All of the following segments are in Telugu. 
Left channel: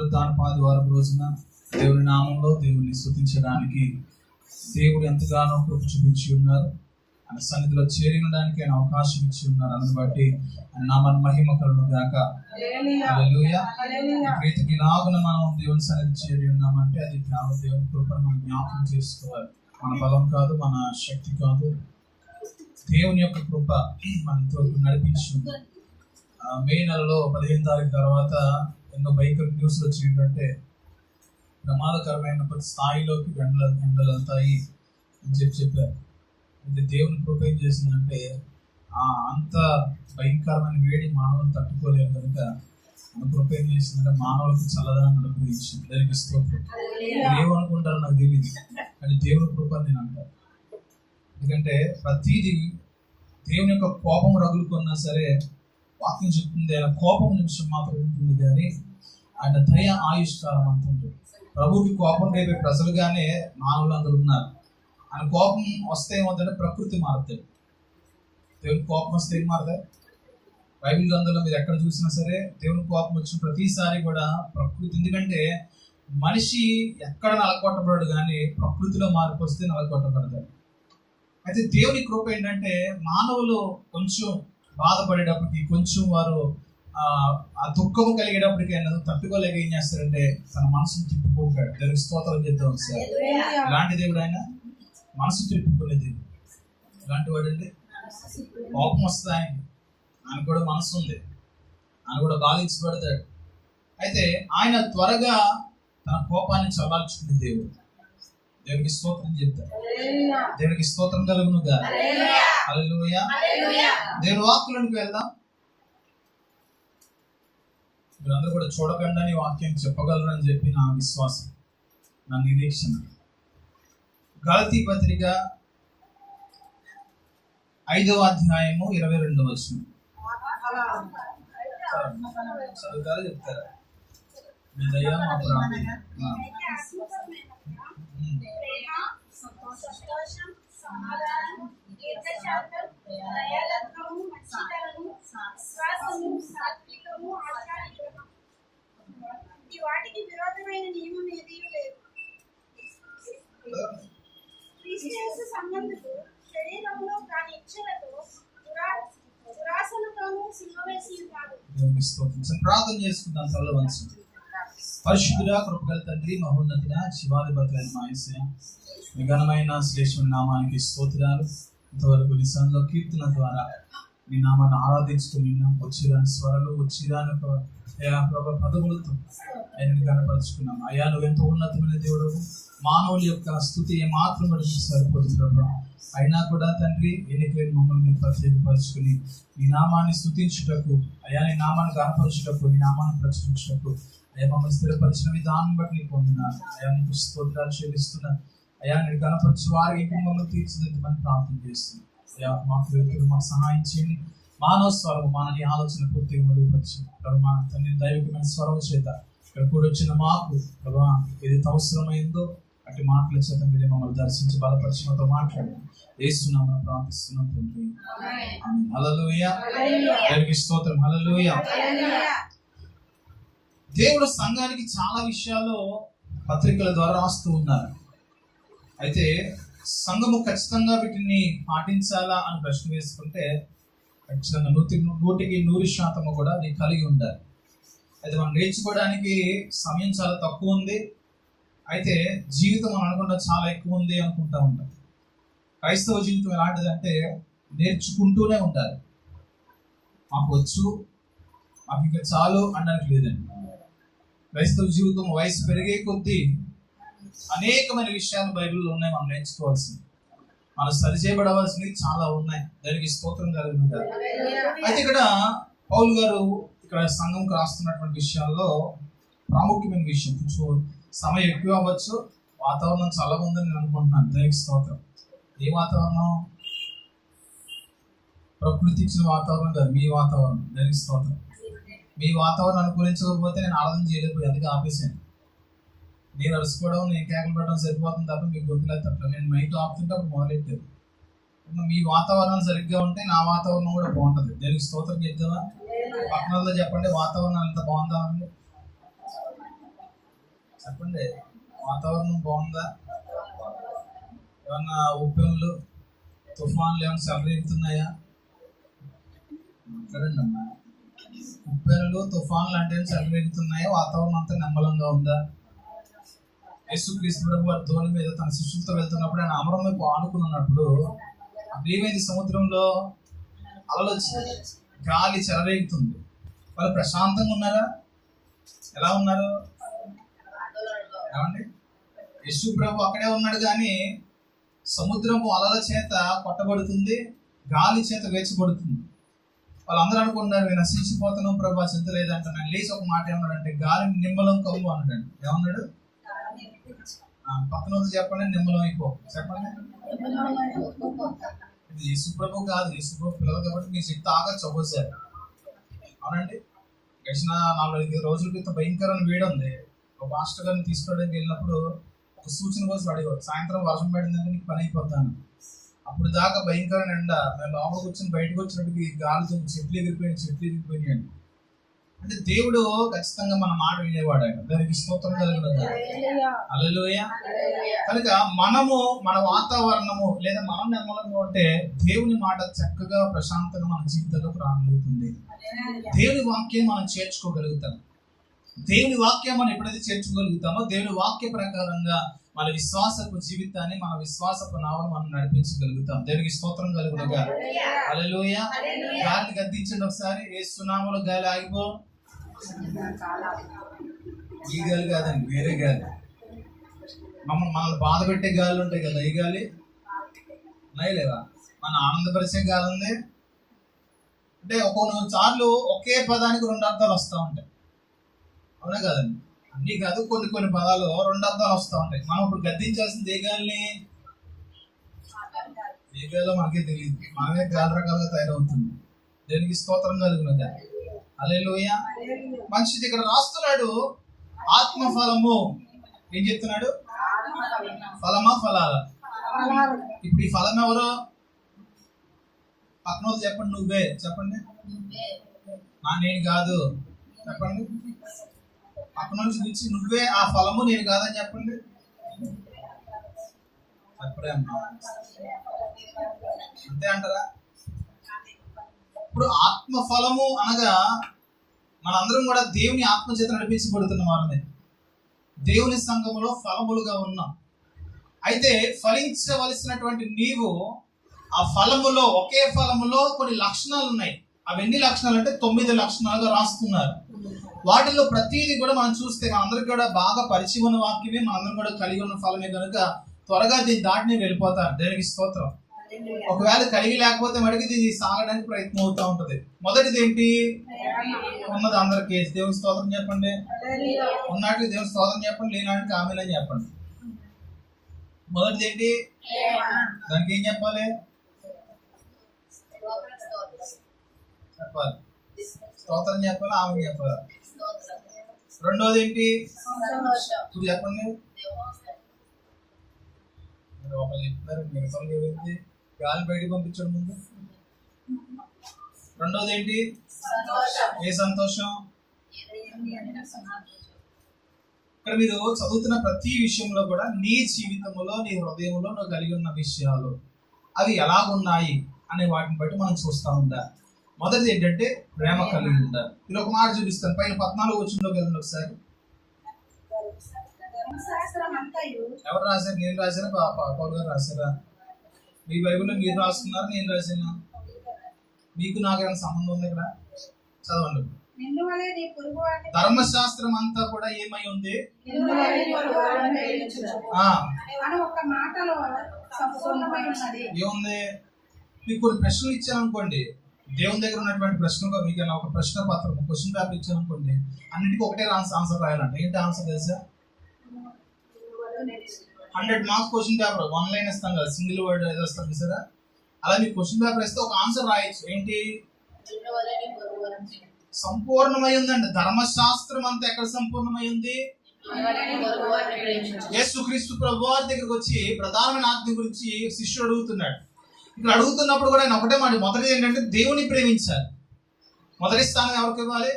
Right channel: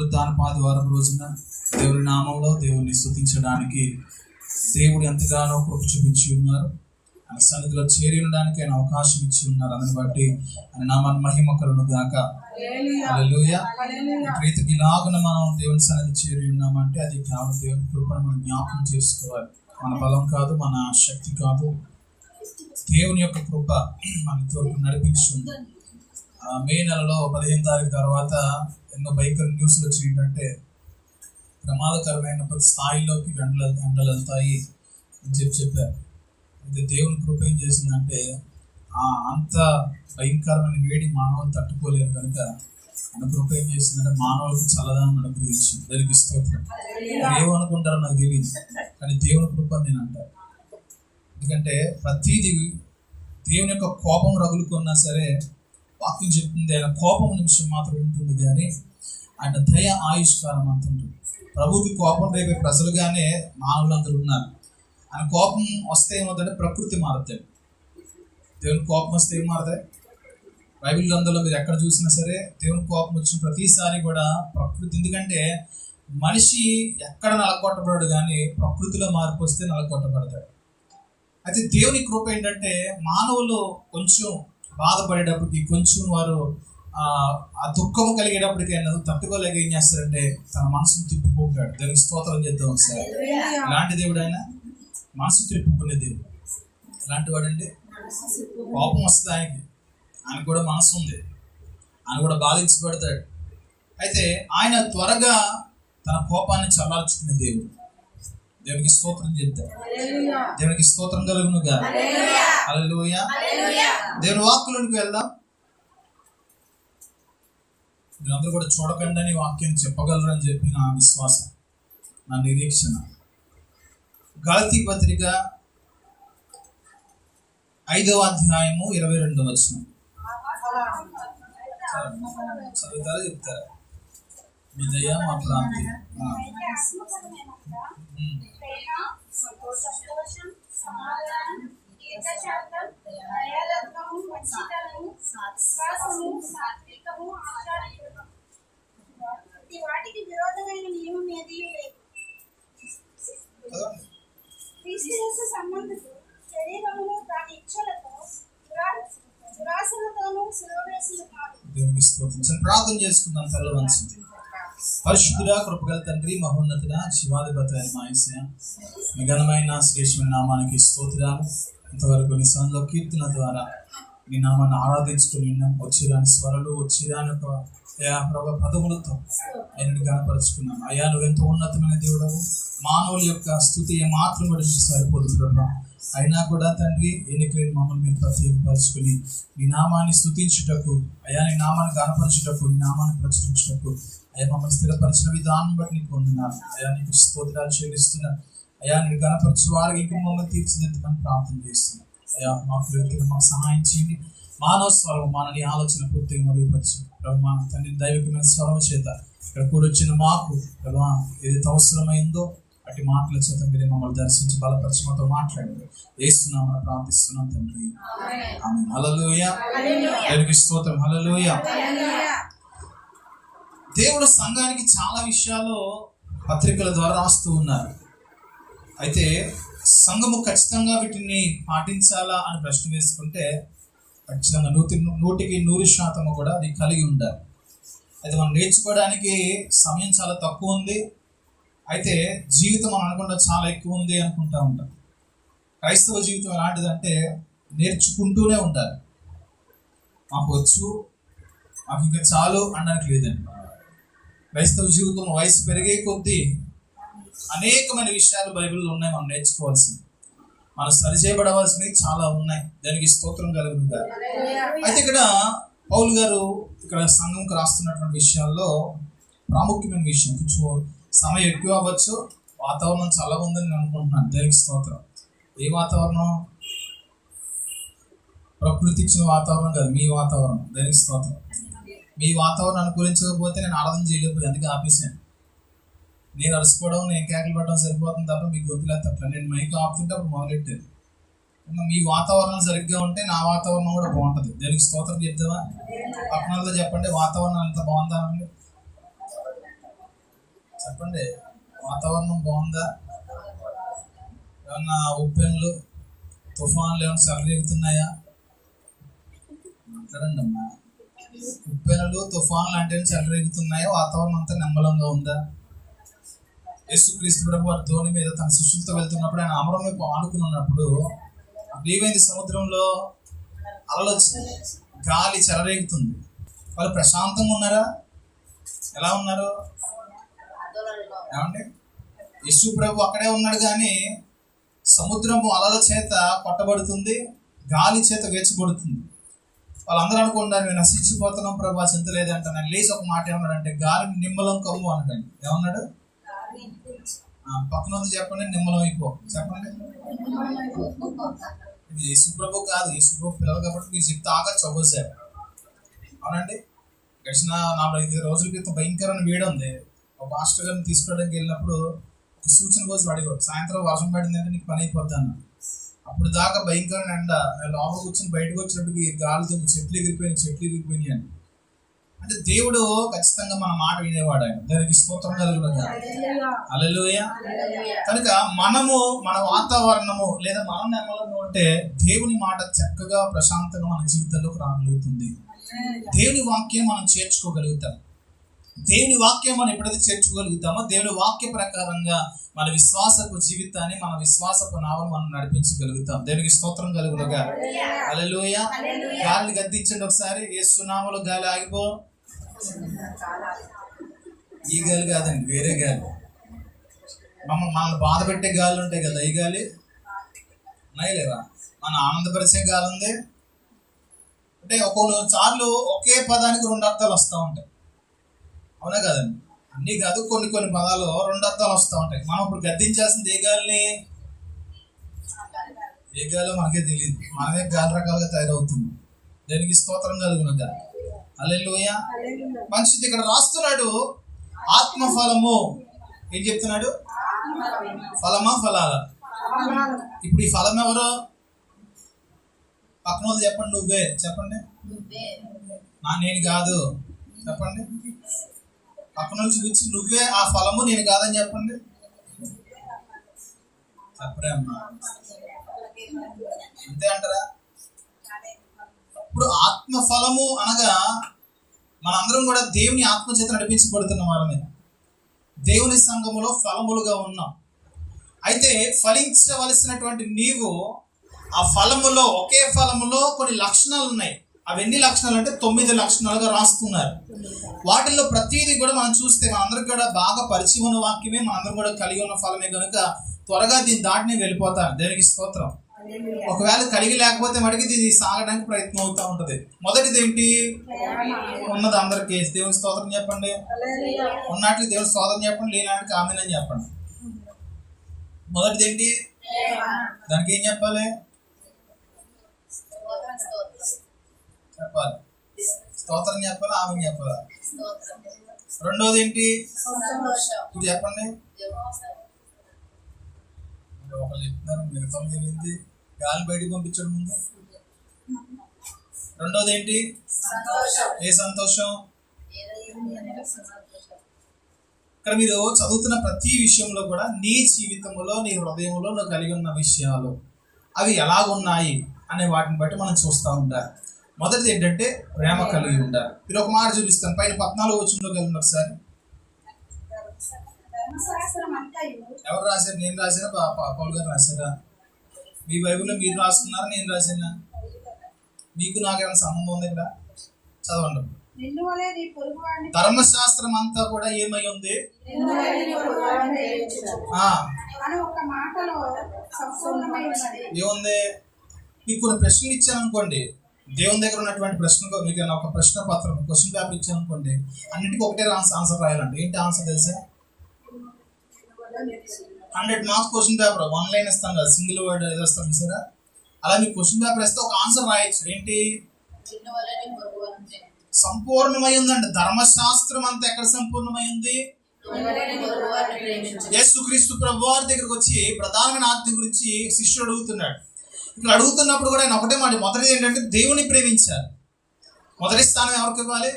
పునరుద్ధానపు ఆదివారం రోజున దేవుని నామంలో దేవుని స్తుతించడానికి దేవుడు ఎంతగానో కృప చూపించి ఉన్నారు. ఆయన సన్నిధిలో చేరి ఉండడానికి ఆయన అవకాశం ఇచ్చి ఉన్నారు. అందుని బట్టి ఆయన నామాన్ని మహిమ కలుగును గాక. హల్లెలూయా. ప్రీతికి ఇలాగున మనం దేవుని సన్నిధి చేరి ఉన్నామంటే అది కేవలం దేవుని కృపను మనం జ్ఞాపకం చేసుకోవాలి. మన బలం కాదు, మన శక్తి కాదు, దేవుని యొక్క కృప మన ఇంతవరకు నడిపించింది. మే నెలలో 15 తారీఖు తర్వాత ఎన్నో భయంకర న్యూస్లు వచ్చి ఏంటంటే ప్రమాదకరమైన ప్రతి స్థాయిలోకి ఎండలు వెళ్తాయి అని చెప్పారు. అయితే దేవుని కృప ఏం చేసిందంటే అంత భయంకరమైన వేడి మానవులు తట్టుకోలేరు కనుక ఆయన కృప ఏం చేసిందంటే మానవులకు చల్లదాన్ని అనుగ్రహించింది. దానికి స్తోత్రం. ఏమనుకుంటారో నాకు తెలియదు, కానీ దేవుని కృప నేను అంటాను. ఎందుకంటే ప్రతిదీ దేవుని యొక్క కోపం రగులుకున్నా సరే వాక్యం చెప్తుంది ఆయన కోపం నిమిషం మాత్రం ఉంటుంది, కానీ ఆయన దయ ఆయుష్కాలం అంత ఉంటుంది. ప్రభువుకి కోపం రేపే ప్రజలుగానే మానవులందరూ ఉన్నారు. ఆయన కోపం వస్తే ఏమవుతుందంటే ప్రకృతి మారుతాయి. దేవుని కోపం వస్తే ఏం మారుతాయి? బైబిల్ గ్రంథంలో మీరు ఎక్కడ చూసినా సరే దేవుని కోపం వచ్చిన ప్రతిసారి కూడా ప్రకృతి, ఎందుకంటే మనిషి ఎక్కడ నలగొట్టబడడు, కానీ ప్రకృతిలో మార్పు వస్తే నలగొట్టబడతాడు. అయితే దేవుని కృప ఏంటంటే మానవులు కొంచెం బాధపడేటప్పటికి, కొంచెం వారు ఆ దుఃఖము కలిగేటప్పటికి అన్నది తట్టుకోలేక ఏం చేస్తారంటే తన మనసును తిప్పుకుంటాడు. దేవునికి స్తోత్రం చేద్దాం సార్. ఇలాంటి దేవుడు ఆయన మనసు తిప్పుకునే దేవుడు. ఇలాంటి వాడండి. కోపం వస్తుంది ఆయనకి, ఆయన కూడా మనసు ఉంది, ఆయన కూడా బాధించబడతాడు. అయితే ఆయన త్వరగా తన కోపాన్ని చల్లార్చుకునే దేవుడు. దేవునికి స్తోత్రం చెప్తాడు. దేవునికి స్తోత్రం కలుగును గాక. హల్లెలూయా. దేవుని వాక్కులోనికి వెళ్దాం. మీరందరూ కూడా చూడకుండా వాక్యం చెప్పగలరని చెప్పి నా విశ్వాసం, నా నిరీక్షణ. గలతీ పత్రిక 5వ అధ్యాయము 22వ వచనం చదువుతారా చెప్తారా? మీ దయ మా ప్రాంతి. వాటికి విరోధమైన నియమం ఏదీ లేదు. క్రీస్తు సంబంధులు శరీరంలో దాని ఇచ్చలతో దురాశలతోనూ సిలువ వేసి ఉన్నారు. దేవునికి స్తోత్రం. ప్రార్థన చేసుకుందాం. తల వంచండి. పరిశుద్ధుడా, కృపగల తండ్రి, మహోన్నతుడా, శివాధిపతి అయిన మా యేసయ్య, మీ ఘనమైన శ్రేష్టమైన నామానికి స్తోత్రాలు. ఇంతవరకు నీ సన్నిధిలో కీర్తన ద్వారా నీ నామాన్ని ఆరాధించుకుని ఉన్నాం. వచ్చిరాని స్వరలు, వచ్చిరాని ప్రభు పదములతో ఆయనని కనపరుచుకున్నాం. అయ్యా, నువ్వెంతో ఉన్నతమైన దేవుడవు. మానవుల యొక్క స్తుతి ఏమాత్రం కూడా సరిపోదు ప్రభు. అయినా కూడా తండ్రి, ఎన్నికలేని మమ్మల్ని మీరు ప్రత్యేకపరుచుకుని నీ నామాన్ని స్తుతించుటకు, అయ్యా నీ నామాన్ని కనపరచుటకు, నీ నామాన్ని ప్రచురించుటకు అయ్యా మమ్మల్ని స్థిరపరిచిన విధానం బట్టి నీకు వందనాలు. అయ్యా నీకు స్తోత్రాలు చెల్లిస్తున్నా. అయ్యా నేను కనపరిచి వారికి ఇంకో మమ్మల్ని తీర్చిదిద్దమని ప్రార్థన చేస్తున్నాను. అయ్యా మాకు సహాయం చేయండి. మానవ స్వరం మానని ఆలోచన పూర్తిగా మరుగుపరిచి ప్రభా తండ్రి దైవికమైన స్వరం చేత ఇక్కడ కూడా వచ్చిన మాకు ప్రభా ఏదైతే అవసరమైందో అటు మాటల చేత మీరు మమ్మల్ని దర్శించి బలపరిచి మాతో మాట్లాడండి. యేసునామమున ప్రార్థిస్తున్నాం తండ్రి. ఆమేన్. హల్లెలూయా. దేవునికి స్తోత్రం. హల్లెలూయా. దేవుడు సంఘానికి చాలా విషయాల్లో పత్రికల ద్వారా రాస్తూ ఉన్నారు. అయితే సంఘము ఖచ్చితంగా వీటిని పాటించాలా అని ప్రశ్న వేసుకుంటే ఖచ్చితంగా 100% కూడా అది కలిగి ఉండాలి. అయితే మనం నేర్చుకోవడానికి సమయం చాలా తక్కువ ఉంది, అయితే జీవితం మనం అనుకుంటా చాలా ఎక్కువ ఉంది అనుకుంటా ఉంటాం. క్రైస్తవ జీవితం ఎలాంటిదంటే నేర్చుకుంటూనే ఉండాలి. మాకు వచ్చు, మాకు ఇంకా చాలు అనడానికి లేదండి. క్రైస్తవ జీవితం వయసు పెరిగే కొద్దీ అనేకమైన విషయాలు బైబిల్లో ఉన్నాయి, మనం నేర్చుకోవాల్సింది, మనం సరిచేయబడవలసినవి చాలా ఉన్నాయి. దానికి స్తోత్రం కలుగును గాక. అయితే ఇక్కడ పౌలు గారు ఇక్కడ సంఘంకు రాస్తున్నటువంటి విషయాల్లో ప్రాముఖ్యమైన విషయం, కొంచెం సమయం ఎక్కువ అవ్వచ్చు, వాతావరణం చాలా ఉందని నేను అనుకుంటున్నాను. దానికి స్తోత్రం. ఏ వాతావరణం? ప్రకృతి ఇచ్చిన వాతావరణం కాదు, మీ వాతావరణం. దానికి స్తోత్రం. మీ వాతావరణం అనుకూలించకపోతే నేను ఆరాధన చేయలేకపోయి, అందుకే ఆపేసాను. నేను అరుచుకోవడం, నేను కేకలు పెట్టడం సరిపోతుంది తప్ప మీకు గొంతులేదు అట్లా. నేను మైక్ ఆపుతుంటే అప్పుడు మొదలెట్టేది. మీ వాతావరణం సరిగ్గా ఉంటే నా వాతావరణం కూడా బాగుంటుంది. దానికి స్తోత్రం చెప్తావా? పక్కనతో చెప్పండి, వాతావరణం అంత బాగుందా అండి? చెప్పండి, వాతావరణం బాగుందా? ఏమన్నా ఉప్పెన్లు, తుఫాన్లు ఏమైనా చెలరేగుతున్నాయా? మాట్లాడండి అమ్మా. ఉప్పెనలు, తుఫాన్లు అంటే చెలరేగుతున్నాయా? వాతావరణం అంతా నిమ్మలంగా ఉందా? యేసుక్రీస్తు ప్రభు వారి ధోని మీద తన శిష్యులతో వెళ్తున్నప్పుడు ఆయన అమరం వైపు ఆనుకుని ఉన్నప్పుడు ఏమైంది? సముద్రంలో అలలు వచ్చింది, గాలి చెలరేగుతుంది. వాళ్ళు ప్రశాంతంగా ఉన్నారా? ఎలా ఉన్నారు? ఏమండి, యేసు ప్రభు అక్కడే ఉన్నాడు కానీ సముద్రము అలల చేత కొట్టబడుతుంది, గాలి చేత వేచబడుతుంది. వాళ్ళందరూ అనుకుంటారు మేము నశించిపోతున్నాం ప్రభు, చింత లేదంట. నేను లేచి ఒక మాట ఏమన్నాడంటే, గాలిని నిమ్మలం కమ్ము అన్నాడు. ఏమన్నాడు? పక్కన ఉంది చెప్పండి, నిమ్మలం అయిపో. చెప్పండి. ఇది యేసుప్రభు కాదు, యేసుప్రభు పిల్లలు కాబట్టి మీకు చెప్తే ఆగచ్చు ఒక్కోసారి. అవునండి, గడిచిన 4-5 రోజుల క్రితం భయంకరమైన వేడి ఉంది. ఒక మాస్టర్ గారిని తీసుకోవడానికి వెళ్ళినప్పుడు ఒక సూచన కోసం అడిగారు, సాయంత్రం వర్షం పడిందంటే నీకు పని అయిపోతాను. అప్పుడు దాకా భయంకరమైన ఎండ, నేను లోపల కూర్చొని బయటకు వచ్చినట్టుకి గాలితో చెట్లు ఎగిరిపోయినాయి అండి. అంటే దేవుడు ఖచ్చితంగా మన మాట వినేవాడు. ఆయన దానికి స్తోత్రం కలుగును. హల్లెలూయా. కనుక మనము మన వాతావరణము లేదా మనం నెమ్మలంగా ఉంటే దేవుని మాట చక్కగా ప్రశాంతంగా మన జీవితంలోకి రాగలుగుతుంది. దేవుని వాక్యం మనం చేర్చుకోగలుగుతాం. దేవుని వాక్యం మనం ఎప్పుడైతే చేర్చుకోగలుగుతామో దేవుని వాక్య ప్రకారంగా మన విశ్వాసపు జీవితాన్ని, మన విశ్వాసపు నావను మనం నడిపించగలుగుతాం. దేవునికి స్తోత్రం కలుగునుగా. హల్లెలూయా. గాలిని గద్దించండి ఒకసారి. యేసు నామములో గాలి ఆగిపో. ఈ గాలి కాదండి, వేరే గాలి. మనల్ని బాధ పెట్టే గాలి ఉంటాయి కదా, ఈ గాలి ఉన్నాయి లేదా? మన ఆనందపరిచే గాలి ఉంది. అంటే కొన్నిసార్లు ఒకే పదానికి 2 అర్థాలు వస్తూ ఉంటాయి. అవునా కదండి? అన్నీ కాదు, కొన్ని పదాలు 2 అర్థాలు వస్తూ ఉంటాయి. మనం ఇప్పుడు గద్దించాల్సింది ఏ గాలిని? ఏ గాలో మనకే తెలియదు, మనమే గాలి రకాలుగా తయారవుతుంది. దేనికి స్తోత్రం కలుగునుగా. హల్లెలూయా. మనిషిది ఇక్కడ రాస్తున్నాడు, ఆత్మఫలము. ఏం చెప్తున్నాడు? ఫలమా ఫలాల? ఇప్పుడు ఈ ఫలం ఎవరు? పక్కన వాళ్ళు చెప్పండి. నువ్వే చెప్పండి. నేను కాదు చెప్పండి. పక్కన నుంచి చూపించి నువ్వే ఆ ఫలము, నేను కాదని చెప్పండి. చెప్పరే అమ్మా, అంతే అంటారా? ఇప్పుడు ఆత్మఫలము అనగా మనందరం కూడా దేవుని ఆత్మచేత నడిపించబడుతున్న వారమే. దేవుని సంఘములో ఫలములుగా ఉన్నాం. అయితే ఫలించవలసినటువంటి నీవు ఆ ఫలములో, ఒకే ఫలములో కొన్ని లక్షణాలు ఉన్నాయి. అవి ఎన్ని లక్షణాలు అంటే 9 లక్షణాలుగా రాస్తున్నారు. వాటిల్లో ప్రతిదీ కూడా మనం చూస్తే మనందరికి కూడా బాగా పరిచయం ఉన్న వాక్యమే, మనందరం కూడా కలిగి ఉన్న ఫలమే కనుక త్వరగా దీన్ని దాటిని వెళ్ళిపోతాను. దేనికి స్తోత్రం. ఒకవేళ కలిగి లేకపోతే మటుకు ఇది సాగడానికి ప్రయత్నం అవుతూ ఉంటుంది. మొదటిది ఏంటి? ఉన్నది అందరికీ దేవుని స్తోత్రం చెప్పండి. ఉన్నట్లు దేవుని స్తోత్రం చెప్పండి, లేనాటికి ఆమేన్ అని చెప్పండి. మొదటిది ఏంటి? దానికి ఏం చెప్పాలి? చెప్పాలి, స్తోత్రం చెప్పాలి, ఆమేన్ చెప్పాలి. రెండోది ఏంటి? ఇప్పుడు చెప్పండి. ఒకళ్ళు చెప్తున్నారు, మిగతా ఏమైంది? గాలి బయటికి పంపించడం ముందు. రెండోది ఏంటి? ఏ సంతోషం? ఇక్కడ మీరు చదువుతున్న ప్రతి విషయంలో కూడా నీ జీవితంలో, నీ హృదయంలో నువ్వు కలిగి ఉన్న విషయాలు అవి ఎలాగున్నాయి అనే వాటిని బట్టి మనం చూస్తూ ఉంటారు. మొదటిది ఏంటంటే ప్రేమ కలిగి ఉండాలి. మీరు ఒక మాట చూపిస్తాను, పైన 14 వచనంలోకి వెళ్ళండి ఒకసారి. ఎవరు రాశారు? నేను రాశానా, పౌలు గారు రాశారా? మీ బైబిల్లో మీరు రాసుకున్నారా, నేను రాసానా? మీకు నాకేమైనా సంబంధం ఉంది ఇక్కడ? చదవండి. ధర్మశాస్త్రం అంతా కూడా ఏమై ఉంది? ఏముంది? మీకు కొన్ని ప్రశ్నలు ఇచ్చాను అనుకోండి, దేవుని దగ్గర ఉన్నటువంటి ప్రశ్నలు, మీకు ఒక ప్రశ్న పత్రం, క్వశ్చన్ పేపర్ ఇచ్చాను అనుకోండి, అన్నిటికీ ఒకటే ఆన్సర్ రాయాలంటే ఏంటి ఆన్సర్ తెలుసా? 100 మార్క్స్ క్వశ్చన్ పేపర్, 1 లైన్ ఇస్తాం కదా, సింగిల్ వర్డ్ ఏదో ఇస్తాం చూసారా? అలా మీకు క్వశ్చన్ పేపర్ ఇస్తే ఒక ఆన్సర్ రాయొచ్చు. ఏంటి? సంపూర్ణమై ఉందండి. ధర్మశాస్త్రం అంతా ఎక్కడ సంపూర్ణమై ఉంది? యేసుక్రీస్తు ప్రభువారి దగ్గరకు వచ్చి ప్రధానమైన ఆజ్ఞ గురించి శిష్యుడు అడుగుతున్నాడు. ఇక్కడ అడుగుతున్నప్పుడు కూడా ఆయన ఒకటే మాట, మొదటిది ఏంటంటే దేవుని ప్రేమించాలి. మొదటి స్థానం ఎవరికి ఇవ్వాలి?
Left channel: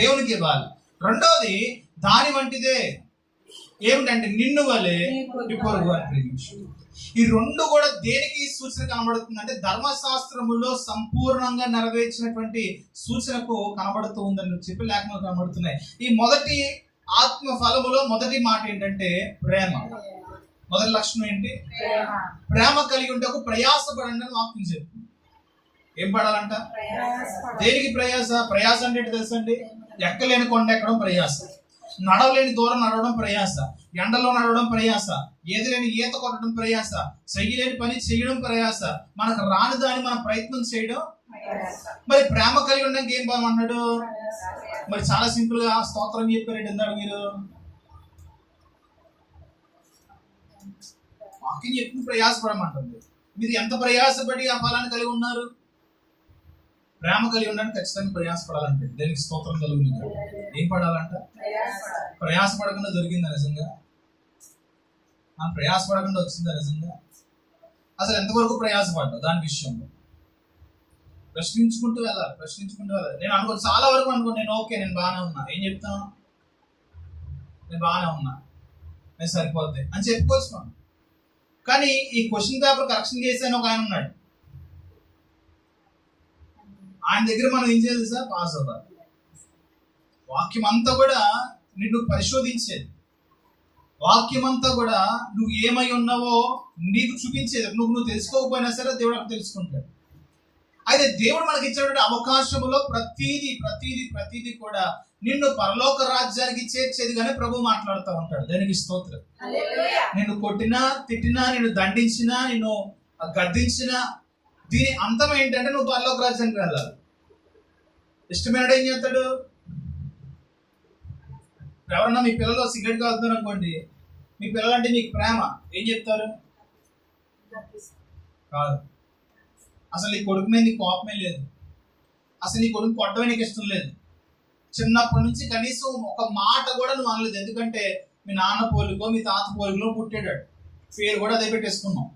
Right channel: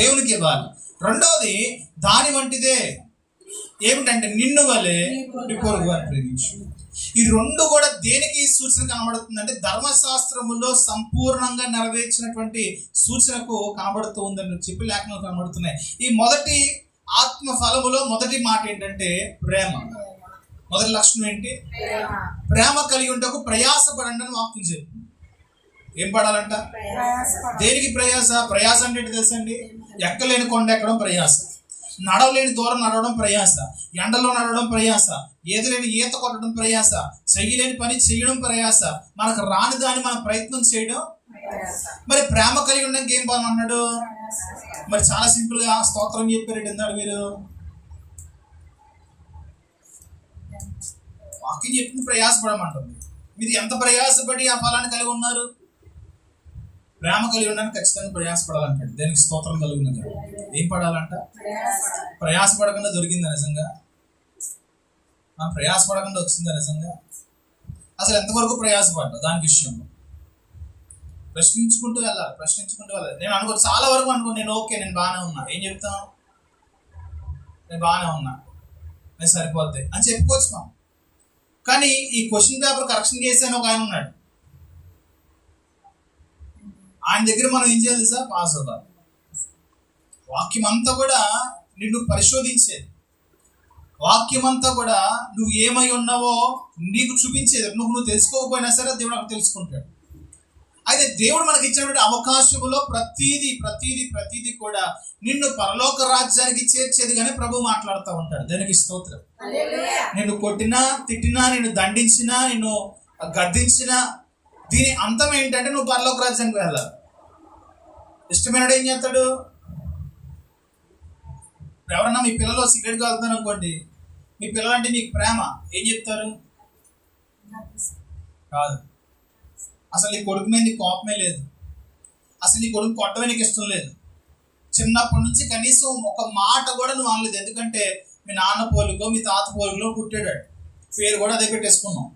దేవునికి ఇవ్వాలి. రెండోది దాని వంటిదే ఏమిటంటే నిన్ను వలె నీ పొరుగు వారిని ప్రేమించు. ఈ రెండు కూడా దేనికి సూచన కనబడుతుంది అంటే ధర్మశాస్త్రములో సంపూర్ణంగా నెరవేర్చినటువంటి సూచనకు కనబడుతూ ఉందని చెప్పి లేఖనాలు కనబడుతున్నాయి. ఈ మొదటి ఆత్మ ఫలములో మొదటి మాట ఏంటంటే ప్రేమ. మొదటి లక్షణం ఏంటి? ప్రేమ కలిగి ఉండకు ప్రయాసపడండి అని వాక్యం చెప్తుంది. ఏం పడాలంట? దేనికి ప్రయాస? ప్రయాస అంటే ఏంటి తెలుసండి? ఎక్కలేని కొండ ఎక్కడం ప్రయాస, నడవలేని దూరం నడవడం ప్రయాస, ఎండలో నడవడం ప్రయాస, ఏదిలేని ఈత కొట్టడం ప్రయాస, చెయ్యలేని పని చేయడం ప్రయాస, మనకు రాని దాన్ని మనం ప్రయత్నం చేయడం. మరి ప్రేమ కలిగి ఉండడానికి ఏం బాగున్నాడు? మరి చాలా సింపుల్ గా స్తోత్రం చెప్పారండి ఎందాడు మీరు. వాక్యం చెప్పింది ప్రయాసపడమంటుంది. మీరు ఎంత ప్రయాసపడి ఆ ఫలాన్ని కలిగి ఉన్నారు? ప్రేమ కలిగి ఉండడానికి ఖచ్చితంగా ప్రయాసపడాలంటాడు. దేనికి స్తోత్రం కలుగుతుంది. ఏం పడాలంట? ప్రయాసపడకుండా దొరికిందా నిజంగా? మనం ప్రయాసపడకుండా వచ్చిందా నిజంగా? అసలు ఎంతవరకు ప్రయాసపడ్డా దాని విషయంలో ప్రశ్నించుకుంటూ వెళ్ళాలి. నేను అనుకో చాలా వరకు నేను ఓకే, నేను బాగానే ఉన్నా. ఏం చెప్తాను? నేను బాగానే ఉన్నా, నేను సరిపోద్ది అని చెప్పుకోవచ్చు మనం. కానీ ఈ క్వశ్చన్ పేపర్ కరెక్షన్ చేసాను ఒక ఆయన ఉన్నాడు. ఆయన దగ్గర మనం ఏం చేయాలి సార్? పాస్ అవ్వాలి. వాక్యం అంతా కూడా నిన్ను పరిశోధించేది. వాక్యం అంతా కూడా నువ్వు ఏమై ఉన్నావో నీకు చూపించేది. నువ్వు తెలుసుకోకపోయినా సరే దేవుడు అక్కడ తెలుసుకుంటాడు. అయితే దేవుడు మనకి ఇచ్చినటువంటి అవకాశములో ప్రతీది కూడా నిన్ను పరలోక రాజ్యానికి చేర్చేది కానీ ప్రభు మాట్లాడుతూ ఉంటాడు. దానికి స్తోత్రం. నిన్ను కొట్టినా, తిట్టినా, నిన్ను దండించినా, నిన్ను గద్దించినా, దీని అంతం ఏంటంటే నువ్వు పరలోక రాజ్యానికి వెళ్ళాలి. ఇష్టమైనడు ఏం చేస్తాడు? ఎవరన్నా మీ పిల్లలు సిగరెట్ కాలుతున్నారు అనుకోండి, మీ పిల్లలంటే మీకు ప్రేమ, ఏం చెప్తారు? కాదు. అసలు నీ కొడుకు మీద నీకు కోపమే లేదు, అసలు నీ కొడుకు కొట్టమే నీకు ఇష్టం లేదు. చిన్నప్పటి నుంచి కనీసం ఒక మాట కూడా నువ్వు అనలేదు. ఎందుకంటే మీ నాన్న పోలికో మీ తాత పోలికలో పుట్టాడు, పేరు కూడా అదే పెట్టేసుకున్నాం.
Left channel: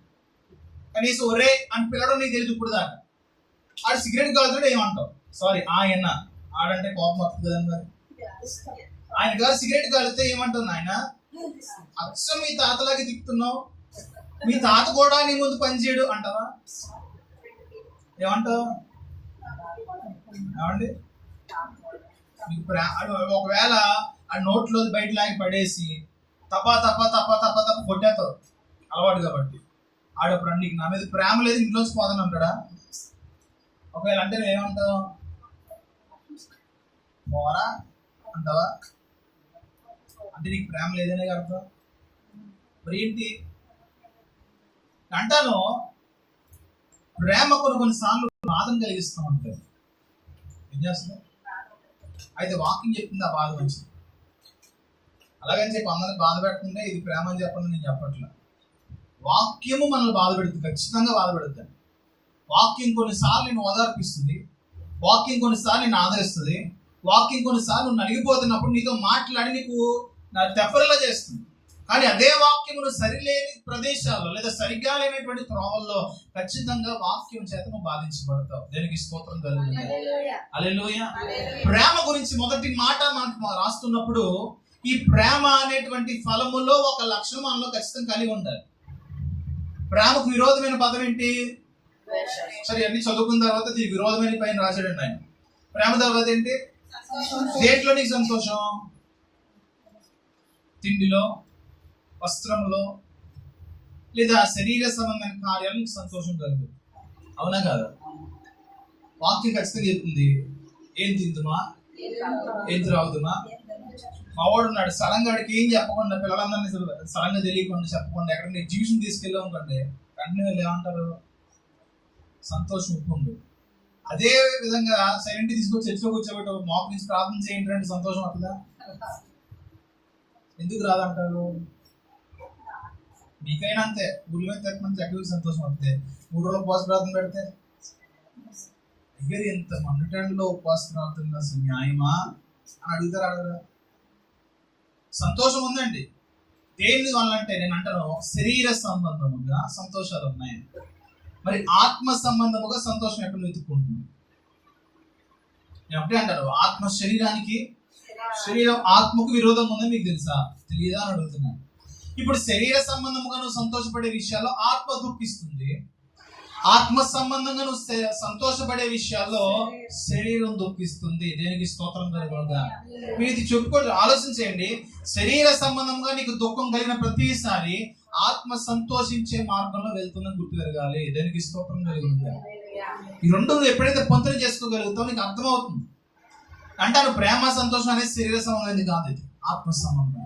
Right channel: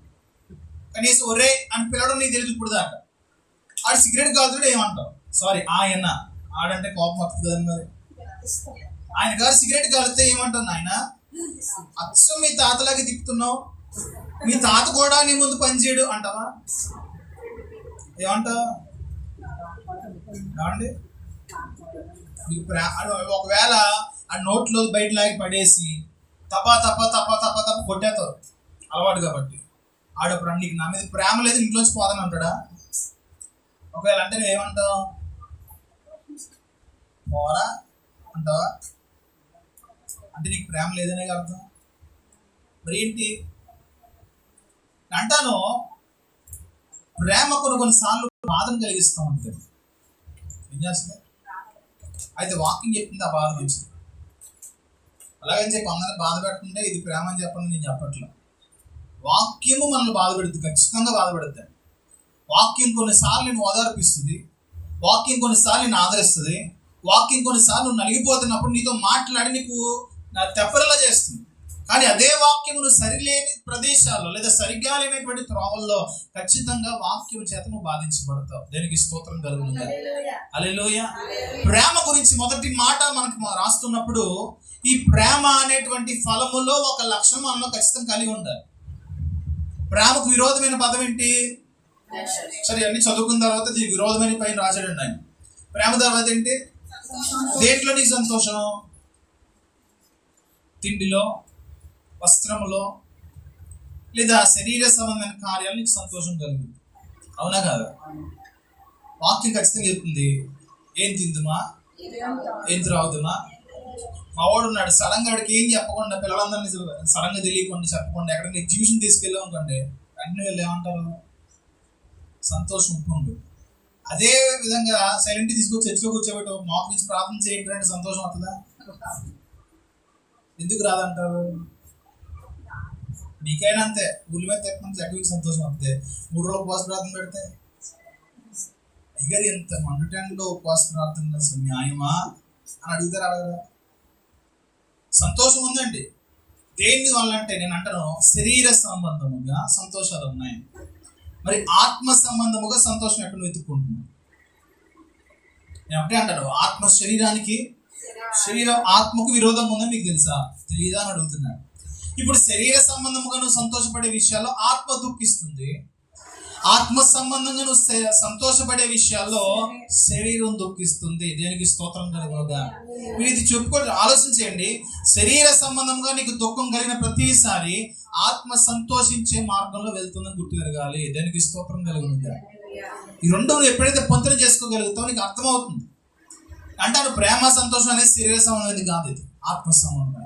కనీసం ఒరే అని పిల్లడం నీకు తెలియదు ఇప్పుడు దాకా. ఆడు సిగరెట్ కాల్చుడు ఏమంటావు? సారీ ఆయన ఆడంటే కోపం వస్తుంది కదండి. మరి ఆయన గారు సిగరెట్ కాలితే ఏమంటావు? ఆయన అచ్చం మీ తాతలాగే తిప్పుతున్నావు, మీ తాత కూడా నీ ముందు పనిచేయడు అంటావా? ఏమంటావు? ఏమండి? మీకు ఒకవేళ ఆ నోట్లో బయట లాగి పడేసి తప్ప కొట్టేస్తావు అలవాటు కాబట్టి, ఆడప్పుడు నీకు నా మీద ప్రేమ లేదు ఇంట్లోంచి పోదని అంటాడా? ఒకవేళ అంటే నువ్వు ఏమంటావు? పోరా అంటావా? అంటే నీకు ప్రేమ లేదనే అర్థం. మరి ఏంటి అంటాను? ప్రేమ కొన్నిసార్లు బాధను కలిగిస్తూ ఉంటుంది. ఏం చేస్తుంది? అయితే వాకింగ్ చెప్తుంది ఆ బాధ మంచిది. అలాగని చెప్పి అందరిని బాధ పెట్టుకుంటే ఇది ప్రేమ అని చెప్పండి నేను చెప్పట్లా. వాక్యము మనల్ని బాధ పెడుతుంది, ఖచ్చితంగా బాధ పెడుతుంది. వాక్యం కొన్నిసార్లు నేను ఓదార్పిస్తుంది, వాక్యం కొన్నిసార్లు నేను ఆదరిస్తుంది, వాక్యం కొన్నిసార్లు నువ్వు నలిగిపోతున్నప్పుడు నీతో మాట్లాడి నీకు తెప్పరిలా చేస్తుంది. కానీ అదే వాక్యం నువ్వు సరిలేని ప్రదేశాల్లో లేదా సరిగ్గా లేనటువంటి త్రోవల్లో ఖచ్చితంగా వాక్యం చేత నువ్వు బాధించబడతావు. దేనికి స్తోత్రం కలుగుతుంది. హల్లెలూయా. ప్రేమ గురించి మొదటి మాట మనకు రాస్తున్నప్పుడు ఈ ప్రేమ అనేటువంటి ఫలములో ఒక లక్షణం మనలో ఖచ్చితంగా కలిగి ఉండాలి. ప్రేమకు విరోధమైన పదం ఏంటి? సరే, అన్ని చదువుకున్న తర్వాత దీనికి విరోధమైన పైన రాశాడండి ఆయన. ప్రేమ తర్వాత ఏంటి? దేంట్లో నీకు సంతోషం? తిండిలో, వస్త్రములో, లేదా శరీర సంబంధమైన కార్యాలు నీకు సంతోషం కలుగుతుంది. అవునా కాదా? వాక్యం ఖచ్చితంగా చెప్తుంది. ఏం తిందుమా, ఏం త్రాగుతుమా. మా వాడు ఉన్నాడు, సడన్గా వాడికి ఏం చెప్పకుండా పిల్లలందరినీ సడన్గా తెలియకుండా చెప్పకుండా ఎక్కడికి ఎగ్జిబిషన్ తీసుకెళ్ళాం అనుకోండి, వెంటనే వెళ్ళి ఏమంటారు? సంతోషం ఉప్పొంగు. అదే విధంగా సైలెంట్ తీసుకొచ్చి చర్చిలో కూర్చోబెట్టి మాకు నుంచి ప్రార్థన చేయండి అంటే సంతోషం వస్తుందా? ఎందుకు రాదంటారు? మీకైనా అంతే. ఊళ్ళ మీద తెప్పమంటే చక్కగా సంతోషం వస్తుంది. 3 రోజులు ఉపవాస ప్రార్థన పెడితే అయ్యారు ఎంత మండుటెండలో ఉపవాస ప్రార్థన అసలు న్యాయమా అని అడుగుతారు, అడగరా? సంతోషం ఉందండి. దేని వల్ల అంటే నేను అంటాను శరీర సంబంధముగా సంతోషాలు ఉన్నాయి. మరి ఆత్మ సంబంధముగా సంతోషం ఎక్కడ వెతుక్కుంటుంది? నేను ఒకటే అంటాను, ఆత్మ శరీరానికి శరీరం ఆత్మకు విరోధంగా ఉందని మీకు తెలుసా? తెలియదా అని అడుగుతున్నాడు. ఇప్పుడు శరీర సంబంధముగా నువ్వు సంతోషపడే విషయాల్లో ఆత్మ దుఃఖిస్తుంది, ఆత్మ సంబంధంగా నువ్వు సంతోషపడే విషయాల్లో శరీరం దుఃఖిస్తుంది. దేనికి స్తోత్రం కలుగుగా. మీరు ఇది చెప్పుకోండి, ఆలోచించేయండి. శరీర సంబంధంగా నీకు దుఃఖం కలిగిన ప్రతిసారి ఆత్మ సంతోషించే మార్గంలో వెళ్తుందని గుర్తుపెరగాలి. దేనికి స్తోత్రం కలుగుగా. ఈ రెండు నువ్వు ఎప్పుడైతే పొంతన చేసుకోగలుగుతావు నీకు అర్థమవుతుంది. అంటాను ప్రేమ సంతోషం అనేది శరీర సంబంధం కాదు, ఇది ఆత్మ సంబంధం.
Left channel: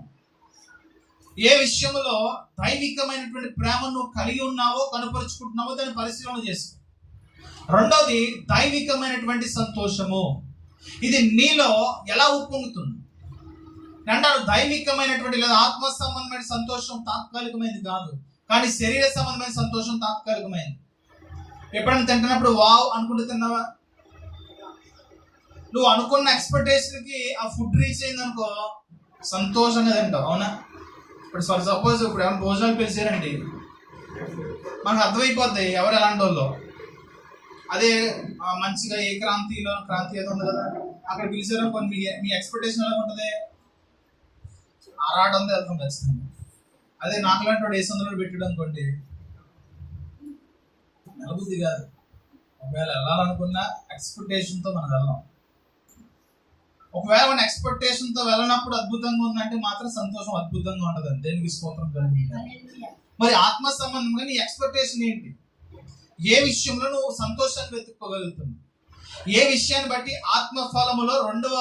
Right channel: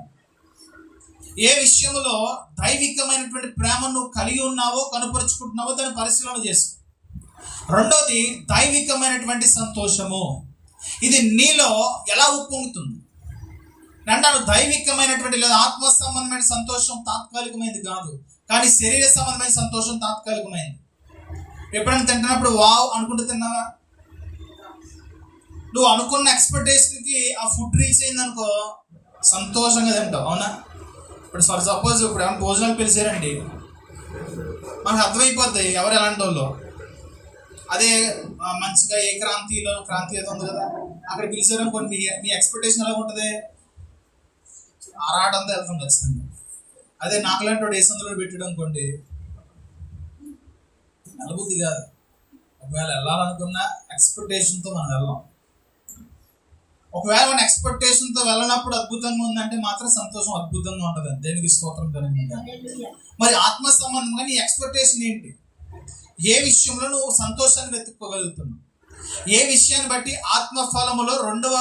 ఏ విషయంలో దైవికమైనటువంటి ప్రేమను నువ్వు కలిగి ఉన్నావో కనుపరుచుకుంటున్నావో దాన్ని పరిశీలన చేసుకో. రెండోది దైవికమైనటువంటి సంతోషము, ఇది నీలో ఎలా ఉప్పొంగుతుంది అంటాను. దైవికమైనటువంటి లేదా ఆత్మ సంబంధమైన సంతోషం తాత్కాలికమైనది కాదు, కానీ శరీర సంబంధమైన సంతోషం తాత్కాలికమైనది. ఎప్పుడైనా తింటున్నప్పుడు వావ్ అనుకుంటూ తిన్నావా? నువ్వు అనుకున్న ఎక్స్పెక్టేషన్కి ఆ ఫుడ్ రీచ్ అయింది అనుకో, సంతోషంగా తింటావు, అవునా? ఇప్పుడు ఫర్ సపోజ్ ఇప్పుడు ఏమైనా భోజనాలు పిలిచారండి, మనకు అర్థమైపోద్ది ఎవరు ఎలాంటి వాళ్ళు. అదే మంచిగా ఏ క్రాంతి ఏదో ఉంది కదా, అక్కడ పిలిచారనుకోండి, మీ ఎక్స్పెక్టేషన్ ఎలా ఉంటుంది? ఆరాటంతో వెళ్తాం ఖచ్చితంగా. అదే నాకులాంటి వాడు ఏ సందులో పెట్టాడు అనుకోండి, నలబుద్ధి కాదు. ఒకవేళ వెళ్ళాలనుకున్నా ఎక్స్పెక్టేషన్తో మనం వెళ్ళాం. ఒకవేళ మన ఎక్స్పెక్టేషన్తో వెళ్ళినప్పుడు అద్భుతంగా ఉందంటే మాత్రం సంతోషం అద్భుతంగా ఉంటుంది. దేనికి స్తోత్రం కలిగింది. మరి ఆత్మ సంబంధంగా నీ ఎక్స్పెక్టేషన్ ఏంటి? ఏ విషయంలో నువ్వు సంతోషాన్ని వెతుక్కోగలుగుతున్నావు? ఏ విషయాన్ని బట్టి ఆత్మ ఫలములో రెండవ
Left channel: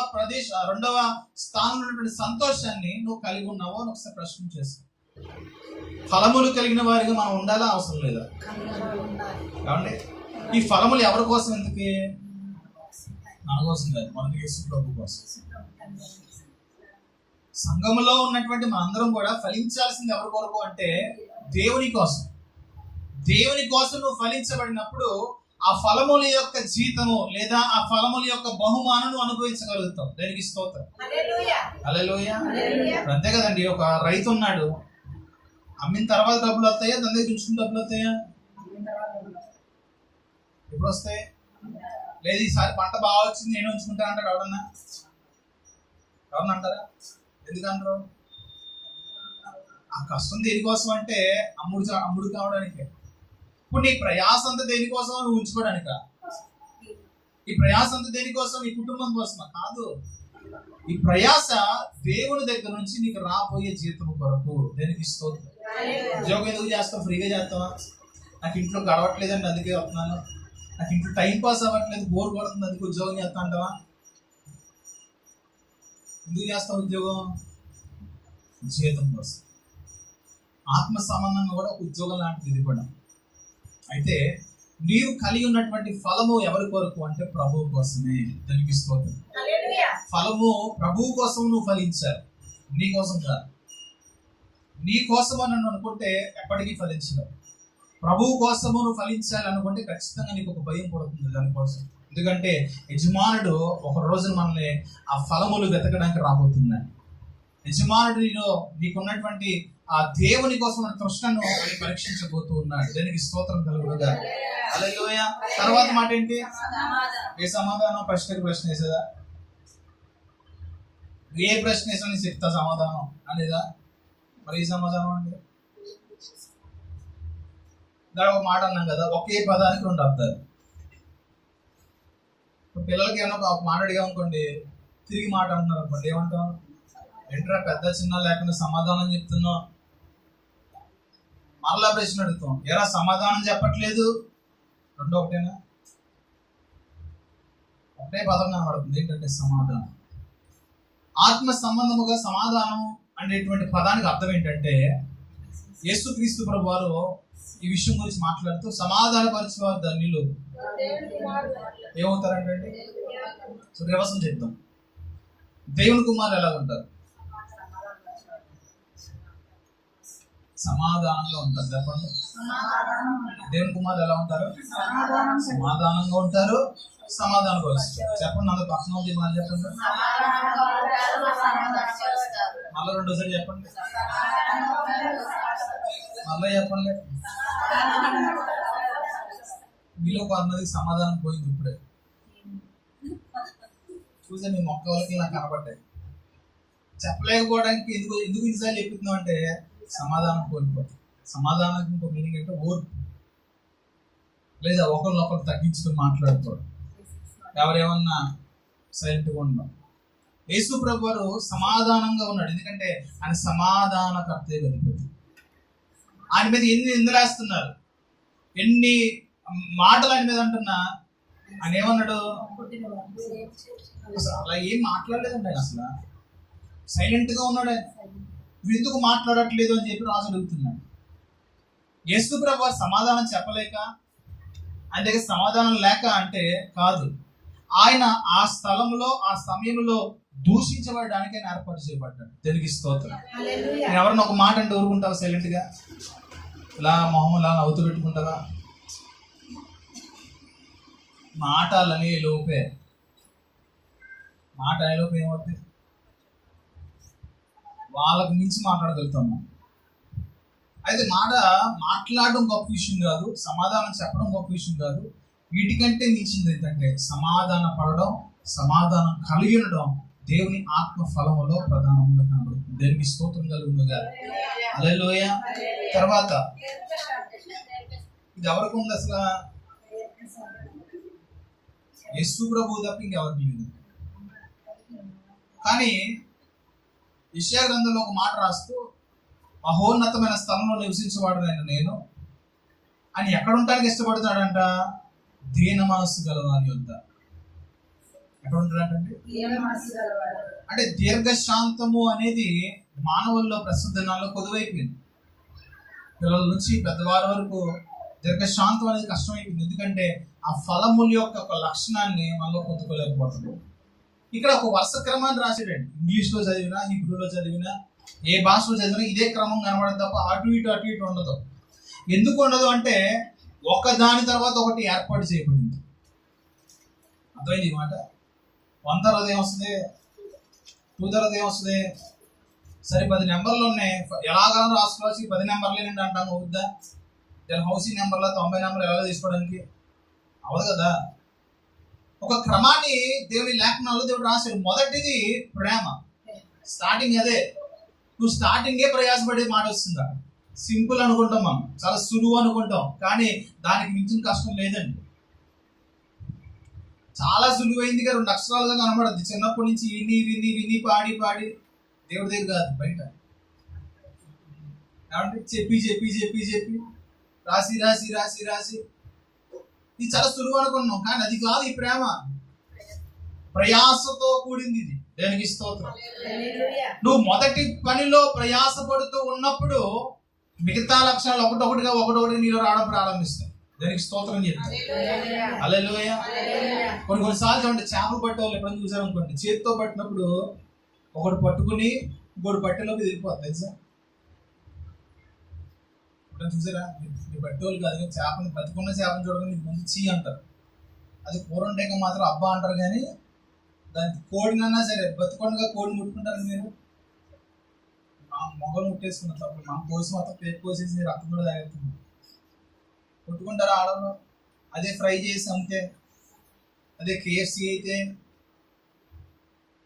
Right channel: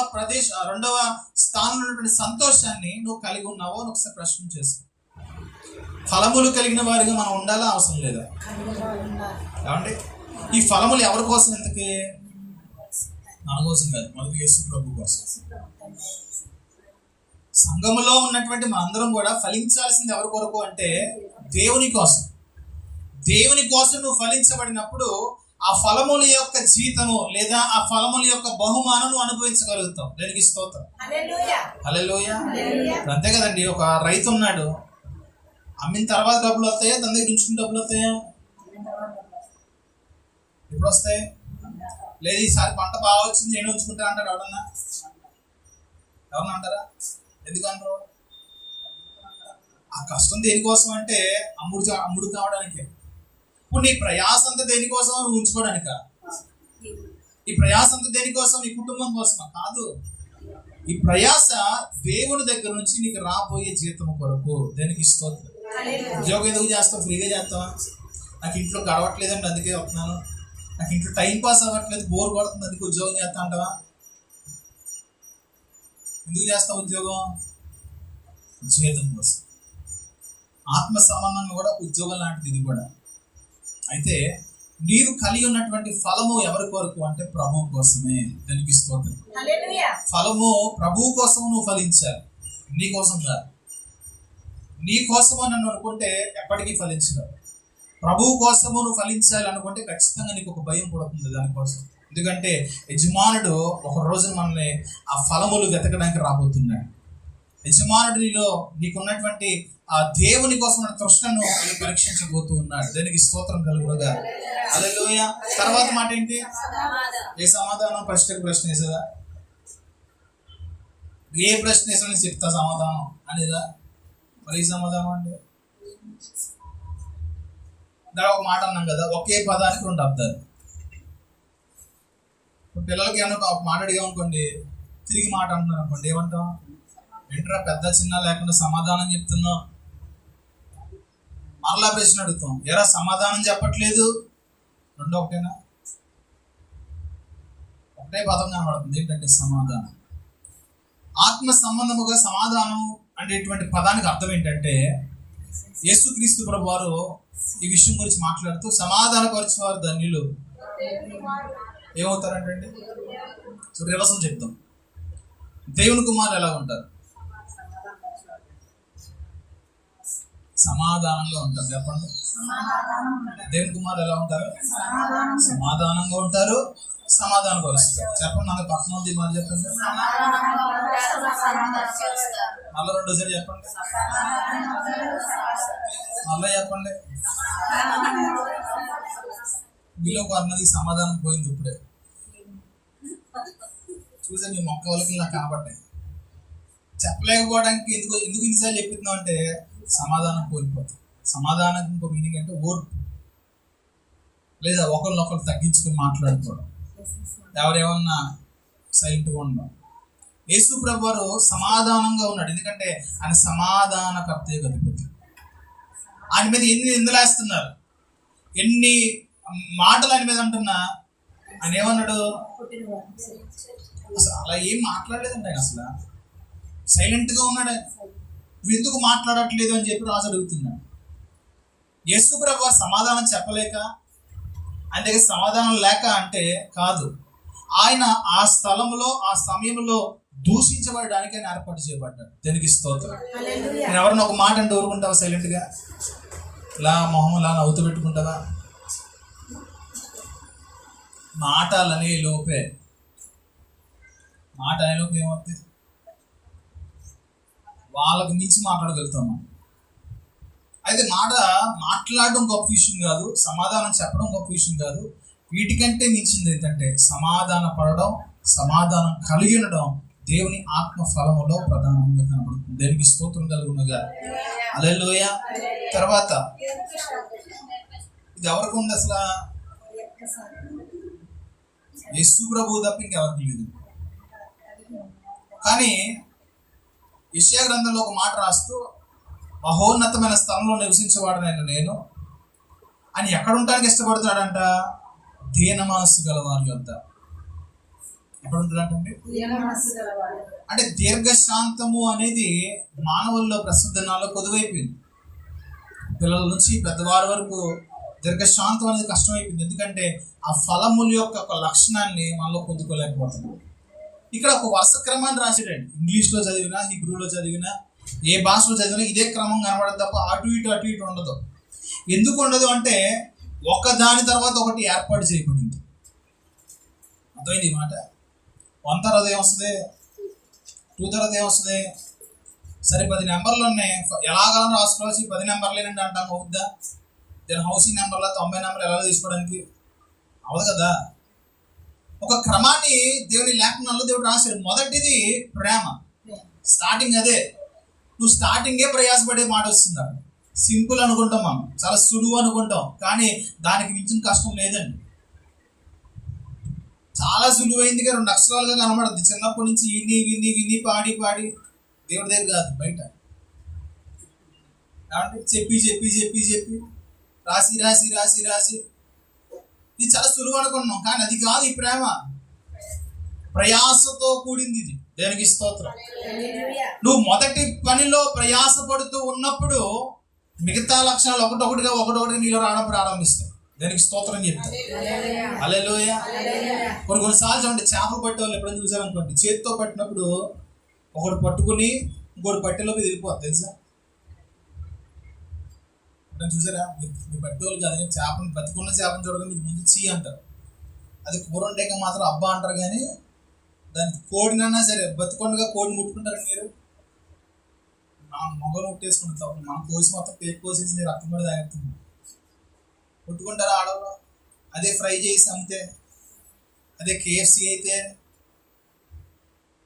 స్థానంలో ఉన్నటువంటి సంతోషాన్ని నువ్వు కలిగి ఉన్నావో అని ఒకసారి ప్రశ్న చేసుకో. ఫలములు కలిగిన వారిగా మనం ఉండాలా అవసరం లేదా? ఏమండి, ఈ ఫలములు ఎవరి కోసం? ఎందుకు? మన కోసం కాదు, మొదటి యేసు ప్రభు కోసం. సంఘములో ఉన్నటువంటి మనందరం కూడా ఫలించాల్సింది ఎవరి కొరకు అంటే దేవుని కోసం. దేవుని కోసం నువ్వు ఫలించబడినప్పుడు ఆ ఫలముల యొక్క జీతము లేదా ఆ ఫలముల యొక్క బహుమానం అనుభవించగలుగుతాం. దానికి స్తోత్రం. హల్లెలూయా. అంతే కదండి, ఒక రైతు ఉన్నాడు, అమ్మిన తర్వాత డబ్బులు వస్తాయా, దాని దగ్గర ఉంచుకుని డబ్బులు వస్తాయా? ఎప్పుడు వస్తాయి? లేదు ఈసారి పంట బాగా వచ్చింది నేను ఉంచుకుంటా అంటాడు ఎవరన్నా అంటారా? ఎందుకంటారు? ఆ కష్టం దేనికోసం అంటే అమ్ముడు కావడానికే. ఇప్పుడు నీ ప్రయాస అంతా దేనికోసం? నువ్వు ఉంచుకోవడానిక? ఈ ప్రయాస అంతా దేనికోసం? నీ కుటుంబం కోసమా? కాదు. ఈ ప్రయాస దేవుని దగ్గర నుంచి నీకు రాబోయే జీతము కొరకు. దేనికి స్తోత్రం. ఉద్యోగం ఎందుకు చేస్తావు? ఫ్రీగా చేస్తావా? నాకు ఇంట్లో గడవట్లేదండి అందుకే వస్తున్నాను, నాకు ఇంట్లో టైం పాస్ అవ్వట్లేదు, బోర్ కొడుతుంది అందుకే ఉద్యోగం చేస్తా అంటావా? ఎందుకు చేస్తావు ఉద్యోగం? జీతం కోసం. ఆత్మ సంబంధంగా కూడా ఉద్యోగం లాంటిది ఇది కూడా. అయితే నీవు కలిగి ఉన్నటువంటి ఫలము ఎవరి కొరకు అంటే ప్రభువు కోసమే. దానికి స్తోత్రం. ఫలము ప్రభువు కోసం నువ్వు ఫలించాలి, నీ కోసం కాదు. నీ కోసము నన్ను అనుకుంటే ఎప్పటికీ ఫలించలేవు. ప్రభువు కోసము నువ్వు ఫలించాలి అనుకుంటే ఖచ్చితంగా నీకు ఒక భయం పడుతుంది దానికోసం. ఎందుకంటే యజమానుడు ఒక రోజు మనల్ని ఆ ఫలములు వెతకడానికి రాబోతున్నాడు. యజమానుడు నీకున్నటువంటి ఆ దేవుని కోసం తృష్ణను పరీక్షించబోతూ ఉన్నాడు. దానికి స్తోత్రం కలుగునుగా. హల్లెలూయా. తర్వాత మాట ఏంటి? ఏ సమాధానం? ప్రశ్నకు ప్రశ్న వేసేదా? ఏ ప్రశ్న వేసా చెప్తా సమాధానం అనేదా? మరి ఈ సమాధానం అంటే దాని ఒక మాట అన్నాం కదా, ఒకే పదానికి రెండు అర్థాలు. పిల్లలకి ఏమన్నా ఒక మాట అడిగా అనుకోండి, తిరిగి మాట అంటున్నారు అనుకోండి, ఏమంటాం? ఏంట్రా పెద్ద చిన్న లేకుండా సమాధానం చెప్తున్నావు? మరలా ప్రశ్న అడుగుతాం, ఎరా సమాధానం చెప్పట్లేదు? రెండో ఒకటేనా? ఒకటే పదం కనబడుతుంది, ఏంటంటే సమాధానం. ఆత్మ సంబంధముగా సమాధానం అనేటువంటి పదానికి అర్థం ఏంటంటే యేసుక్రీస్తు ప్రభు వారు ఈ విషయం గురించి మాట్లాడుతూ సమాధానపరిచేవారు ధన్యులు ఏమవుతారంటే, సో రివర్సల్ చెప్తాం. దేవుని కుమారులు ఎలా ఉంటారు? సమాధానంగా ఉంటారు. చెప్పండి, దేవుని కుమారులు ఎలా ఉంటారు? సమాధానంగా ఉంటారు, సమాధానం పరుస్తారు. చెప్పండి, అందరు పక్కన ఉంది మాట చెప్పండి. మళ్ళీ రెండోసారి చెప్పండి, మళ్ళీ చెప్పండి. మీలో కొంతమందికి సమాధానం పోయింది ఇప్పుడే. చూసే మీ మొక్క వాళ్ళకి నాకు కనబడ్డాయి. చెప్పలేకపోవడానికి ఎందుకు ఎందుకు ఇన్నిసార్లు చెప్తున్నాం అంటే సమాధానం కోల్పోతాం. సమాధానం ఇంకో మీనింగ్ అంటే ఓర్పు, లేదా ఒకరినొకరు తగ్గించుకొని మాట్లాడుకోవడం, ఎవరేమన్నా సైలెంట్గా ఉండడం. యేసు ప్రభు వారు సమాధానంగా ఉన్నాడు, ఎందుకంటే ఆయన సమాధానకర్తే అధిపతి. ఆయన మీద ఎన్ని నిందలేస్తున్నారు, ఎన్ని మాటలు ఆయన మీద అంటున్నా ఆయన ఏమన్నాడు? అసలు అలా ఏం మాట్లాడలేదండి ఆయన, అసలు సైలెంట్గా ఉన్నాడు. ఆయన నువ్వు ఎందుకు మాట్లాడట్లేదు అని చెప్పి రాజు అడుగుతున్నాడు. యేసు ప్రభు సమాధానం చెప్పలేక, ఆయన దగ్గర సమాధానం లేక అంటే కాదు, ఆయన ఆ స్థలంలో ఆ సమయంలో దూషించబడడానికి ఆయన ఏర్పాటు చేయబడ్డాడు. దేనికి స్తోత్రం. నేను ఎవరన్నా ఒక మాట అంటే ఊరుకుంటావా? సైలెంట్గా ఇలా మొహం ఇలా నవ్వుతూ పెట్టుకుంటావా? మాట అనే లోపే ఏమవుతుంది? వాళ్ళకి మించి మాట్లాడగలుగుతాము. అయితే మాట్లాడడం గొప్ప విషయం కాదు, సమాధానం చెప్పడం గొప్ప విషయం కాదు. వీటికంటే మించింది ఏంటంటే సమాధాన పడడం, సమాధానం కలిగి ఉండడం దేవుని ఆత్మ ఫలములో ప్రధానంగా కనబడుతుంది. దేనికి స్తోత్రం కలుగునుగా. హల్లెలూయా. తర్వాత ఇది ఎవరికి ఉంది అసలు? యేసు ప్రభువు తప్ప ఇంకెవరికి లేదు. కానీ యెషయా గ్రంథంలో ఒక మాట రాస్తూ, మహోన్నతమైన స్థలంలో నివసించేవాడనైన నేను అని ఎక్కడ ఉండడానికి ఇష్టపడుతున్నాడంట? దీన మనస్సు గలవారి యొద్ద. ఎక్కడ ఉంటాడంటే అంటే దీర్ఘశాంతము అనేది మానవుల్లో ప్రస్తుత దినాల్లో కొదువైపోయింది. పిల్లల నుంచి పెద్దవారి వరకు దీర్ఘశాంతం అనేది కష్టమైపోయింది. ఎందుకంటే ఆ ఫలముల యొక్క ఒక లక్షణాన్ని మనలో పొందుకోలేకపోతున్నాం. ఇక్కడ ఒక వరుస క్రమాన్ని రాసాడండి. ఇంగ్లీష్లో చదివినా, హిబ్రూలో చదివినా, ఏ భాషలో చదివినా ఇదే క్రమం కనబడదు తప్ప అటు ఇటు ఉండదు. ఎందుకు ఉండదు అంటే ఒక దాని తర్వాత ఒకటి ఏర్పాటు చేయబడింది. అర్థమైంది ఈ మాట? 1 తర్వాత ఏమొస్తుంది, 2 తర్వాత ఏమొస్తుంది? సరే 10 నెంబర్లు ఉన్నాయి, ఎలాగో రాసుకోవాల్సి 10 నెంబర్లేనండి అంటాం, అవుద్దా? దాని హౌసింగ్ నెంబర్లో 90 నెంబర్లు ఎలా తీసుకోవడానికి అవదు కదా. ఒక క్రమాన్ని దేవుని లేఖనాల్లో దేవుడు రాశాడు. మొదటిది ప్రేమ, స్టార్టింగ్ అదే. నువ్వు స్టార్టింగే ప్రయాసపడే మాట వస్తుందా? సింపుల్ అనుకుంటాం మనం, చాలా సులువు అనుకుంటాం, కానీ దానికి మించిన కష్టం లేదండి. చాలా సులువైందిగా 2 అక్షరాలుగా కనబడద్ది. చిన్నప్పటి నుంచి విని విని విని పాడి పాడి దేవుడి దగ్గర కాదు, బయట కాబట్టి చెప్పి చెప్పి చెప్పి చెప్పి రాసి రాసి రాసి రాసి ఇది చాలా సులువు అనుకున్నాం, కానీ అది కాదు. ఈ ప్రేమ ప్రయాసతో కూడింది. ఇది దేనికి స్తోత్రం. నువ్వు మొదటి పనిలో ప్రయాస పడుతూ ఉన్నప్పుడు మిగతా లక్షణాలు ఒకటొకటిగా నీలో రావడం ప్రారంభిస్తాయి. దానికి స్తోత్రం చెప్తాను. హల్లెలూయా. కొన్నిసార్లు చూడండి, చేపలు పట్టే వాళ్ళు ఎప్పుడైనా చూసారనుకోండి, చేతితో పట్టినప్పుడు ఒకటి పట్టుకుని ఇంకోటి పట్టేలోకి వెళ్ళిపోతుంది, తెలుసా? ఎప్పుడైనా చూసారా? మీరు పట్టేవాళ్ళు కాదు, చేపని బతుకున్న చేపను చూడగా మీకు ముందు చీ అంటారు. అది కూర వండాక మాత్రం అబ్బా అంటారు, కానీ దానికి కోడినన్నా సరే బతుకొండగా కోడిని ముట్టుకుంటారండి మీరు. మొగలు ముట్టేసుకున్న తప్పుడు మనం కోసి మొత్తం పేరు కోసేసి రక్తం కూడా తాగుతుంది, ముట్టుకుంటారా ఆడవాళ్ళు? అదే ఫ్రై చేసి అమ్మితే, అదే KFC అయితే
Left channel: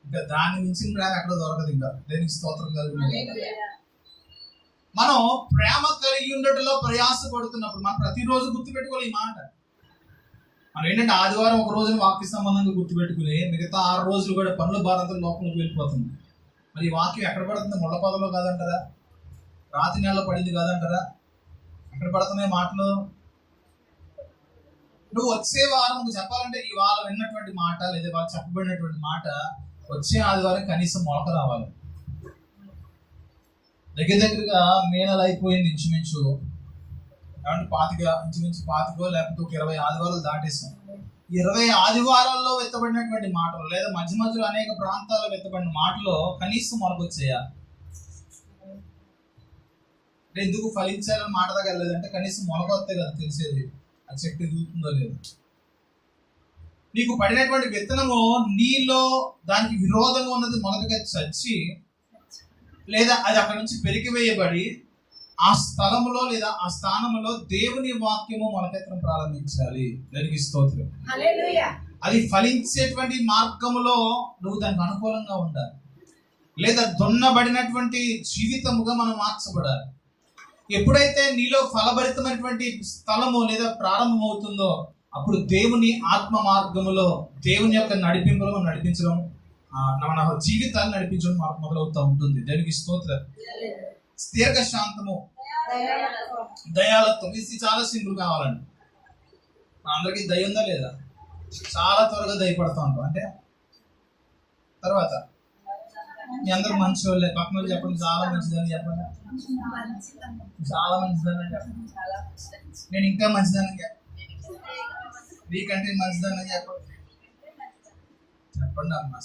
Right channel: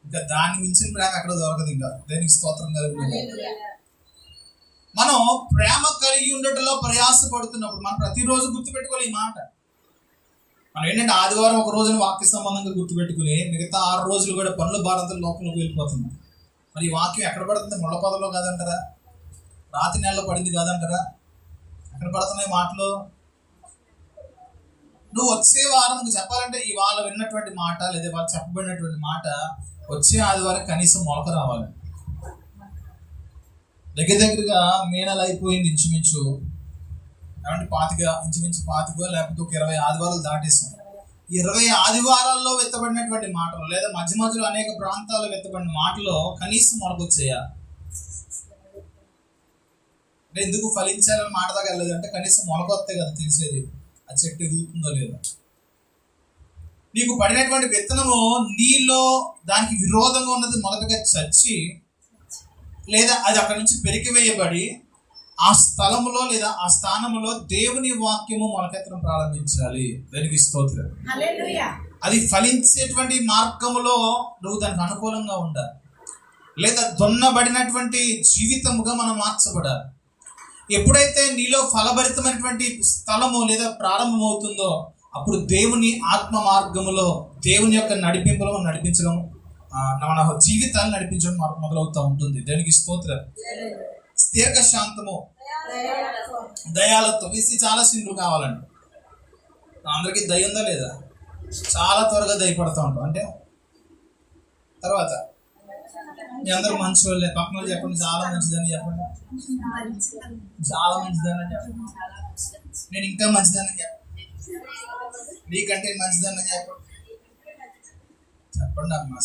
ఇంకా దాన్ని మించిన ప్రేమ ఎక్కడ దొరకదు. ఇంకా దేనికి స్తోత్రం కలిగి మనం ప్రేమ కలిగి ఉండటంలో ప్రయాస పడుతున్నప్పుడు మనం ప్రతిరోజు గుర్తుపెట్టుకోవాలి ఈ మాట. మనం ఏంటంటే ఆదివారం ఒక రోజున వాక్య సంబంధంగా గుర్తుపెట్టుకుని మిగతా 6 రోజులు కూడా పనుల భారంతో లోపలికి వెళ్ళిపోతున్నాం. మరి ఈ వాక్యం ఎక్కడ పడుతుంది? ముళ్ళ పొదలో కాదంటారా? రాతి నెలలో పడింది కాదంటారా? ఎక్కడ పడుతున్నాయి మాటలు? నువ్వు వచ్చే వారం చెప్పాలంటే ఇవాళ విన్నటువంటి మాట లేదా వాళ్ళు చెప్పబడినటువంటి మాట వచ్చే ఆదివారం కనీసం మొలక రావాలి. దగ్గరగా మే నెల అయిపోయింది, ఇంచుమించు ఇంచుమించు 25 లేకపోతే ఒక 20 ఆదివారాలు దాటేస్తాం. 20 ఆదివారాల్లో వెత్తబడినటువంటి మాటలు లేదా మధ్య మధ్యలో అనేక ప్రాంతాల్లో వెత్తబడిన మాటలో కనీసం మొలకొచ్చాయా? ఎందుకు ఫలించాలని మాట దాకా వెళ్ళలేదంటే కనీసం మొలకొస్తే కదా తెలిసేది ఆ చెట్టు ఎదుగుతుందో లేదో. నీకు పడినటువంటి విత్తనము నీలో దానికి విరోధంగా ఉన్నది మొదటగా చచ్చి, లేదా అది అక్కడి నుంచి పెరిగివేయబడి ఆ స్థలములో లేదా ఆ స్థానంలో దేవుని వాక్యము మొలకెత్తడం ప్రారంభించాలి. దానికి స్తోత్రం. అది ఫలించేటువంటి మార్గములో నువ్వు దానికి అనుకూలంగా ఉండాలి. లేదా దున్నబడినటువంటి జీవితముగా మనం మార్చబడాలి. ఎప్పుడైతే నీలో ఫలభరితమైనటువంటి స్థలము లేదా ప్రారంభం అవుతుందో అప్పుడు దేవుని ఆత్మ మార్గములో దేవుని యొక్క నడిపింపులో మనం నడిపించడం, మన జీవితాన్ని నడిపించడం మొదలవుతూ ఉంటుంది. దేవునికి స్తోత్రం. దీర్ఘశాంతము, దయాలత్వం, ఇది చాలా సింపుల్ కావాలండి. అందరికీ దయ ఉందా లేదా? చాలా త్వరగా దయపడతా ఉంటాం. అంటే తర్వాత మీ అందరూ మంచి వాళ్ళే, పక్కన వాళ్ళు చెప్పండి చాలా మంచిదని చెప్పండి, చాలా మంచిదని చెప్పండి, నేను ఇంకా మంచిదని చెప్పండి, నీకంటే మంచిదని చెప్పండి, చెప్పండి అమ్మా.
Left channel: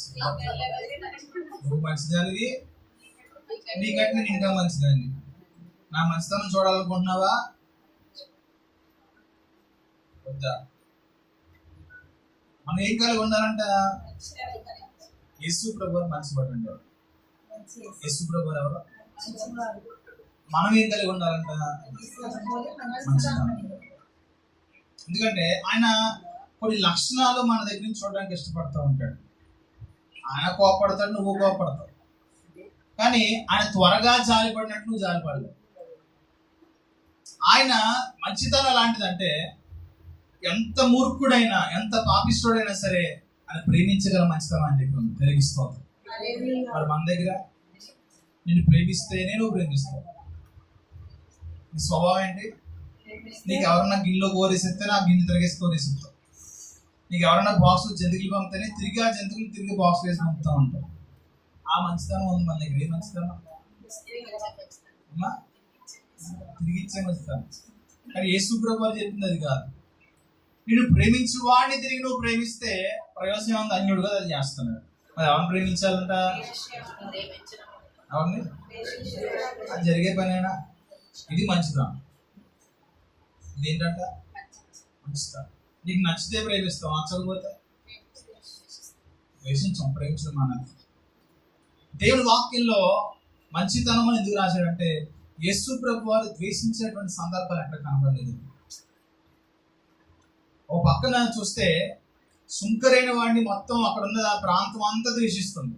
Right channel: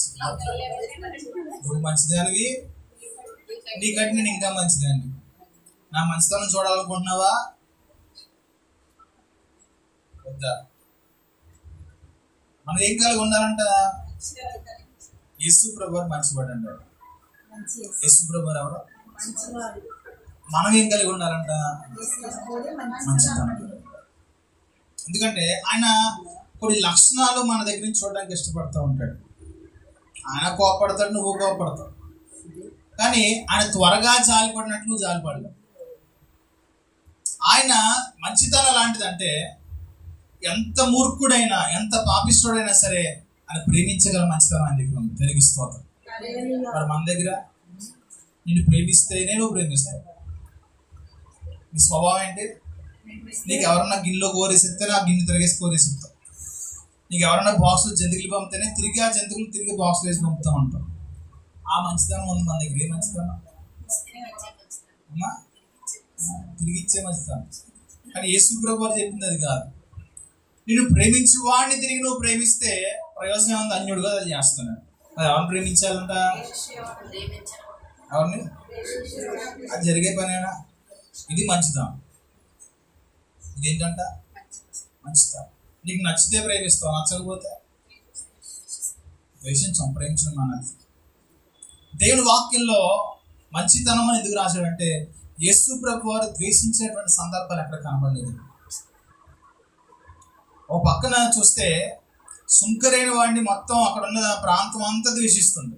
నువ్వు మంచిదానివి, నీకంటే నేను ఇంకా మంచిదాన్ని. నా మంచితనం చూడాలనుకుంటున్నావా వద్దా? మనం ఏం కలిగి ఉండాలంట? యేసు ప్రభువారు మంచివాడు అంటాడు. యేసు ప్రభువారు ఎవరు? మనం ఏం కలిగి ఉండాలంట? మంచితనం. ఎందుకంటే ఆయన కొన్ని లక్షణాలు మన దగ్గర నుంచి చూడడానికి ఇష్టపడుతూ ఉంటాడు. ఆయన కోపడతాడు, నువ్వు కోపడతావు, కానీ ఆయన త్వరగా జాలిపడినట్లు నువ్వు జాలిపడలేవు. ఆయన మంచితనం లాంటిదంటే ఎంత మూర్ఖుడైనా ఎంత పాపిష్టుడైనా సరే ఆయన ప్రేమించగల మంచితనం ఆయన దగ్గర ఉంది. తిరిగిస్తోంది. మరి మన దగ్గర నిన్ను ప్రేమిస్తే నేను ప్రేమిస్తాను. నీ స్వభావం ఏంటి? నీకు ఎవరన్నా గిన్నెలో కోరేసిస్తే నా గిన్నె తిరిగేసి కోరేసిస్తావు. నీకు ఎవరన్నా బాక్సులు జంతువులు పంపితేనే తిరిగి ఆ జంతువులు తిరిగి బాక్సులు వేసి పంపుతూ ఉంటాం. ఆ మంచితనం ఉంది మన దగ్గర. ఏ మంచితనం అమ్మా? తిరిగి ఇచ్చే మంచితనం. కానీ యేసు ప్రభువు చెప్పింది అది కాదు. నిన్ను ప్రేమించు వాడిని తిరిగి నువ్వు ప్రేమిస్తే ప్రయోజనం ఉంది. అన్యుడుగా అది చేస్తున్నాడు. అది ఎవరిని ప్రేమించాలంట? ఎవరిని? అది జరిగే పనేనా? ఇది మంచితనం. ఇదేంటంట? మంచితనం. నీకు నచ్చితే ప్రేమిస్తావు, నచ్చకపోతే ద్వేషించం. ప్రేమించడం అన్నది దేవుని వాక్యంలో మంచితనం అని ఎందుకు రాశాడంటే యేసు ప్రభు వారు ద్వేషించేటువంటి సందర్భాలు ఎక్కడ కనబడలేదు. ఓ పక్కన చూస్తే సుంకరైన వాడిని మొత్తం అక్కడ ఉన్న ప్రాంతం అంతా ద్వేషిస్తుంది.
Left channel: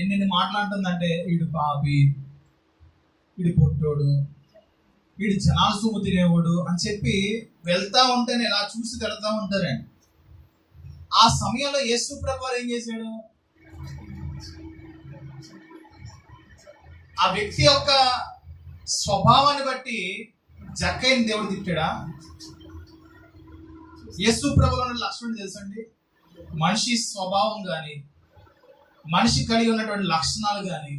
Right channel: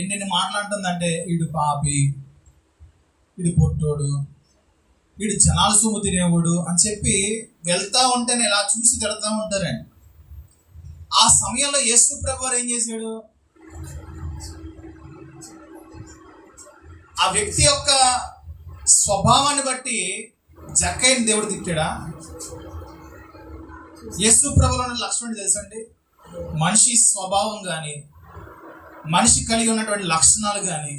ఎన్ని మాట్లాడుతుందంటే వీడు పాపి, వీడి పొట్టోడు, వీడి జనాలు సొమ్ము తినేవాడు అని చెప్పి వెళ్తా ఉంటేనే ఇలా చూసి తిడతా ఉంటారండి. ఆ సమయంలో యేసు ప్రభు వారు ఏం చేశాడు? ఆ వ్యక్తి యొక్క స్వభావాన్ని బట్టి జక్కయ్యని దేవుడు తిట్టాడా? యేసు ప్రభువులో ఉన్న లక్షణం తెలుసండి. మనిషి స్వభావం కానీ, మనిషి కలిగి ఉన్నటువంటి లక్షణాలు కానీ,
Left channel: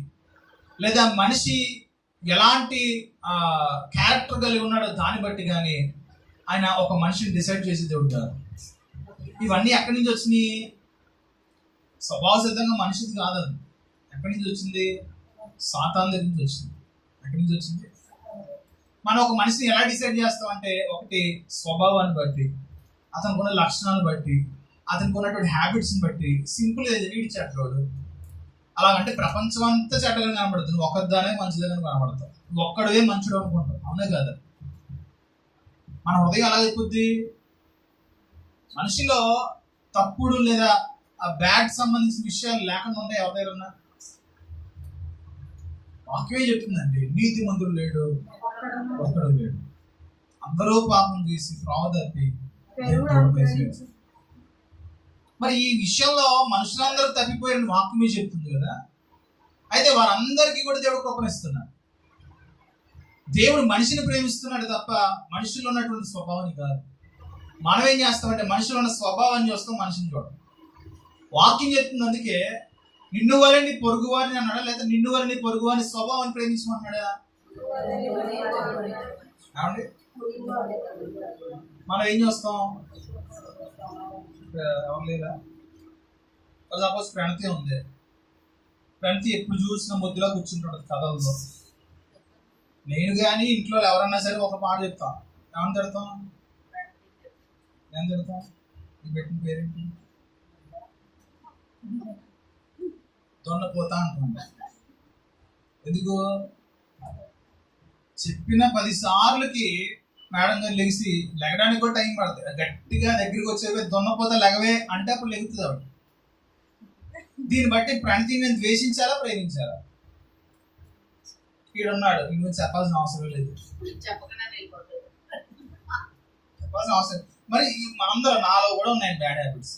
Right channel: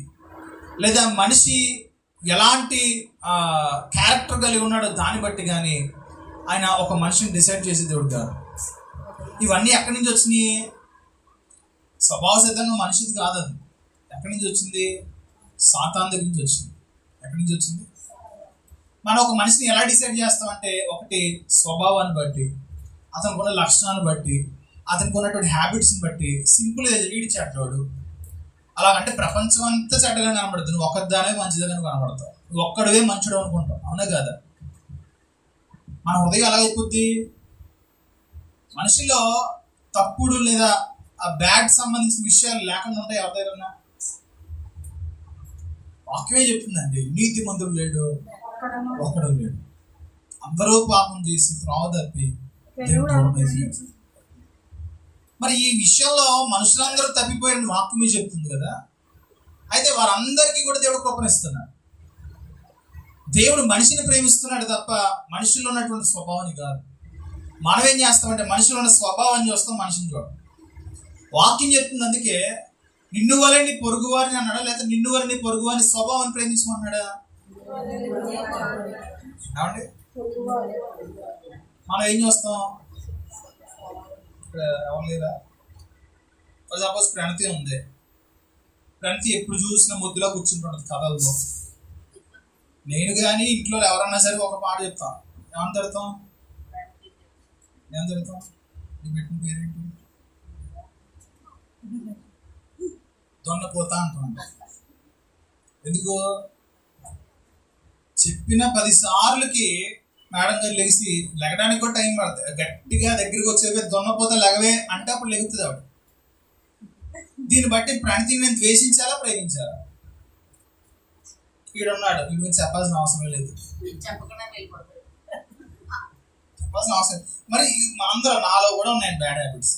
లేదా మనిషి ఎలాంటి క్యారెక్టర్ కలిగి ఉన్నాడో దాన్ని బట్టి కానీ ఆయన ఒక మనిషిని డిసైడ్ చేసి దేవుడు కాదు. ఇవన్నీ ఎక్కడి నుంచి వచ్చినాయి? స్వభావ సిద్ధంగా మనిషిది కాదు. అది ఎక్కడి నుంచి వచ్చింది? సాతాను దగ్గర నుంచి వచ్చింది. ఎక్కడి నుంచి వచ్చింది? మనం ఒక మనిషిని ఎలా డిసైడ్ చేస్తామంటే ఒకటి స్వభావాన్ని బట్టి, అతనికి ఉన్న లక్షణాలను బట్టి, అతనికి ఉన్నటువంటి హ్యాబిట్స్ని బట్టి. సింపుల్ వీడి చెడ్డోడు అలాగంటే ప్రపంచం అంతా చెడ్డగా కనబడుతుంది. నువ్వు ఒక్కదానే మంచిదిగా కనబడతావు, నువ్వు ఒక్కడవే మంచుడు అనుకుంటావు. అవునా కదా? మన హృదయం ఎలా అయిపోద్ది? మనిషిలో తప్పుడు లేదా ఆ బ్యాడ్ సంబంధించిన విషయాలు లేకుండా ఉంటాయి. ఎవరి దగ్గర ఉన్నా వాక్యమే చెప్తుందండి, నీతి మంతుడు లేడు, ఒక్కడు లేడు, అందరూ పాపం చేసి త్రోవ తప్పి. మరి ఈ విషయంలో మనుషులందరూ తప్పిపోయిన వాక్యమే చెప్తుంది కదా. అయితే వారందరికీ కూడా దేవుడు కృపణిస్తున్నాడు. దేవుడు మనిషిని ప్రేమిస్తున్నాడు తప్ప మనుషుల్లో ఉన్నటువంటి స్వభావాన్ని కాదు. మనం ఏం చేస్తామంటే మనుషులు ఉన్న స్వభావాన్ని చూస్తాం, మనిషిని చూడం. వాక్యం చెప్తుంది అందుకే నిన్ను వల్ల నీ పొరుగు వారిని అన్నాడా, లేదా నిన్ను వల్ల నీ పొరుగు వారిని స్వభావాన్ని ప్రేమించమన్నాడా? ఏమండి? మనం ఏం చేస్తాం? ఎవరు లేదా? సపోజ్ ప్రణతి ఉంది. ప్రణతి ఎప్పుడు చూసిన ముద్దులో కూర్చుంటుంటుంది కథల్లో. నేను కానీ ఇంట్లో ఎవరన్నా సరే ఒక మాట చెప్తాం, ఏమని తిడతాం? ఏం తిడతాం? నీకు పెట్టిన పేరేంటి? దొన్నపోతా అంటాం. ఎందుకు? చెప్పిన 10 సార్లకి మేడం గారు లెగిసి లెగడానికి కూడా టైం పడుతుంది. గట్టిగా దగ్గరికి వచ్చే దొన్నపోతా లెగవే అంటే అప్పుడు లెగుతుంది ఆవిడ. దీన్ని బట్టి ప్రణతిని ద్వేషించాలా ప్రేమించాలా? ఈడున్నాడు, వీడి గురించి చెప్పాల్సిన అవసరం లేదు, చెప్పాల్సిన అవసరం. మరి మనందరూ, నాలో కూడా ఉన్నాయి బ్యాడ్ హ్యాబిట్స్,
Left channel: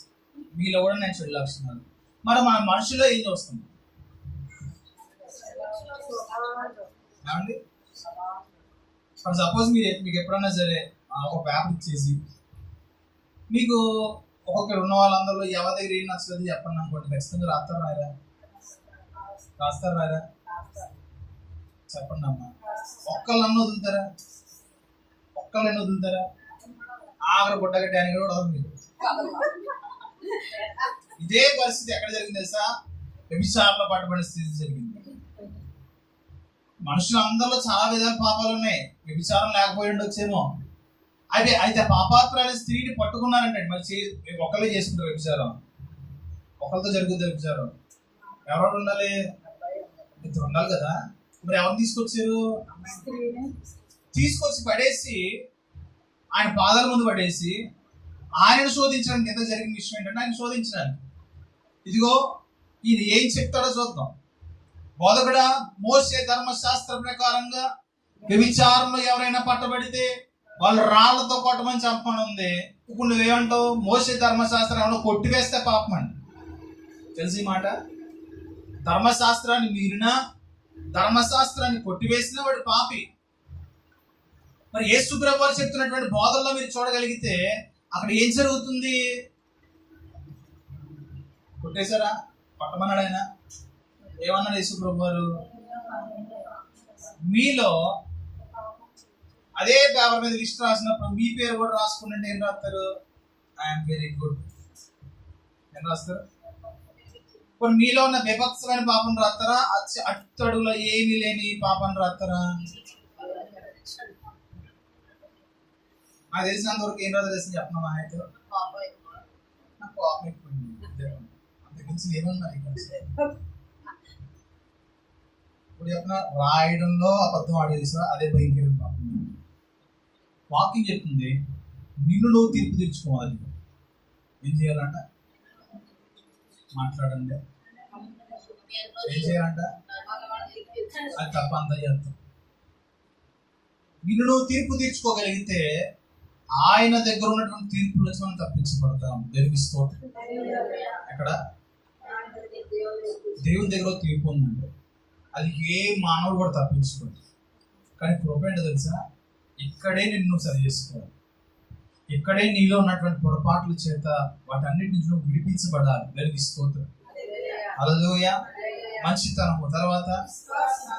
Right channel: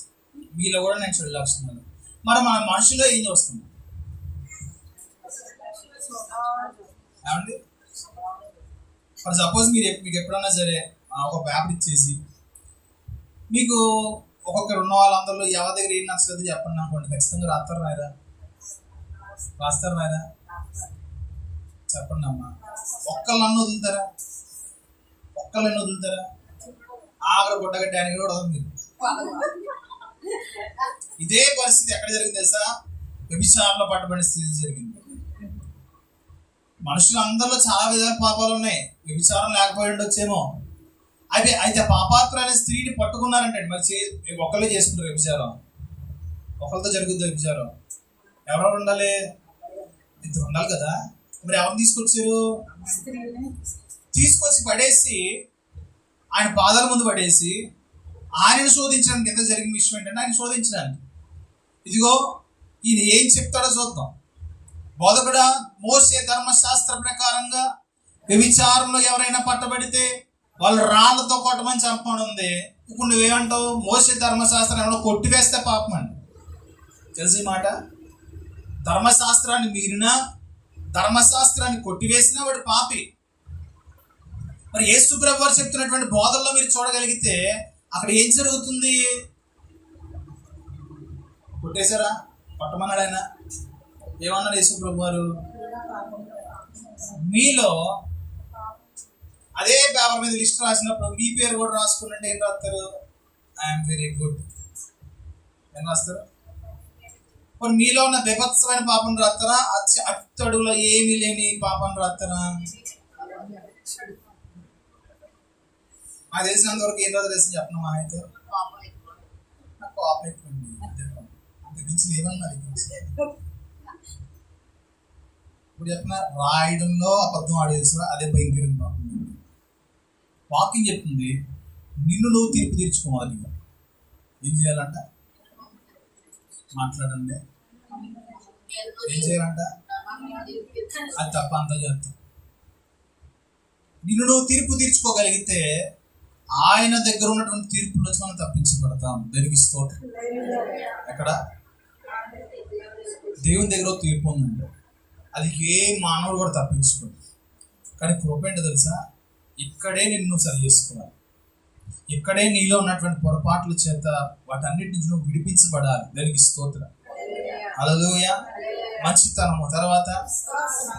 మీలో కూడా నేను చెడు లక్షణాలు. మరి మన మనుషులో ఏం చూస్తున్నాం ఏమండి? ఫర్ సపోజ్ మీకు ఎప్పుడన్నా సరే ఒక పేపర్ ఇచ్చేసి మీకు ఒక్కొక్కరు ఉన్న వాళ్ళందరిలో ఎవరి దగ్గర ఏం నచ్చలేదు చెప్పండి అనుకోండి, ఖచ్చితంగా రాస్తారు రాయరా? రాస్తారు రాయరా? చెప్పండి అమ్మా. ఒక్కళ్ళన్నా వదులుతారా? ఒక్కళ్ళని వదులుతారా? ఆఖరి గుడ్డగడ్డానికి కూడా వదలరు మీరు. ఇదే పరిస్థితి ఎక్కడ జరిగింది తెలుసా? వ్యభిచారంలో పట్టబడిన స్థితి జరిగింది. మనుషులు అందరిలో చాలా విధాల పాపాలు ఉన్నాయి, వ్యభిచారం లేకపోయి ఉండొచ్చేమో. అయితే పాపాత్రులైన స్త్రీని పట్టుకున్నారంటే మరి ఒకళ్ళే చేసుకుంటారు వ్యభిచారం, ఒకరితో జరుగుతుంది వ్యభిచారం. ఎవరెవరు ఉండాలి? ఇద్దరు ఉండాలి కదా. మరి ఎవరు తీసుకొచ్చారు? తీసుకొచ్చి పడేసి ఆయన పాదాల ముందు పడేసి ఆయనను శోధించడానికి. ఎంత జరిగిన విషయం ఏంటంటే ఆయన శోధించడానికి, ఇదిగో ఈయన ఏం చెప్తాడో చూద్దాం. బోధకుడా, మోసే ధర్మశాస్త్ర ప్రకారంగా వ్యభిచారంలో ఎవరైనా పట్టబడితే వాళ్ళు రాళ్లతో కొట్టమని చెప్పమని ఉంది. ఇప్పుడు నువ్వేమంటావు? మోసే ధర్మశాస్త్రం ఏమన్నా కొట్టివేస్తే పాపం అండి. తెలిసి మాట, ధర్మశాస్త్రాన్ని మీరినా ధర్మశాస్త్రాన్ని కొట్టివేసినా వాడు పాపి. మరి యేసు ప్రభువు వారు చెప్తున్నటువంటి బోధల్లో మీరు చూడగలిగితే అక్కడ ఏం జరుగుతుంది? కొట్టేశారా? కొట్టమన్నాడు ఆయన. ఏమన్నాడు యేసు ప్రభు వారు? మీలో అదే పేపర్ మీద లిస్ట్ రాసినప్పుడు మీ పేరు కూడా రాసుకుంటే ఏం రాస్తారు? ఐఎమ్ వెరీ గుడ్ ఏం రాస్తారు? ఇప్పుడు మీలో ఉన్న బీభత్సమైన పాపం రాస్తారా? అట్టడుగులో ఏమీ లేని పాపం రాస్తారా? నాకు తెలిసినంత వరకు ఏం రాదు తెలిసి చెప్పిన మా అయితే నాకు కోపం ఎక్కువ అంత గురించి ఏమన్నా ఇప్పుడు చెప్పిన రాయడంలో అబద్ధం ఆడేసా అదే భయంకరం పాపం. వాకింగ్ చెప్తుంది నిన్ను నువ్వు తీర్పు తీర్చుకోవాలి. ఏం చేయాలంట? మాట్లాడండి. ఏం చేయాలంట? అది తప్ప అంతా చేస్తాం. నిన్ను నువ్వు తీర్పు తీర్చుకోగలిగితే ఆయన దగ్గర ఉన్నటువంటి తీర్పుల నుంచి మనం తప్పించబడతాం. దేవునికి స్తోత్రం. ఎక్కడ? దేవుని దగ్గర తీర్పు ఉందండి, అది ఏ మానవుడు కూడా తప్పించుకోడు. కానీ కృప ఏంటో తెలుసా? ఇక్కడే నిన్ను సరి చేసుకోవాలి. ఇక్కడే నీలో ఉన్నటువంటి పొరపాట్ల చేత వాటన్నిటి నుంచి నువ్వు విడిపించబడాలి. దేవునికి స్తోత్రం. హల్లెలూయా. మంచితనము, తర్వాత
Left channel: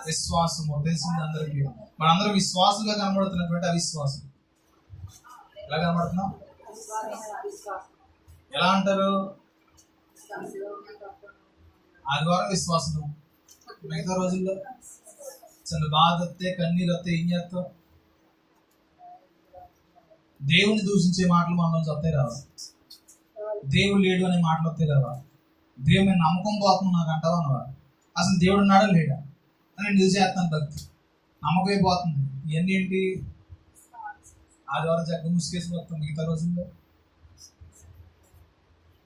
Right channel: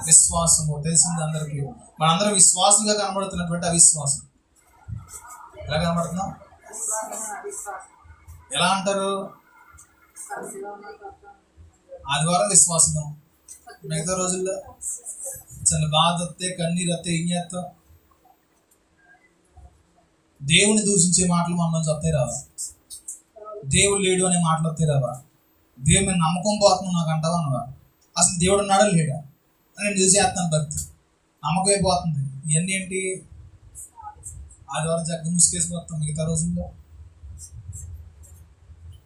విశ్వాసము. తెలిసింది అందరికీ. మనందరం విశ్వాసంగా కనబడుతున్నటువంటి అవిశ్వాసం. ఎలా కనబడుతున్నాం? ఎలా అంటారు? ఆదివారం విశ్వాసం, మిగతా రోజుల్లో చిన్న బాధ వస్తే కన్నీరు వస్తే ఏం చేస్తాం? దేవుని దూషించే మాటలు మనలో వస్తాయి రావా? దేవుడు లేడు అనే మాటలు వస్తాయి రావా? దేవుని మీద నమ్మకం పోతున్నావు నాకు అంటావా అనవా? అసలు దేవుడు ఉన్నాడా లేడా అని నేను చూసేస్తాను. భక్తి నమ్మకం అయిపోతుంది. ఇవన్నీ ఏంటి? ఆదివారం చక్కగా ముసుకేసి మొత్తం. మిగతా రోజుల్లో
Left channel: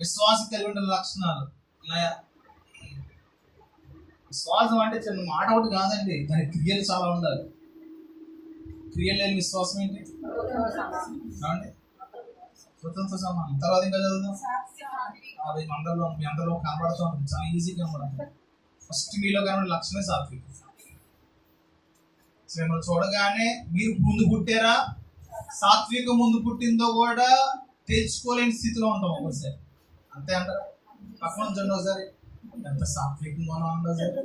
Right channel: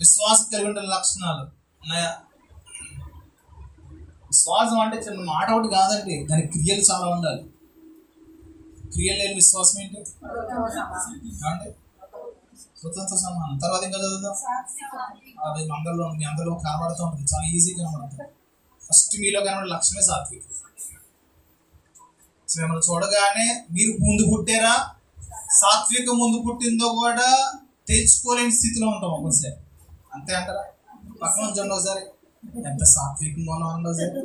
విశ్వాసం కలిగి ఉండే లక్షణాలు ఉన్నాయా? విశ్వాసం అంటే చిన్న మాట ఒకటి కాదండి, దాని క్రియలు చాలా ఉండాలి. క్రియలు లేని విశ్వాసం ఏంటి? ఏమండి? కృతంతో సమానం. తర్వాత ఇంకా చదువుదాం. అది మీ అందరిలో కనబడుతూ ఉంటుంది, చాలా ఈజీగా కనబడుతుంది. ఫస్ట్ మీలో కనబడే లక్షణమే సాత్వికం. మిమ్మల్ని చూడగానే మీరు ముందు పుట్టారా, సాత్వికం ముందు పుట్టిందో కూడా తెలుసుకోలేని స్థితిలో ఉంటాం ఒకసారి. అంతే అంటారా? పక్కన ఉంచండి ఒకసారి, ఎంత సాత్వికంగా ఉన్నాం అన్న ఒకసారి.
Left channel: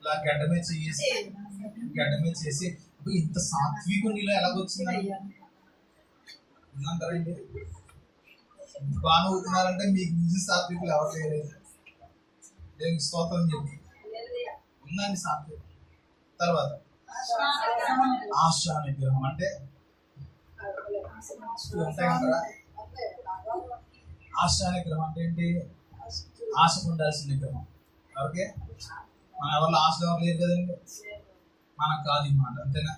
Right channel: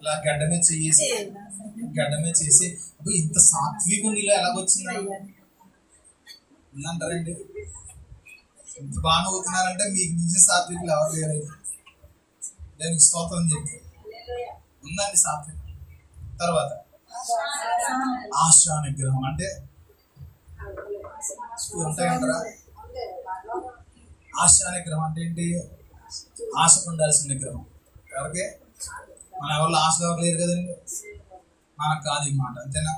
ఇలా గడ్డమే చేసి ఇంత సాత్వికం నీలో ఎలాగొచ్చిందని అంటారండి. ఇంత బాగా నవ్వుతున్నారంటే మీకు నిజ సాత్వికులు ఎవరు లేరు. దానికి స్తోత్రం చెప్పి ఉందండి సాత్వికం. తర్వాత ఆశా నిగ్రహం అంటే ఉంటాయంటారా? ఆశా నిగ్రహం అంటే ఏంటి? ఆశ ఉండాల్సిన నిగ్రహం. ఎవరికి? మన ఎవరిలో ఆశలు ఎవరు లేరు కదండి. మనకు కాదు ఈ మాట, అంతేనా?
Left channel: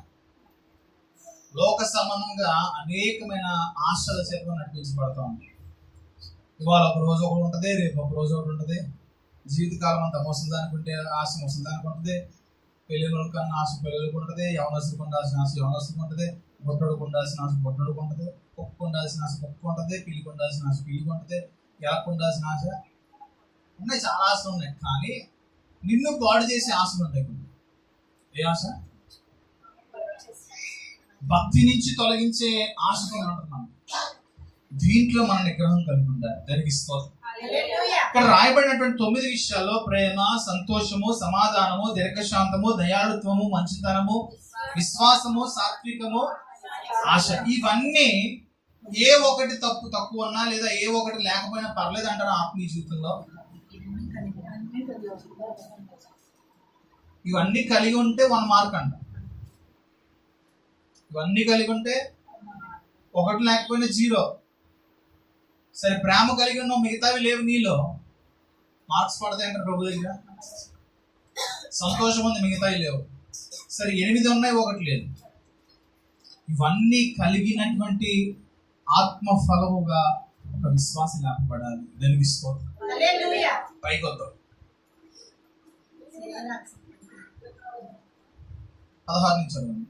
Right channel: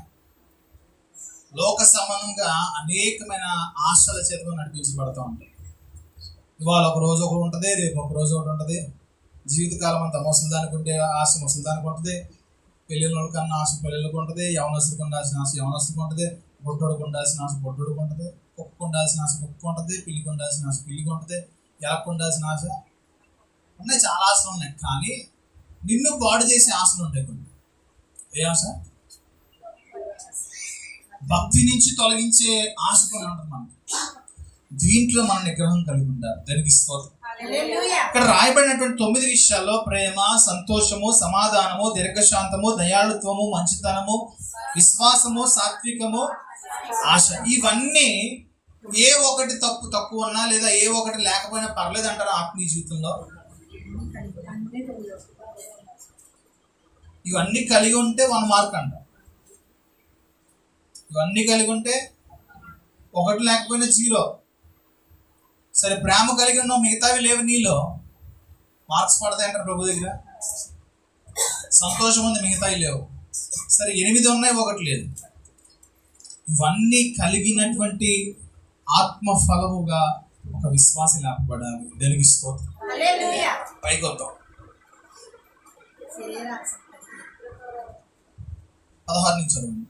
లోక సమానంగా అనేకమైన ఆశల చేత నడిపించబడుతూ ఉంటాయి. ఇవాళ ఒక రోజు ఒకటి ఉంటుంది, రేపు ఒక రోజు ఒకటి ఉంటుంది. జీవితకాలం అంతా ముసలిదానికి ఉంటే ఆశ ముసలిదానికి ఉంటుంది, పెళ్ళిళ్ళ కన్నా ఆశ పెళ్ళిళ్ళకి ఉంటుంది, యవనస్తులకు ఉండాల్సిన ఆశ యవనస్తులకు ఉంటుంది, బొట్టడుకు ఉండాల్సిన ఆశ బొట్టడుకు ఉంటుంది, కుక్కకు ఉండాల్సిన ఆశ కుక్క ఉంటుంది, పిల్లికి ఉండాల్సిన ఆశ పిల్లికి ఉంటుంది, ఎలక్కు ఉండాల్సిన ఆశ ఉన్నాయి. చాలా ఆశలు ఉన్నాయి. కానీ నిన్ను పాడు చేసే ఆశలు ఉంటాయి కొన్ని. ఏ ఆశ? భక్తి నుంచి తొలగించే ఆశ కొన్ని ఉంటుంది మనకి. దీంట్లో మన నిగ్రహం కలిగి ఉండాలి. దానికి స్తోత్రం. ఇక్కడ రాయబడినటువంటి 9 విషయాల్లో ప్రేమ, సంతోషము, సమాధానము, దీర్ఘశాంతము, దయాళుత్వము, మంచితనము, విశ్వాసము, సాత్వికము, ఆశ, ఇవన్నీ ఏ ఒకటి తక్కువ ఉన్నా లేదా ఏ ఒకటి లేకపోయినా పర్లేదు అంటారు ఆత్మీయ జీవితంలో. ఇవన్నీ కలిగి ఉంటే 1 మార్క్ అంట. ఇవన్నీ కలిగి ఉంటే ఒకటి లేకపోయినా 0. సరే, ప్రేమ కలిగి ఉన్నావు, మిగతావి లేవు నీలో, మార్క్స్ పడతాయి అంటారు ప్రభు దగ్గర. సంతోషం ఉంది, మిగతావి లేవు. సరే, 8 ఉన్నాయి, 1 లేదు. ఇవన్నీ కలిగినటువంటి ఆత్మ ఫలముగా ఒక విశ్వాసి లేపబడాలి. దానికి స్తోత్రం. పైకి వద్దాం. 16 నుంచి చదవండి.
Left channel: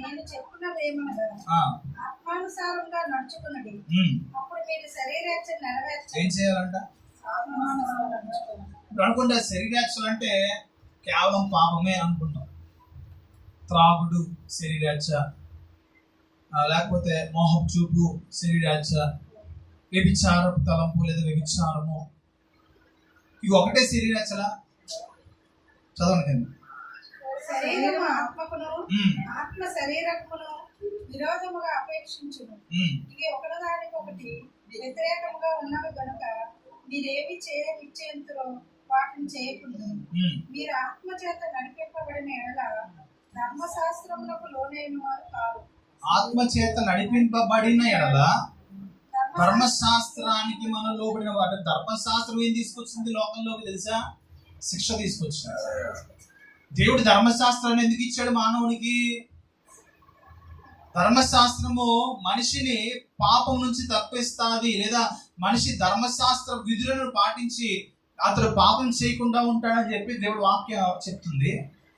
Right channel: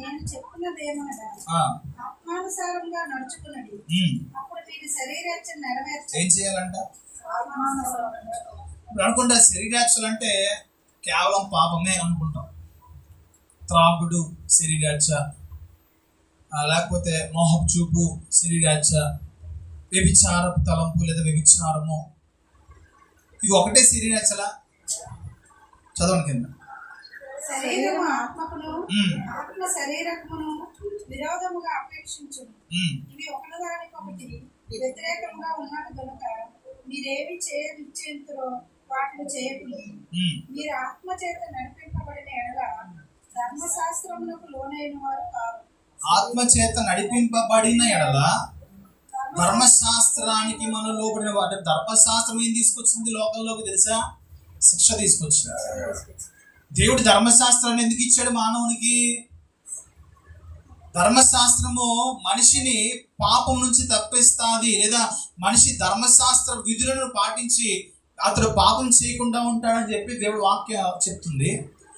నేను చెప్పున్నదేమనగా ఆత్మానుసారంగా నడుచుకున్నది, అప్పుడు మీరు శరీరేచ్ఛ నెరవేర్చ. ఏం చేయాలంట? ఇప్పుడు అనుకుంటే శరీరాక్షలు అంటే కేవలం పాపమే అనుకుంటాం. త్రాగుడు శరీరాక్ష, లేకపోతే మోహపు చూపు శరీరాక్ష, వ్యభిచారపు తలంపు లేదా వ్యభిచారము, ఇవి ఒకటే శరీరాక్షలా? చదవండి కింద. శరీరము ఆత్మకును, ఆత్మ శరీరమును విరోధముగా అపేక్షించును. ఇవి ఒకదానికొకటి వ్యతిరేకంగా ఉన్నవి గనుక మీరేమి చేయనిచ్చేంతరో వాటిని చేయకుండా మీరు ఆత్మ చేత నడిపింపబడిన ఎడల ధర్మశాస్త్రమునకు లోనైన వారు కారు. ఆత్మ చేత నడిపింపబడిన ఎడల ధర్మశాస్త్రానికి మనం లోబడిన వాడు. ధర్మశాస్త్రం ఏం తీసుకొచ్చింది లోకంలోకి తెలుసా? శిక్ష తీసుకొచ్చింది. దేవుడు ధర్మశాస్త్రాన్ని ఎందుకు ఇచ్చాడు మానవునికి? ధర్మశాస్త్రము మనిషిని పాపం నుంచి తప్పిస్తుంది, లేదా మనిషి ధర్మశాస్త్ర విధులను పాటించి అతడు పాపం చేయకుండా ఉంటాడని చెప్పి దేవుడు వాక్యం చెప్తుంది.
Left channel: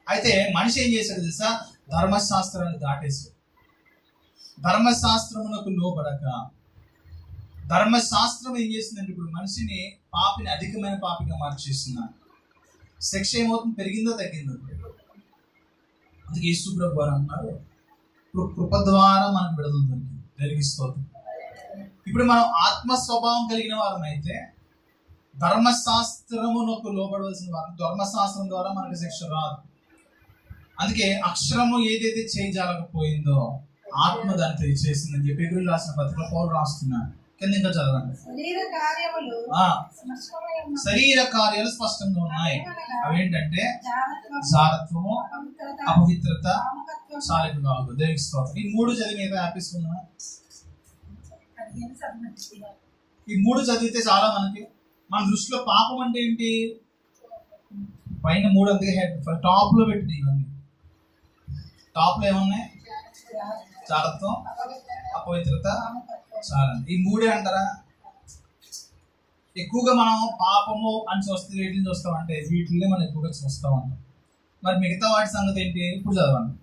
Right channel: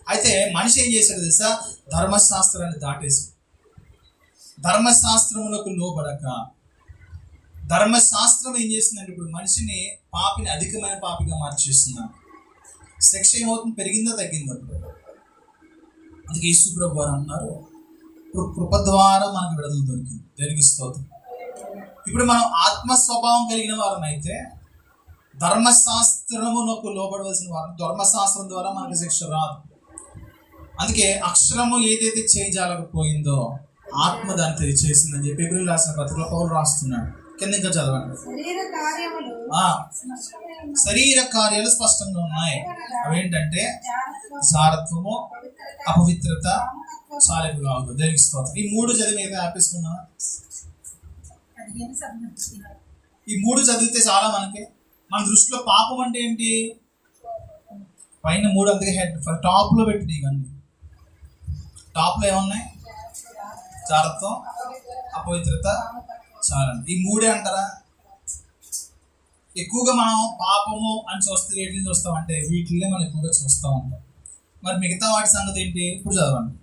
అయితే మనిషి ఏం చేశాడు తెలుసా? ధర్మశాస్త్రాన్ని దాటేసి ధర్మశాస్త్రమునకు లోబడక, ధర్మశాస్త్రం ఏం చేస్తుందంటే ఇప్పుడు మనిషిని పాపిని అధికమైన పాపిగా మార్చేస్తున్నాడు. శిక్ష ఏమవుతుంది? పెరిగిందో తగ్గిందో? అందుకే యేసు ప్రభు వారు అన్నారు, కృప ద్వారా మనకు విడుదల దొరికింది. దానికి స్తోత్రం. ఇప్పుడు మనం ఆత్మ స్వభావం కలిగిన వారమైతే ధర్మశాస్త్రమునకు లోబడవలసిన వారు. ధర్మశాస్త్రం ద్వారా మనకు శిక్ష రాదు. అందుకే అక్షరము ఏదైతే చేయజాలకపోయిందో ఆత్మ దాన్ని తెలియచేసిందని చెప్పి ఎబ్రిల్ రాసిన పత్రికలో పౌలు రాస్తున్నాడు. కింద ఇంకా చదవండి. శరీర కార్యాలు స్పష్టంగా ఉన్నాయి. అవేంటంటే జారత్వము, అపవిత్రత, చాలింపు కావద్దు. దేనికి స్తోత్రం. ఈ 3 చదివి ఏదో ఆపేసుకున్నా. ఈ 3 చదివితే చాలా మనకి. మన దృష్టిలో పాపం అంటే ఏంటి? పైన 3 అందుకే హెడ్ టాప్ లో పెట్టింది. ఇవన్నీ టాప్ లో ఏమున్నాయి? జారత్వం, అపవిత్రత, చాలండి. ఈ 3 అంటారా? ఎక్కువగా మనం పాపము అని చూస్తే వీటిని చూస్తామంటే వీటినే మనం ఎక్కువగా చూస్తూ ఉంటాం. మరి మిగతా వాటి సంగతి ఏంటి? ఇప్పుడు చదవండి.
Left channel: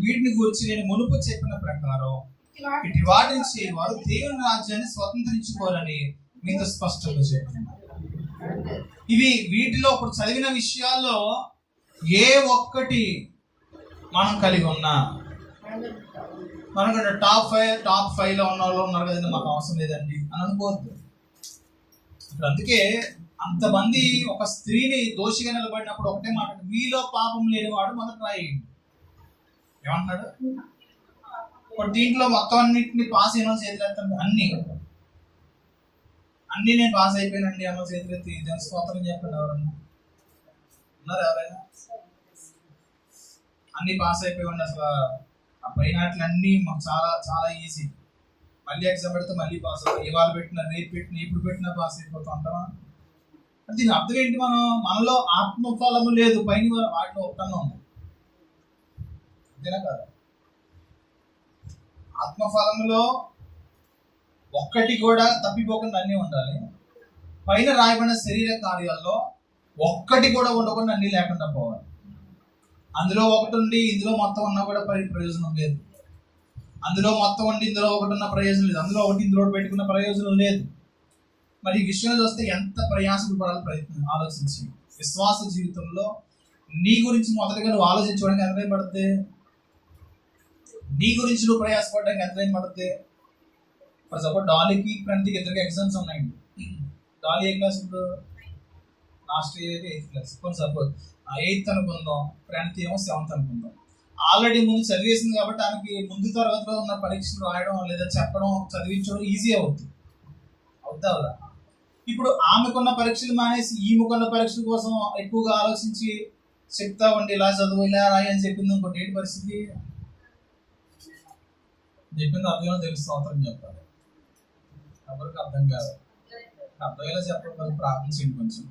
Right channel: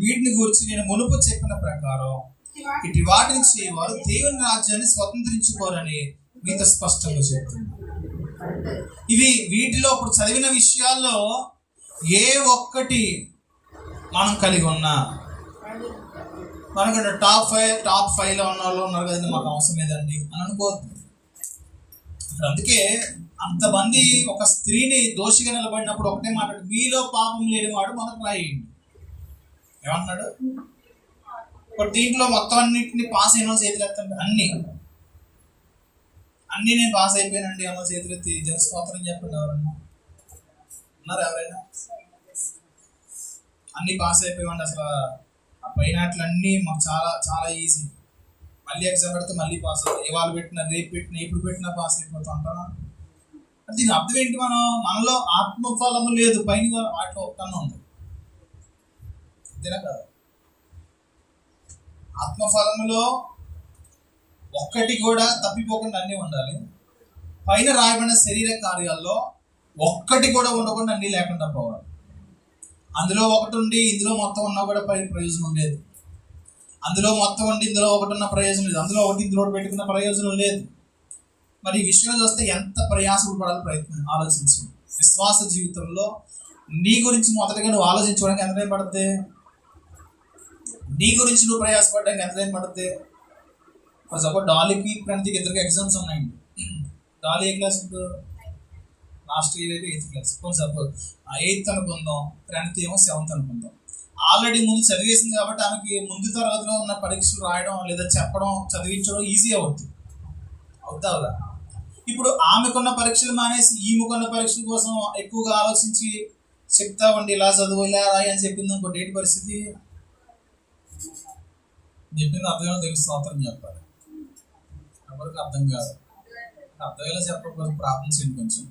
వీటిని గురించి నేను మునుపు చెప్పిన ప్రకారం ఇటు వాటి నుంచి వారు దేవుని రాజ్యాన్ని స్వతంత్రించుకోరని మీతో స్పష్టంగా చెప్తున్నారు. ఇవి వీటిలో ఇప్పుడు చదివిన విషయాల్లో ఏ ఒక్కటి మనం కలిగి ఉన్నా మనకు టాప్ 5లో ఉన్న వాళ్ళు ఉన్నారు కదండి, మాకు అవసరం లేదండి అని అనుకోవద్దు. ఇప్పుడు అందుకే అంతమంది ఒక స్త్రీని దోషిగా నిలబడినప్పుడు ఒకటే మాట్లాడు, మీలో పాపం లేనివాడు మనకు రాయండి. ఏమంటున్నాడు? ఇప్పుడు దీంట్లో మొత్తం అన్నింటినీ పాస్ అయిన చేతులు ఎత్తండి. అన్నీ నేను పాస్ అయిపోయానండి అన్న చేతులు ఎత్తి స్తోత్రం చెప్పండి. ఎవరన్నా ఉన్నారు? ఎవరైనా అన్నీ పాస్ అయిపోయామండి, అసలు పైన అట్లన్నీ మాకు చాలా చాలా ఈజీ. మళ్ళీ ఎగ్జామ్ పెడితే మళ్ళీ పాస్ అవుతాం. ఇవాళ పెట్టినా రేపు పెట్టినా ఎప్పుడు పెట్టినా పాస్ అయిపోతూ ఉంటాం. దీని అర్థం ఏంటి? మనలో ఆత్మఫలము లేదు, పైన వాటిలో ఒకటన్నా ఉంది. అంతేనా కదా? ఆత్మఫలములో ఒక్కటి కూడా తప్పిపోకుండా అన్నీ ఉండాలి. పైన రాయబడిన శరీర కార్యాల్లో ఒక్కటి కూడా ఉండకుండా అన్నీ లేకుండా పోవాలి. అందులో ఒకటి ఉండి ఇందులో మొత్తం ఉన్నా కూడా ప్రయోజనం లేదు. అందులో మొత్తం ఉండి ఇందులో ఒకటి ఉన్న ప్రయోజనం లేదు. అందులో ఒకటి ఇందులో పెట్టుకున్న ప్రయోజనం లేదు. మరి ఈ విషయంలో చూస్తే ఎంత ప్రయాసపడాలి ప్రయత్నం ఆలోచించి. విశ్వాస జీవితంలో నీ గురించి మొదటిగా నువ్వు ఆలోచించుకోవడానికి ఎంత టైం పడుతుంది? నీ గురించి నువ్వు ప్రయాసపడడానికి ఎంత టైం పడుతుంది? ఫర్ సపోజ్ డాలీకి ప్రణతికి ఇద్దరికి ఎగ్జామ్స్ ఉన్నాయండి. డాలీ ఏ క్లాస్ ఇప్పుడు? లాస్ట్ ఇయర్ అయితే 8th క్లాస్. కొంచెం సపోజ్ 8th అనుకుందాం, ప్రణతి ఏమో 7th అనుకుందాం. ఆల్రెడీ ముందు చదివేసింది కాబట్టి ఆమెకి ముందు తరగతిలో ఉన్న పరీక్షలు రాయడం లేదా చెప్పడం చదివించడం ఈజీ అవుతుంది. అవుతా? ఇప్పుడు ఆమెకున్న పరీక్షలు మానేసి ఈమెకున్న పరీక్షల కోసం ఎక్కువగా ఆలోచించి చెప్తా ఉండి ఇలా చదువు ఇలా రాయి అని చెప్పింది అనుకోండి, ఏంటి పరిస్థితి? చెప్పింది అర్థమేమో తెలుసు, అవతరం చెప్పాలి. ఎవరికి అర్థం కాదు. అర్థమయ్యేలా చెప్పడం ప్రార్థించండి. కొంచెం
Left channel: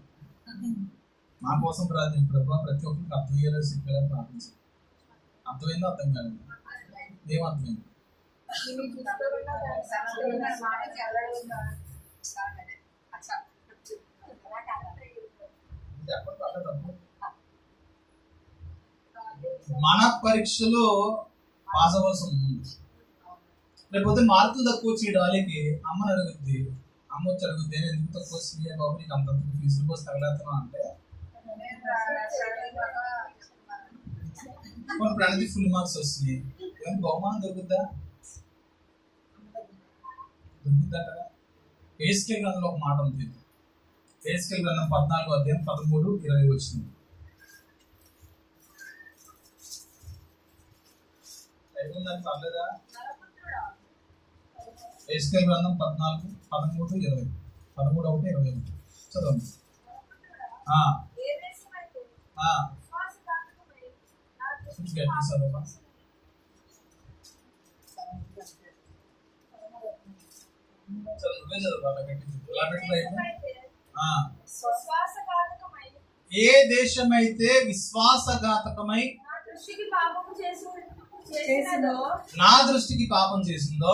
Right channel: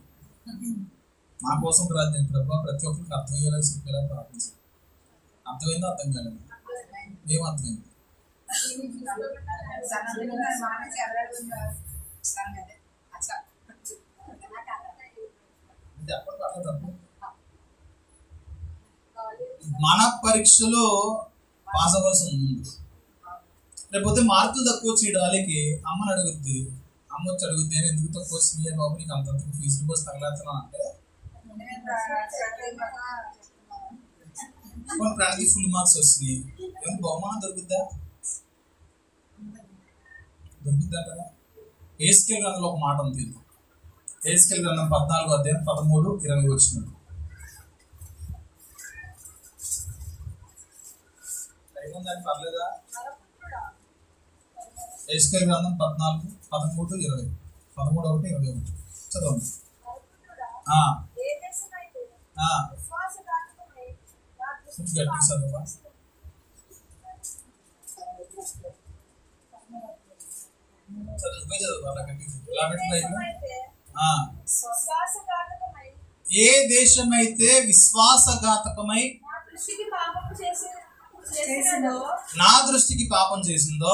మా కోసం ప్రార్థించండి. ప్రభావ ప్రతి ఒక్కరికి అర్థమయ్యేలా చెప్పేలా ప్రార్థించండి. అర్థమైందో అర్థం కాలేదు? ఏం అర్థమైంది? మన పరీక్షలు పాస్ అవ్వాల్సి ఉంది. లేకపోతే మార్కులు తక్కువ వచ్చి డాలీకి అమ్మని అడుగుద్ది. అమ్మ వచ్చి అడుగుద్ది, ఎందుకు తక్కువ వచ్చింది బాబు, నీకు అంత ఫీజులు పోసి తగలేస్తున్నా అంటే కొన్ని ప్రణతి ఫుల్ మార్క్స్ వస్తున్నాయి. ఏమైనా బహుమానం దొరుకుద్దా? దొరుకుద్దా? ఏస్కేల్ గ్రంథంలో ఒక మాట ఉంది. ఏస్కేల్ గ్రంథం 14:13-20 వచ్చింది. అయిపోయిందని పర్లేదా? ఏస్కేల్ గ్రంథం 14:13-20, 13:1-20 చదవండి. గట్టి చదవా. నువ్వే చదువు అలా గట్టి. ఎలా ఏ దేశమైతే విశ్వాసఘాతకమై నా దృష్టికి పాపం చేసిందో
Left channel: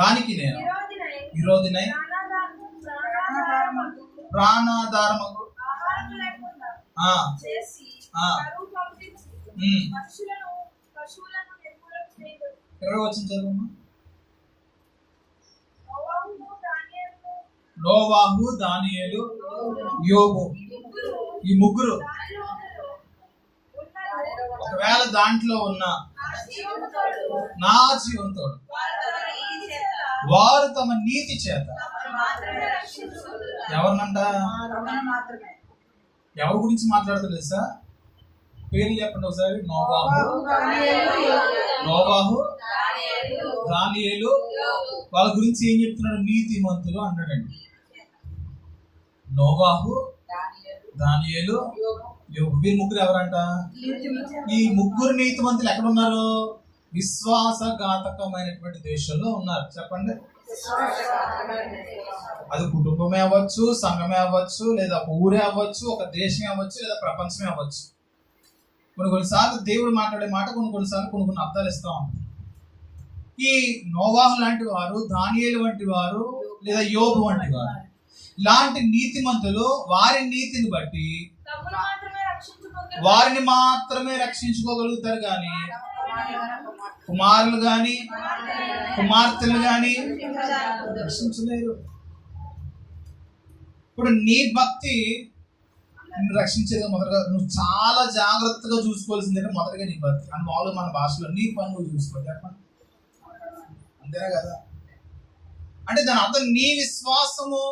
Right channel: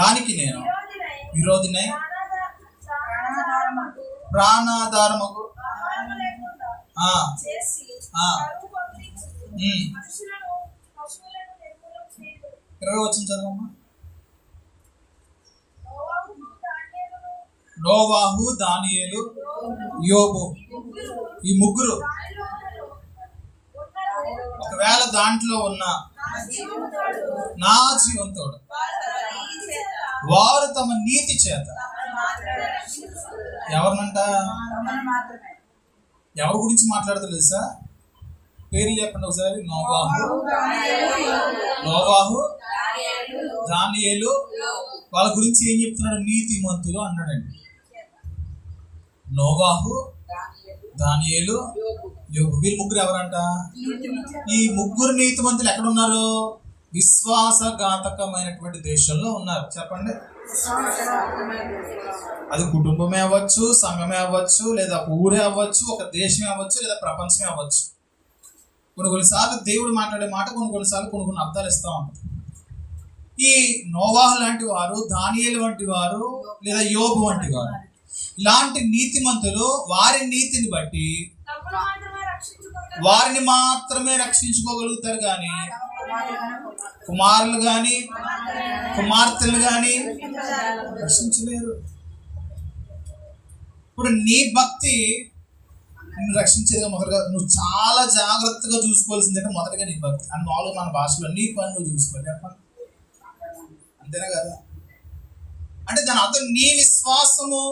దానికి నేను విరోధినై ప్రాణాధారమగు 20 వచ్చింది చదవమ్మా. నోవాహు, దానియేలు, యోబు ఈ ముగ్గురు ఒకవేళ దాంట్లో ఉన్న నా జీవంతోడు వారు తమ నీతి చేత ఎవరినంట? ఎవరి గురించి మాట్లాడుతూ తెలుసా? పేర్లు చెప్పండి ఒకసారి. నోవాహు, దానియేలు. వాళ్ళ గురించి ఏం చెప్తున్నాడు? నీతిమంతులు అన్నాడండి. నోవాహు, దానియేలు, యోబు వీళ్ళు ముగ్గురు ఎవరంట? ఈ ముగ్గురు నీతిమంతులు ఎక్కడున్నారు? విశ్వాసఘాతకమైనటువంటి దేశంలో ఉన్నారు. చెప్పండి. అది కుటుంబమే అవ్వచ్చు, సంఘమే అవ్వచ్చు, లేదా ఒక ఊరే అవ్వచ్చు, ఒక దేశమే అవ్వచ్చు, లేదా ప్రపంచమే అవ్వచ్చు. కొన్నిసార్లు దేవుడు మాట్లాడే మాట కొన్నిసార్లు కొన్ని అర్థాలు ఇస్తా ఉంటారు. ఈ నోవాహు లాంటి వారు, దానియేలు వంటి వారు, లేదా యోబు వంటి వారు ఇలాంటి నీతిమంతులు వారి నీతిని బట్టి వారిని మాత్రమే రక్షించుకోగలుగుతారు, కానీ కుమారులు కానీ కుమార్తెలు కానీ రక్షించలేరు. ఇప్పుడు నీ భక్తి నిన్ను రక్షించేది మొదటగా నువ్వు చాలా జాగ్రత్తగా చూసుకోవాల్సిందే. మొదటగా నీ భక్తి అని మామూలుగా మన భాషలో నీ పని నువ్వు చూసుకోవాలి. చెప్పండి, అంతేనా కదా? అంటే దాని అర్థం నీ విశ్వాసము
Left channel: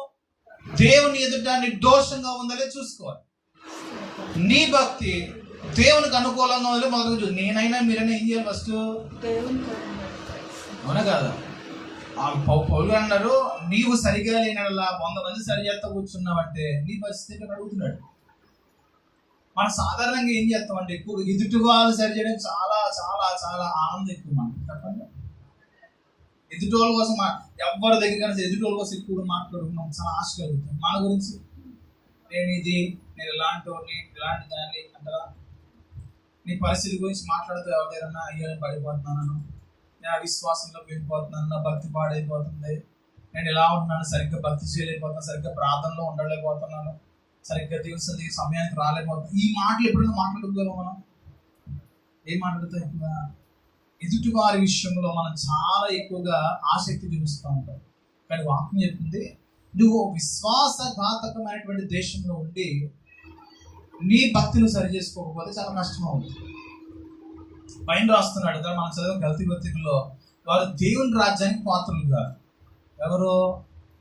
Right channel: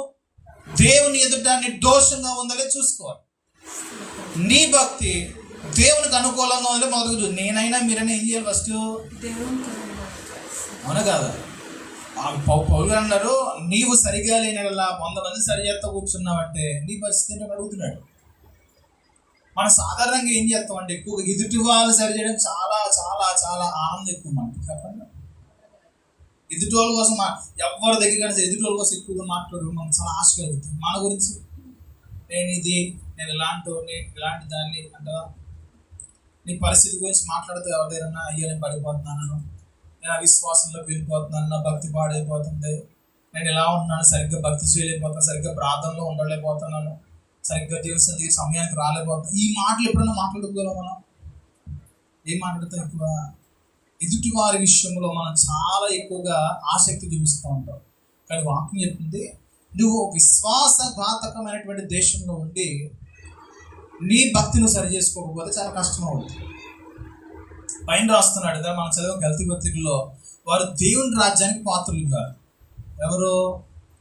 దేవుని ఎదుట నిర్దోషంగా ఉందలే చూసుకోవాలి. నీ భక్తి దేవునికి అనుకూలంగా ఉందో మొదలుగా చూసి నేనైనా మీరైనా ఏం చేయాలి? ఫస్ట్ అవునా కాదా? పౌలు అన్నారు, నీవు సరిగా లేనలా 100 మంది సరి చేస్తా కూర్చున్నావంటే నీ పరిస్థితి ఏంటో అడుగుతున్నాడు. మనం సాధారణంగా ఏం చేస్తామంటే ఎక్కువగా ఎదుటి వాళ్ళు సరి చేయడం చాలా చాలా చాలా ఆనందం ఎక్కువ మనకి. చెప్పండి, ఎదుటి వాళ్ళ కోసం ఎవరి దగ్గర ఎదుటి వాళ్ళ కోసం ఎక్కువగా మాట్లాడు మనకు చాలా ఆశ కలుగుతుంది. మన గురించి నేను ఇలాంటి దాన్ని అంటారా, నీ పరిస్థితి గురించి మాట్లాడుతూ ఎవరి దగ్గర అయ్యా నేను పడిపోతున్నాను, నేను అవిశ్వాసంలో వెళ్ళిపోతున్నాను, నా భక్తి పాడైపోతుంది, నేను ఎలా ఉంటున్నాను, సరిగ్గా భక్తి చేయలేకపోతున్నాను, సరిగ్గా ప్రార్థనలో ఉండలేకపోతున్నాను, సరిగ్గా దేవుని సమయానికి రాలేకపోతున్నాను. ఈ మాటలు ఎప్పుడైనా మాట్లాడుకోగలం మనం? ఏం మాట్లాడుతాం? ఎక్కువ ఎదుటి వారి విషయంలో మనం చాలా ఎక్కువగా ఆసక్తి చూపిస్తూ ఉంటాం. కానీ వాక్యం చెప్తుంది, నువ్వు విశ్వాసఘాతకమైనటువంటి దేశంలో ఉండి నీ భక్తిని సరి చేసుకోకపోతే చాలా కష్టం అవుతుంది. పైన రాస్తున్నాడు కదా, మనం చదివిన గల్తీ పత్రికలో, వారు దేవుని రాజ్యానికి పాత్రలు కాదు. ఎవరో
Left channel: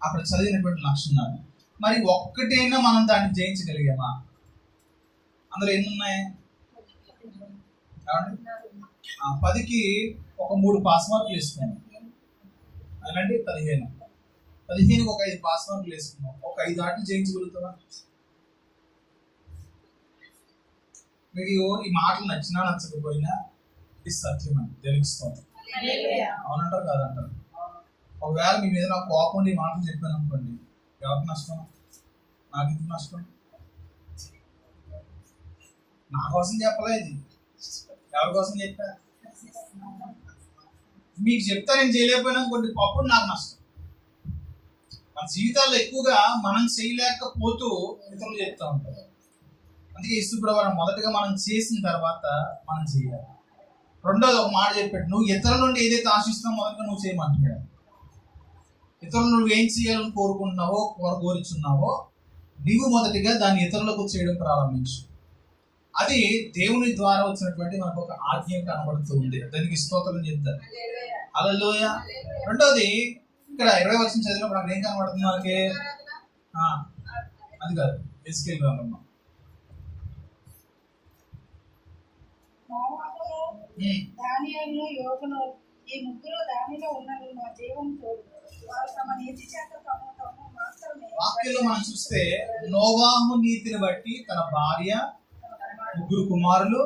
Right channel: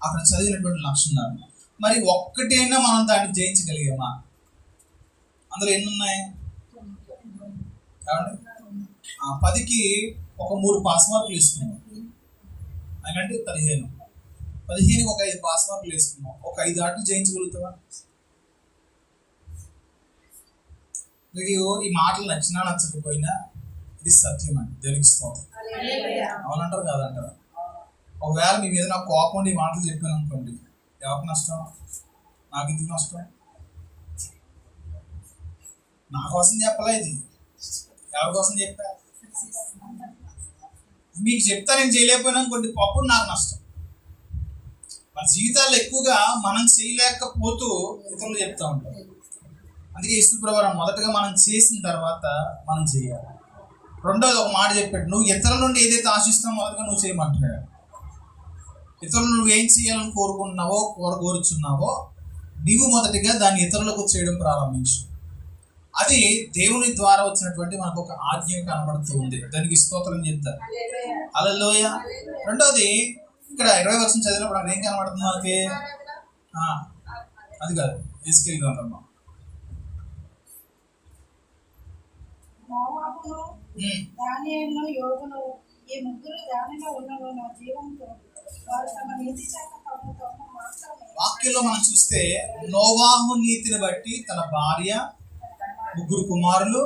అక్కడ చదివినటువంటి లక్షణాలు. మరి ఒక్కటైనా మనం దాన్ని జయించగలిగామా? అందులో ఎన్ని ఉన్నాయి? కాబట్టి 10కి ఒక 3 పాస్ మార్కులు వేసుకున్నాం. అలాంటి 15కి ఒక 5 పాస్ మార్కులు వేసుకున్నాం. ఒక 5 ఆటలు జయించగలుగుతావా? మీకు ఈ మాటలు నచ్చినా నచ్చకపోయినా ఇది సత్యం అండి. దేవునికి స్తోత్రం. అవునంటారు కాదంటారు? ఒకవేళ మీ మీద నాకు కోపం ఉండి ఈ మాటలు చెప్పాను అనుకోండి, ఎవరికి నష్టం? నాకు ఎందుకు నష్టం? నా కోసం చెప్పలేదు, ఎవరి కోసం చెప్పా? మీకు చెప్తా నేను చేయలేకపోయినా అనుకోండి, అప్పుడు నాకు నష్టం. మన జీవితాల్లో ఎక్కువగా మనం చేయలేకపోతూ ఇతరులు చెప్తా ఉంటాం. అందుకే యేసుప్రభువు మొదటగా మనం చేసిన తర్వాత మనం చేయాలి. రెండోది ఒక మాట చెప్పాడు, నువ్వు ఇతరుల నుండి ఏదైతే ఆశిస్తావో మొదటగా నువ్వు చేయమంటున్నాడు. ఇతరులు నువ్వు ఏం చేయాలని కోరుకుంటున్నావో కోరుచున్నావో నీవు మొదటిగా దాన్ని ఇతరులకు చేయడం ప్రారంభించు. అది దేవుని ద్వారా వచ్చినటువంటి మనకు ఒక ఆజ్ఞ కనబడుతూ ఉంది. దానికి స్తోత్రం చెప్తారు. హల్లెలూయా. రెండోది ఇక్కడ 20 వచనం చదివినప్పుడు అక్కడ ఏం కనబడుతుంది మనకి? అది కాదు, ఎస్కేల్ గ్రంథంలో దానియేలును యోబును ఈ ముగ్గురు దానిలో ఉన్నను నా జీవంతో వారు తమ నీతి చేత తమ మాత్రమే. వాక్యంలో మనం చూస్తే నోవాహు నీతిని బట్టి తన భార్య, 3 కుమారులు,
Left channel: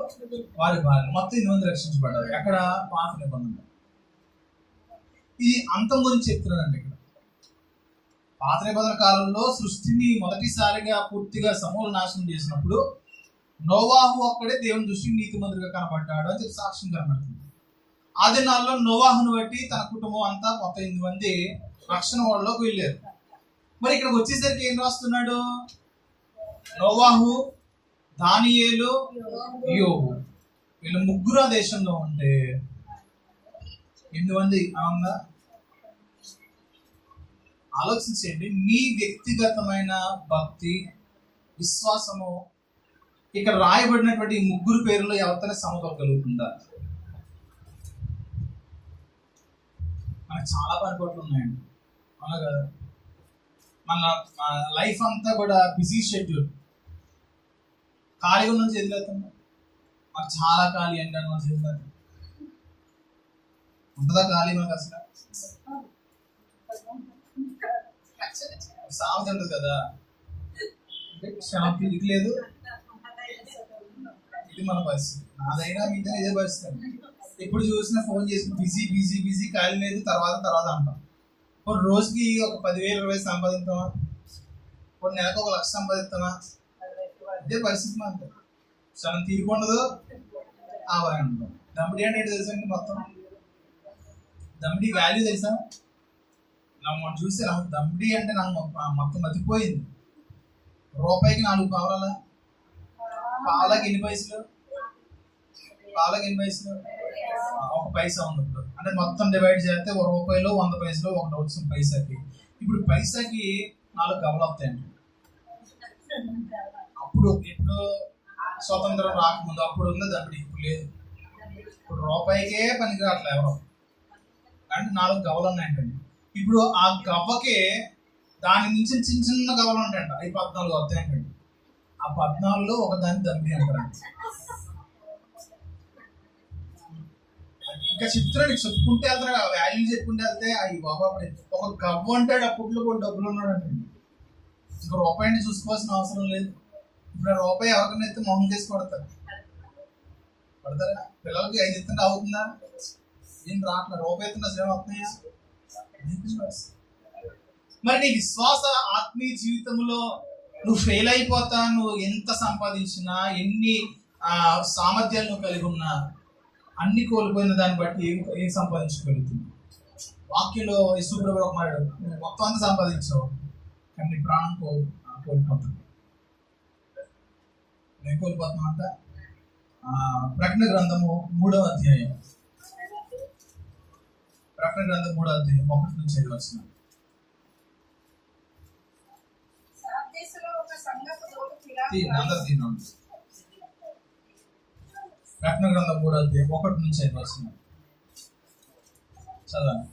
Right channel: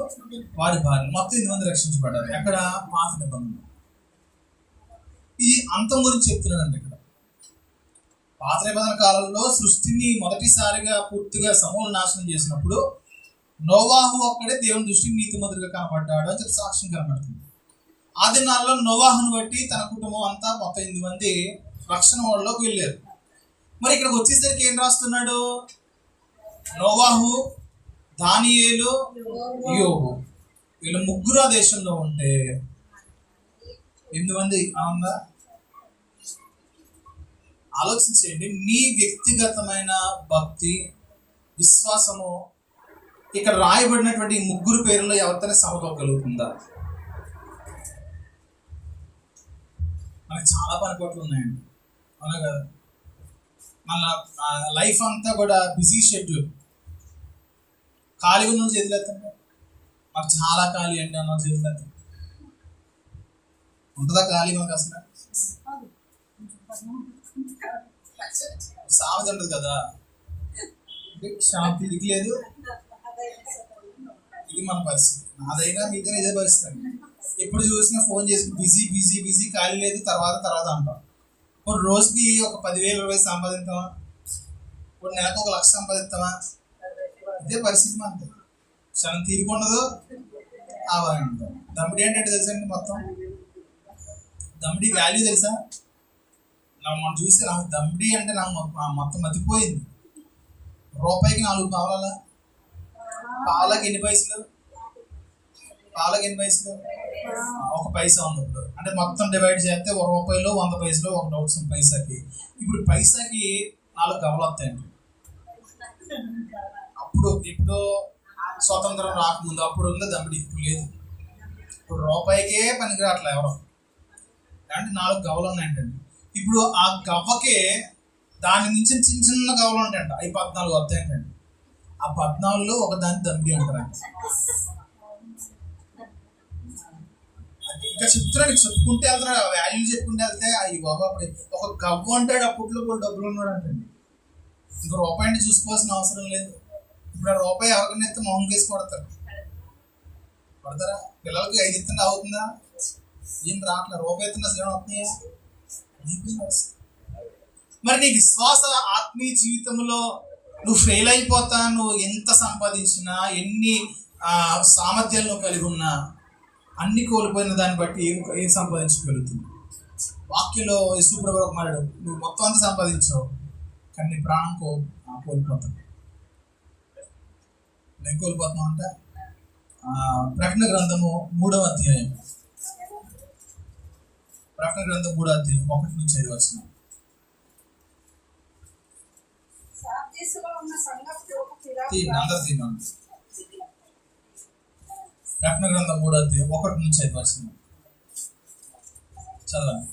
వారి భార్య, మొత్తం 8 మంది రక్షించబడ్డారు. ఎక్కడ? పాత నిబంధన. ఈ అంతం గురించి చెప్తున్నాడండి ఇక్కడ. పాత నిబంధన కాలంలో సృష్టిని మొదటిసారిగా పూర్తిగా సమూల నాశనం చేసినప్పుడు నోవాహు ఒక్కడే దేవుని దృష్టికి నీతిమంతుడిగా కనబడ్డాడు అని చెప్పి సాక్ష్యం కనబడుతుంది. ఆ దినాల్లో నోవాహును బట్టి తన కుటుంబం అంతా మొత్తం 8 మంది రక్షణ వాళ్ళలోకి వెళ్ళారు. మరి ఇక్కడికి వచ్చేసరికి ఏం రాస్తున్నాడు? నోవాహు, దానియేలు, యోబు, వీళ్ళు 3 ఆ దేశంలో ఉంటే 8 మంది అవునా? ఆలోచించండి, నీ వ్యక్తిగతమైన భక్తి, విశ్వాసము ఇక్కడ రాయబడినటువంటి 3 పేర్లలో ఎవరితోనే సమకూడగలుగుతుందా? మనకు చాలా పనిపాట్లు ఉన్నాయండి, అవునా కదా? మన లైఫ్ అంతా కూడా బిజీ షెడ్యూల్. ఖాళీగా ఉన్న చేతులెత్తండి. మాకు చాలా ఖాళీ అండి అన్న చేతులెత్తండి. ఉంటుందా ఖాళీ మనకు అసలు? సామెత ఉంటుంది కదా, శాంతి దిక్కులేదు. ఇది మన పరిస్థితి. నాదైనా మీదైనా ఇదే పరిస్థితి అండి. ఎప్పుడు చూసినా ఫోన్ చేసి బిజీ బిజీ బిజీ, ఖాళీ లేదు, తర్వాత అంటాం. ఇప్పుడు రోజుకి ఒక 10,000 20,000 సంపాదిస్తామా? ఇప్పుడు నెలకు 1,00,000 సంపాదిస్తామా? ఇదే పరిస్థితి మనతో. క్షణం తీరుకుండదు, ఆవాయి ఉంటాం. దమ్మిడి అంటే తెలుసండి, మొత్తం దమ్మిడి వాల్యూ తెలుసా? మనం చూస్తే నాకు దమ్మిడి అంటే నాకు మొత్తం మతిపోయింది. రూపాయికి 4 పావలా, పావులకి ఎన్ని పైసలు? పావులకి ఎన్ని పైసలు? 1 పైసా ఉంది ఇప్పుడు. అంటే మొత్తం డివైడ్ చేస్తే 1 రూపాయలో 100 పైసలు ఒకటి అవుతుంది పైసాకి. ఇప్పుడు పైసాకి 4 గవలు వస్తాయండి. అప్పుడు ఇప్పుడు స్వతంత్రం రాకముందు అప్పుడు ఉంది దమ్మిడి, ఇప్పుడు లేదు. ఇప్పుడు రూపాయికే పనికి రావట్లే ఎవరు. అంటే 4 గవలు ఉన్నాయంటండి. ఇప్పుడు ఆ గవ్వకే దాని నుంచి చిన్న చిన్న గవలు ఉంటాయంట, అవి 14 వస్తాయంటండి. ఆ 14లో ఒక దాన్ని దమ్మిడి అంటారంట. ఇంకా చెప్తున్నాడు, చెప్పుకుంటే వెళ్తాడు, వాల్యూ చెప్పుకుంటే వెళ్తే అవి బాబా ఒక గవ్వ అంటాడు. అప్పట్లో కూడా డబ్బులు ఉన్నాడు అంటండి. ఇంకా రూపాయిని చూసుకోవాల్సిన అవసరం లేదు. ఇప్పుడు ఆ రూపాయి ఎవరికైనా ఎత్తే మొహం కేసి కొడతారా? పిల్లలకి 5 ఎత్తుంటే అవుతుందా? ఏం రావట్లేదు. రూపాయి ఎత్తున్నా అసలు ఏమైనా అవుతున్నాయా? మరి నీ విశ్వాస ఆత్మీయ జీవితంలో నువ్వు ఫెయిల్ అయిపోతా, నువ్వు ఎంత సంపాదించినా, ఎన్ని సామర్థ్యాలు నువ్వు కలిగి ఉన్నా, అన్ని కోల్పోయిన దాన్ని బట్టి ఏం సంపాదించగలుగుతుంది? వాక్యంలో యేసుప్రభువు ఒక మాట్లాడు, నువ్వు మొత్తం అంతా సంపాదించావు కానీ నీ ప్రాణం కోల్పోతావు. నేను కోల్పోతున్నావు అంటే ప్రకటన గ్రంథము 3వ అధ్యాయం, ప్రకటన గ్రంథం 3వ అధ్యాయం 1 నుంచి 5 వచనం. ప్రకటన గ్రంథం 3వ అధ్యాయం 1 నుంచి 5 వచనం చదవండి.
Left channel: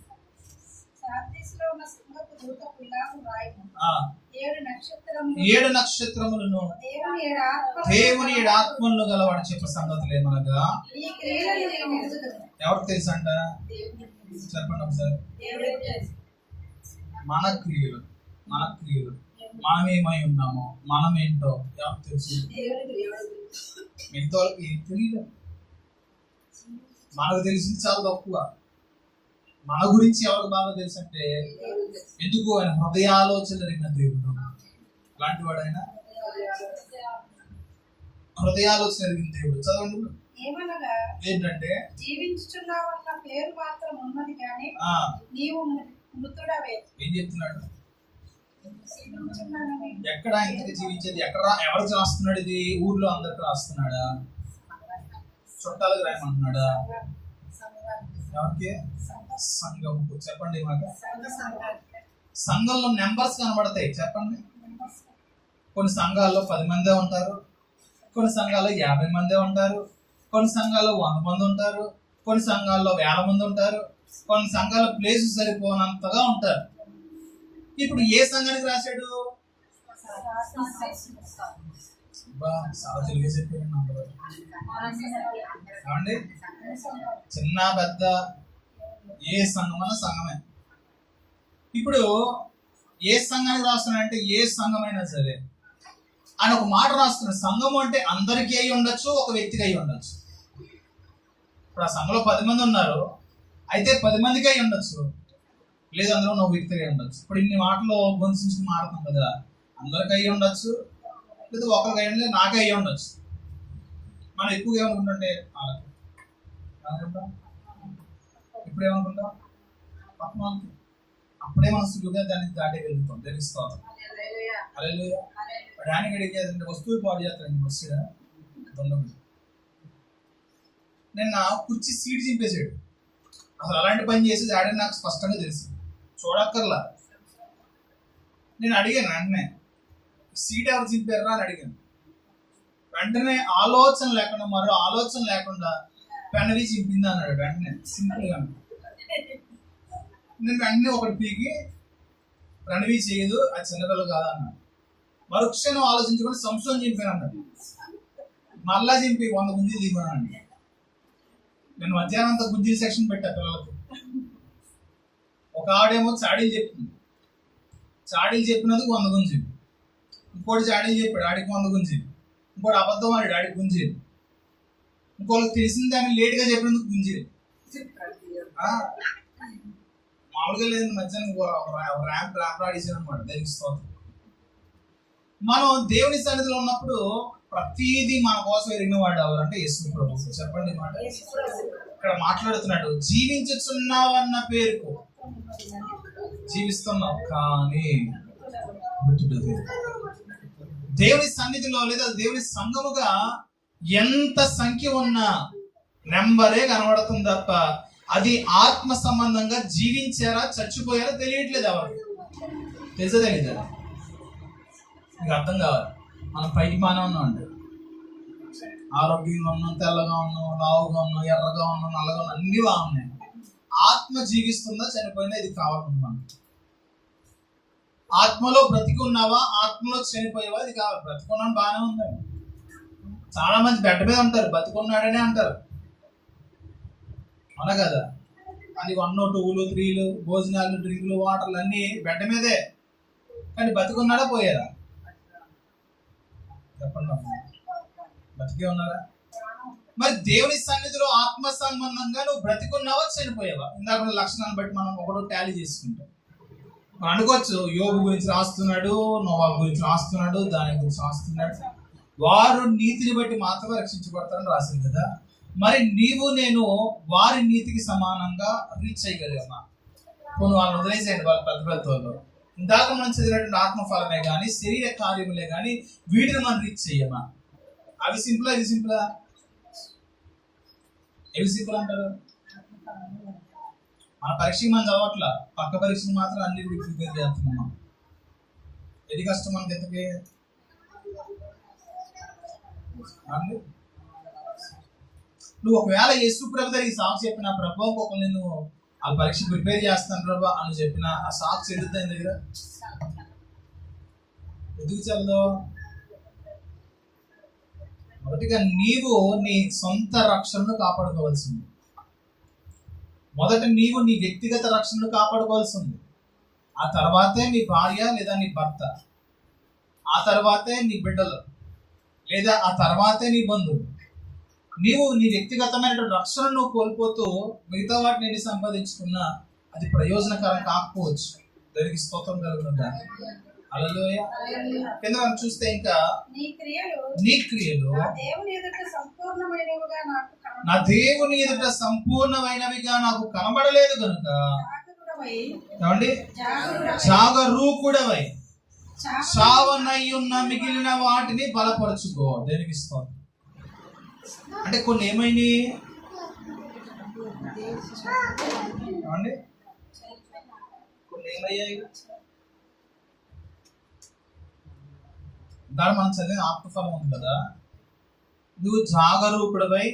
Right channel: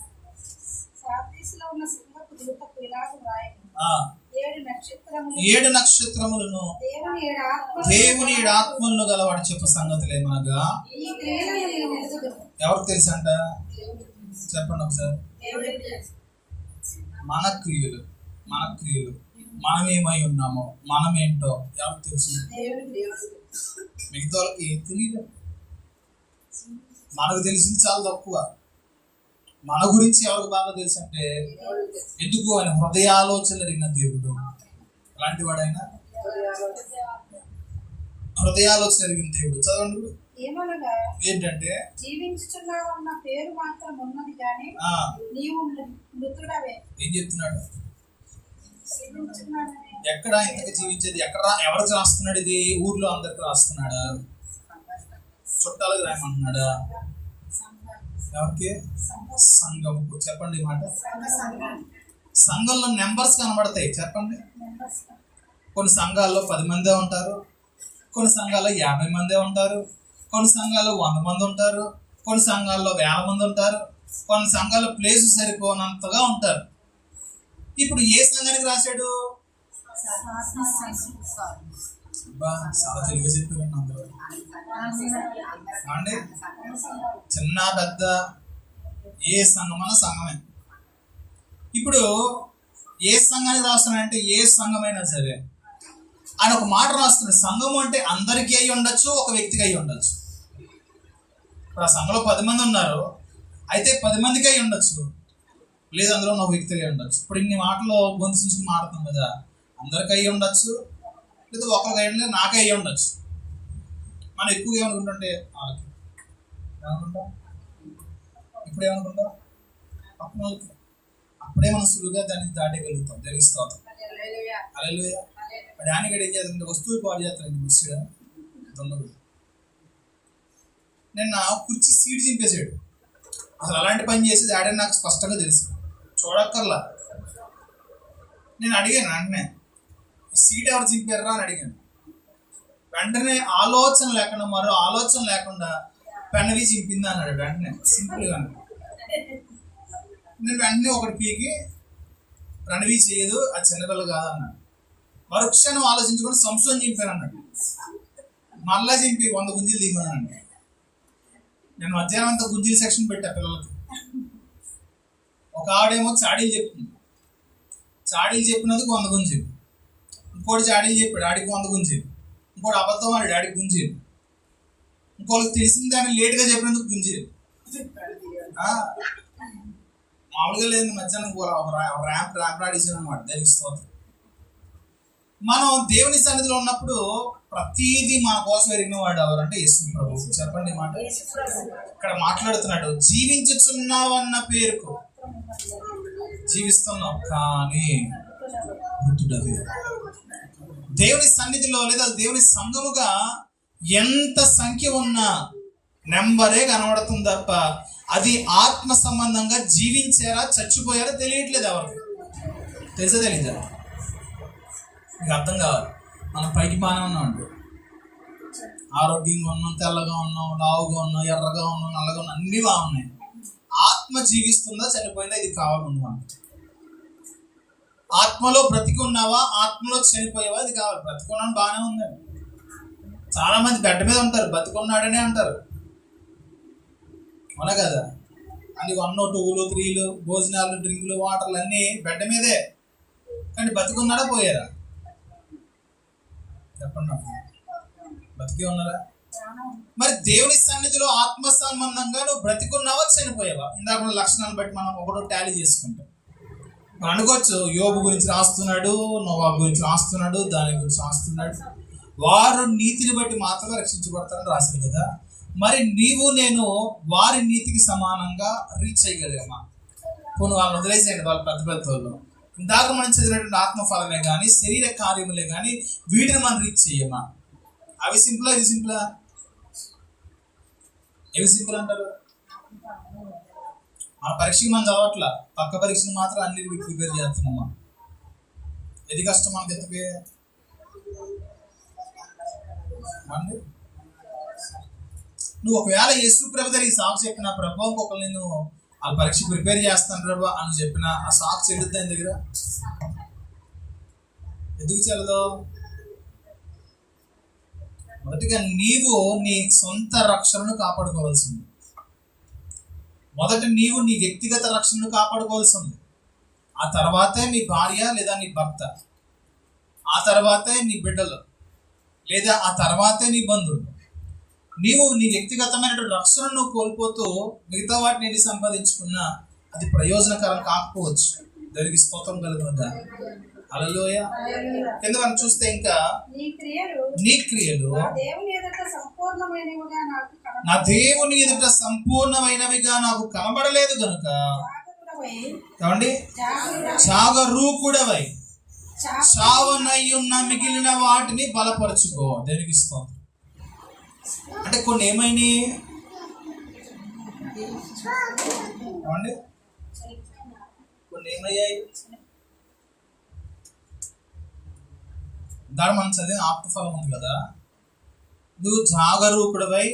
ఏడు నక్షత్రములను దేవుని 7 ఆత్మలను గలవాడు చెప్పే సంగతులు ఏమనగా, ఎవరికి తెలుసు అంట? చెప్పండి ఒకసారి. మన క్రియలు మనమేమై ఉన్నామో, మనమేంటో ఎవరికి తెలుసు? మిగతా వాళ్ళకి ఏం తెలియదు. మనకు తెలిసింది చాలా తక్కువ. మన గురించి ఎవరికి బాగా తెలుసు అంటే, ఎందుకు? ఆయన హృదయాలోచనలు ఎరిగిన దేవుడు. అలాంటి వాడు ఆయన, హృదయాలోచన ఎరిగిన దేవుడు. చదవండి. ఏంటంటే, జీవించుచున్నావన్న పేరు మాత్రం ఉన్నది కానీ నీవు మృతుడవే. ఏం చెప్తున్నాడు? ఎక్కడ ఇంతకు జీవించేది? ఎక్కడ ఎవరికి రాస్తున్నాడు? ఇది ఊర్లో అందరికి రాస్తున్నాడా? చుట్టాలకు రాయమంటున్నాడా? ఎవరికి? సంఘముకు. చెప్పండి ఈ మాట. సంఘంలో నెంబర్స్ కనబడతాయి. చెప్పండి. కొన్ని సంఘాల్లో 10 మందే ఉంటారు, కొన్ని సంఘాల్లో 50 మందే ఉంటారు, కొన్ని సంఘాల్లో 100 మంది ఉంటారు, కొన్ని సంఘాల్లో 1000 మంది ఉంటారు, కొన్ని సంఘాల్లో ప్లేస్ సరిపోనంతగా ఉంటారు. ఇప్పుడు ఏ సంఘానికి రాశాడు? చాలా తెలుగు చెప్పారండి అందరూ. అండి, చిన్న పెద్ద ఏ సంఘమన్నా సంఘమే. ఇప్పుడు ఏ సంఘానికి రాస్తున్నాడంటే, ఏ సంఘమైనా సరే ఆయన ఒక మాట రాస్తున్నాడు. సంఘం అంటే అందరికీ అయి ఉండొచ్చు, ఒక వ్యక్తికి అయి ఉండొచ్చు. ఇప్పుడు ఆ సంఘంలో 10 మంది ఉన్నారు, అయితే 10 మందికి అయి ఉండొచ్చు, లేదు అందులో ఒక వ్యక్తికి అయి ఉండొచ్చు. ఇప్పుడు ఇన్ని మాటలు గొంతుని మాట్లాడుతాం కదా, అందరికీ అయి ఉండొచ్చు, లేదా ఒకరికి అయి ఉండలేదు, నాకే అయి ఉండొచ్చు. మనం ఎక్కువగా ఏమనుకుంటుంటే వాళ్ళకి ఏమనుకుంటాం, ఇప్పుడు ఏమనుకుంటాం పక్కన వాళ్ళకి, అప్పుడే మనం సులువుగా దాన్ని దాటగలుగుతాం. తెలుస్తాం. హల్లెలూయా. డానికి అడిగేదంటే వస్తువులు పాడు చేస్తానండి మర్చిగా దొంగడు. నిన్న కుర్చీ సీట్ చింపేశాడు. అసలు అలాంటి పని చేసేది ఆడే నాకు స్పష్టంగా తెలుసు, చూడక్కర్లా. నేను అడిగాను వెంటనే, సీట్ ఎవరు చింపారా అని అడిగాను. వెంటనే ఆలోచన లేకుండా, మరో ఆలోచన లేకుండా పెనవి చింపింది అన్నాడు. వెంటనే సింపుల్గా నేను వెంటనే ఒకటి పీకి, ప్రణవి చేయదు, అది చిన్నపిల్లలు కాదన్నాడు. మరుక్షణం ఆలోచించుకొని సంశోధన చింపాను అన్నాడు. మళ్ళా చింపి 100 గుంజీలు దిగానండి. నేను మధ్యాహ్నం అంతా గుంజీల సెక్షన్ పెట్టా పిల్లలకి. ఒక ఆవిడేమో చాడీలు చెప్తుంది, చాడీలు చెప్పినందుకు 100 గుంజీలు. ఇంకోటి చాడీలు చెప్పాడు, ఆడికి 100 గుంజీలు. ఇంకోటి అబద్ధం ఆడాడు, ఆడికి గుంజీలు. ఇంకోళ్ళకి తెలిసిన దాన్ని లేటుగా చెప్పినందుకు గుంజీలు. మామూలుగా లేదు. మధ్యాహ్నం ర్యాంప్ ఆడేసాను అనమాట. తెలుస్తుంది. మనం దేవుని సన్నిధిలో ఉన్నప్పుడు ప్రతిదీ మన కోసం ఎరిగిన వాడు ఎవరంటే యేసు ప్రభువు. చెప్పండి మాట. ఇక్కడ మాట్లాడుతున్నాడు, జీవించుచున్నావు అన్న పేరుకు జీవిస్తున్నావు కానీ మృతుడవే. దేవుని సన్నిధిలో లేదా దేవుని సంఘముగా ఎంత సంఖ్య ఉన్నా నెంబరే కనబడుతుంది తప్ప అది ఆత్మ సంబంధంగా జీవించారా చచ్చిపోయారా తెలియట్లేదు. ఎవరికి తెలుసా? తెలీదా? మీకు అర్థం కావాలి. మనం పైకి బాగానే ఉన్నాం అండి, ఆరోగ్యంగా ఉన్నాం, తెల్లగా ఉన్నాం, లావుగా ఉన్నాం, ఎర్రగా ఉన్నాం, నల్లగా ఉన్నాం, అన్నీ బాగున్నాయి. ఆత్మ జీవిస్తుందా చనిపోయిందా ఇది కావాలి ముందు మనకి. ఆత్మలో బ్రతికున్నావా, ఆత్మలో చనిపోయావా ఇది కావాలి. బ్రతికున్నాను బాగానే ఉందండి. చాలా మంది బెడ్ మీద ఉంటారు, బతికున్నాడనే అంటారు, అవునా కదా? అది 1, 2, 3 భోజనాలు, డ్రింకులు, వాటర్లు అన్నీ బెడ్ మీదే, కానీ బతికున్నాడా పోయారా? చెప్పండి అమ్మా. బతికే ఉన్నారా? మరి దేవుని సన్నిధిలో ఆత్మ సంబంధంగా నువ్వు బ్రతికున్నావా చనిపోయావా? ఇందాక ఉన్న లక్షణాలను బట్టి మనం ఒకటో టాలీ చేసుకుంటాం. మనం అనుకోవచ్చు యోబు గురించి రాస్తున్నాడు, నోవా గురించి రాస్తున్నాడు, దాని గురించి రాస్తున్నాడు, వారు నీతిని బట్టి మాత్రమే రక్షించబడతారని రాసింది కదా. మరి నీవు నేను వారి నీతికి సమానంగా రీచ్ చేయగలిగామా? కొన్ని వాళ్ళని వదిలేసేయండి, వాళ్ళు పెద్ద పెద్ద వాళ్ళు. ఇందాక మనం చదివినటువంటి ఆత్మఫలమే కానీ శరీర కార్యములే కానీ వీటిని మనం రీచ్ చెయ్యమా? అవి సింపులా, ఇది సింపులా? ఏవి సింపుల్ అంటారు? మన పరీక్షకి మనం చదవట్లా, పక్క పరీక్షను మాత్రం అన్నిటికీ ప్రిపేర్ చేస్తున్నామా? ఏది కష్టం మనకి ఎంతకే అండి? నువ్వు ఒకవేళ యేసు ప్రభు దగ్గర ఈ సాక్షి చెప్పిన ప్రభు ఇంకొకరు నేను ఆ పరీక్ష ప్రిపేర్ చేస్తాను ప్రభు అని చెప్పిన ఆ సాక్షి చెల్లుద్దా ఆయన దగ్గర? ఎందుకు చెల్లదు? మొదటిగా నీవు నీ సొంత రక్షణను కాపాడుకోవాల్సింది. మొదట నీవు నీ వ్యక్తిగత రక్షణను కాపాడుకోవాల్సింది. ఆ తర్వాతే నీ భార్య లేదా నీ భర్త, ఆ తర్వాతే నీ బిడ్డలు, లేదా ఆ తర్వాతే నీ బంధువులు. నీవు నీ వ్యక్తిగతమైనటువంటి రక్షణను కోల్పోతూ మిగతా వాటిని ఎన్ని సంపాదించుకున్నా అది ప్రయోజనకరం కాకపోవచ్చు. దానికి స్తోత్రం కలుగుతుందా? హల్లెలూయా. కింద మనం చూస్తే ఇంకా నీ క్రియలు నా దేవుని ఎదుట సంపూర్ణమైనవిగా నాకు కనబడలేదు కనుక ఏమండి జాగరూకుడవై చావనయ్యున్న మిగిలిన వాటిని బలపరచుకో. దేనికి స్తోత్రం. అంటే కొన్ని ఏమైనాయి ఏమండి? కొన్ని ఏమయ్యాయి? దాని మనం చదివిన ఆత్మఫలం ఉంది కదా, నువ్వు జాగరూకుడవై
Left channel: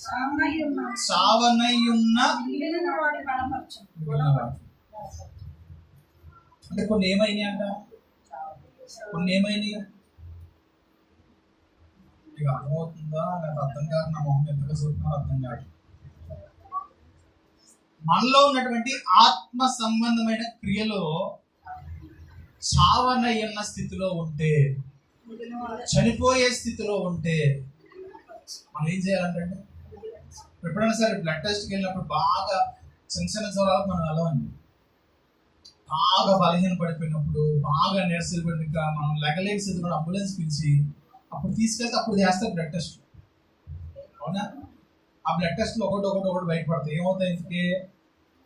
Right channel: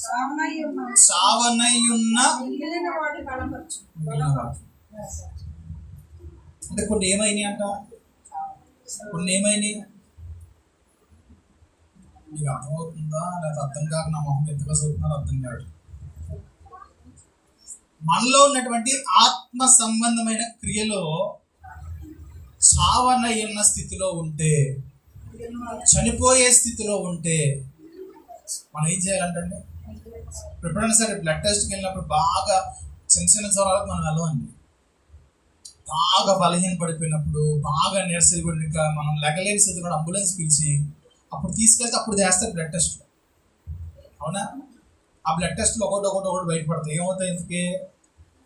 చావనయ్యున్న మిగిలిన వాటి. అంటే కొన్ని ఏమైనాయి అంట? కొన్ని ఏమైనాయి? మీకు అర్థమవుతుందా లేదా అర్థం కాక నా మొహం ఎంతగా చూస్తున్నారో అర్థం కాదు. మనలో ఉన్నటువంటి ఆత్మ సంబంధమైన క్రియలో చావనయ్యున్న స్థితిలో ఉంటే, చనిపోయే స్థితిలో ఉంటే మనం ఏం చేయాలంటే, ఎప్పుడైనా సరే బ్లడ్ టెస్ట్కి వెళ్ళినప్పుడు బాగా చిన్న చిన్న జ్వరాలకు మనం వెళ్ళమండి. బాగా బలహీన పడిపోయినప్పుడు, బాగా నీరసలు పడి ఇంకా మనం లెగలేని స్థితిలో అంబులెన్స్ పిలిచి అప్పుడు తీసుకెళ్తే అప్పుడు చేస్తారు బ్లడ్ టెస్ట్. అవునా? ఆ బ్లడ్ టెస్ట్లు ఒకటి బయటపడతాయి. ఏమవుతాయి? ఇంతకే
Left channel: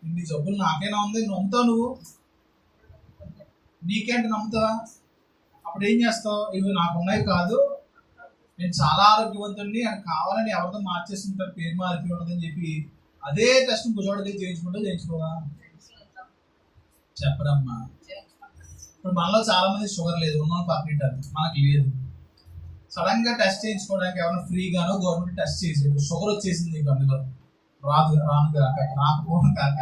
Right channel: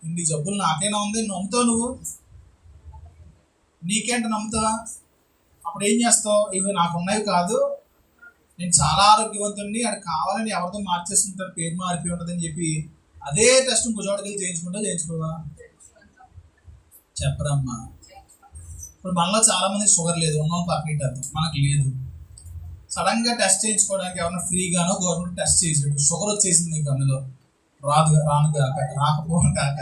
ఇన్ని జబ్బులు నాకైనా ఉంది, నమ్ముతావు నువ్వు? నీకేంటి నమ్ముతావా? అప్పుడు ఏం చేస్తావు? ఇవి నాకు ఉన్నాయి కాదు, నేను చాలా ఆరోగ్యవంతుడిని, అది కావాలని ఎవరితో మార్చేస్తుంటారు, పేరు మారిపోయి ఉంటుందని చెప్పి అదే టెస్ట్ భుజోడకి చేయించుకోవా? చెప్పరమ్మా. ఇప్పుడు మనలో చాలా మంది షుగర్ లేదు, ఉన్న పక్కనిట్టారు, మనకు లేదు. సడన్ గా టెస్ట్ చేయించుకోవడానికి ఎవరైనా ఫ్రీగానో గవర్నమెంట్ టెస్ట్ చేసాడు, షుగర్ వచ్చేసింది నీకు, అందులో రాకపోవడం కాక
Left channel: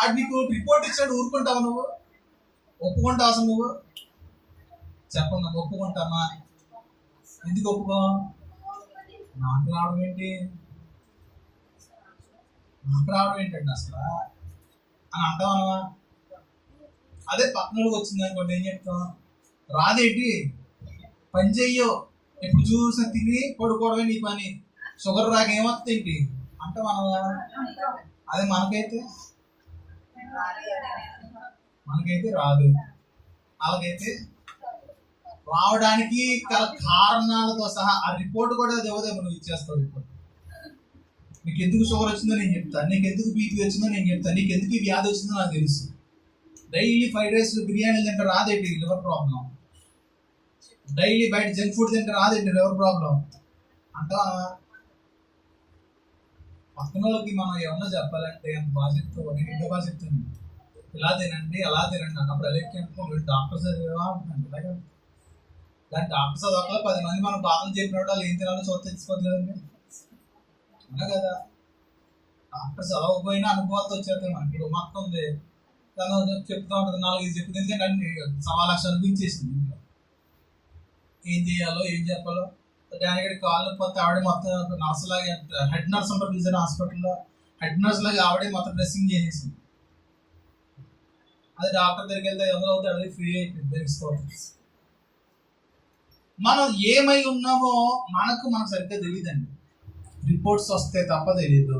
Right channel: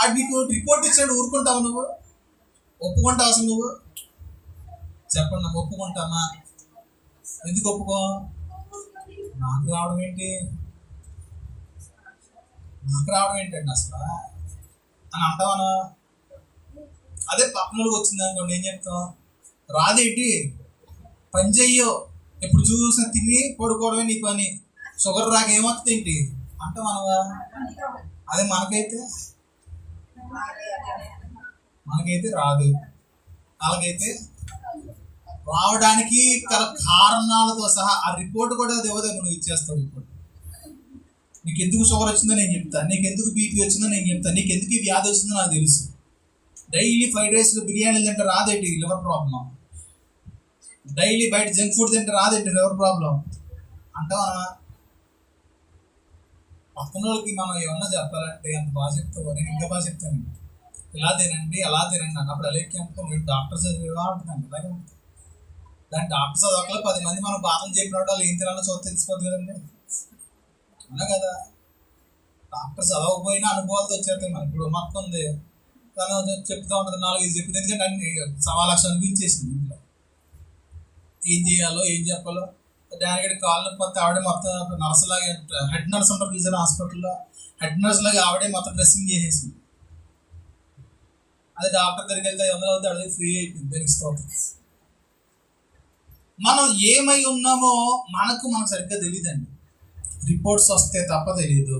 అది నీకు రిపోర్ట్ ఇచ్చాడు, ఊరుకుంటావు నువ్వు? ఒప్పుకుంటావు అసలు నువ్వు? చెప్పండి, నాకు ఒప్పుకుంటామా? ఎందుకు ఒప్పుకో? నాకు రావడం ఏంటండి అసలు అని అంటావా? అదే పక్కనోళ్ళకి వచ్చింది అనుకోండి, ఏం చెప్తాం? రాదేంటి, పని చెయ్యో, ఎప్పుడు చూసినా తిని పడుకోవడమే నీ పని, షుగర్ రాక ఏమవుతుంది ఏంటి అంటావా? అదే మనకైతే రాదు. అలాగైతే రావడానికి గల కారణాలతో సహా ఆ రిపోర్ట్ కూడా దేవదేవ నువ్వు ఇచ్చేస్తావు. రిపోర్ట్ నీకు ఎందుకు షుగర్ వచ్చిందో నేను చెప్తాను, నీకు ఎందుకు బీపీ వచ్చిందో నేను చెప్తాను, నీకు ఎందుకు ఈ వ్యాధి వచ్చిందో నాకు తెలుసు. డైలీ ఫ్రైడ్ రైస్ బిర్యానీలు తింటే రాదేంటి లివర్ ప్రాబ్లం, డైలీ బయట జంక్ ఫుడ్ తింటే రాదేంటి లివర్ ప్రాబ్లం అంటావా? పక్కన వాళ్ళకి మనం ఏమన్నా చెప్పాలంటే ఎంత బాగా చెప్తావు, నేను ఇంకా బాగా చెప్తాను, ఇలా తినండి అలా తినండి అన్నప్పుడు అలాగే అనుకోండి, డాక్టర్ చదివా అంటున్నాను. అలాగే దాని డాక్టర్ చదవకలా 10 మంది మనం బాధలు చెప్పినప్పుడు వాళ్ళు ఏం తినాలో చూస్తే తెలిసిపోద్ది కదండి, అన్నా కదా? డాక్టర్ చదవకపోయినా అనుభవాలతో వచ్చేస్తాయి మనకి. ఇప్పుడు మొత్తం ఉంది తను చెప్తా ఉంటుంది, 4-5 చెప్తుంది, ఎందుకంటే అన్ని 1,00,000 అనిపించేసింది. ఇంట్లో ఏం చేయాలో ఏం చెప్పాలో దానికి కాళ్ళు పోతే ఆవిడే మొత్తం నర్స్ లాగా, హెడ్ నర్స్ ఉంటారు చూసారు హాస్పిటల్లో, హెడ్ నర్స్ లాగా ఆవిడే మొత్తం డ్రెస్సింగ్ చేసేసింది. అదే డాక్టర్ దగ్గరికి వెళ్తే 500 అవుతాడు, అది ఫ్రీ అయిపోయింది. తెలుసుకోవాలి మనం ఏమై ఉన్నామో మనకు సరిగ్గా తెలియదండి. రిపోర్ట్స్ వస్తే తప్ప తెలియదు.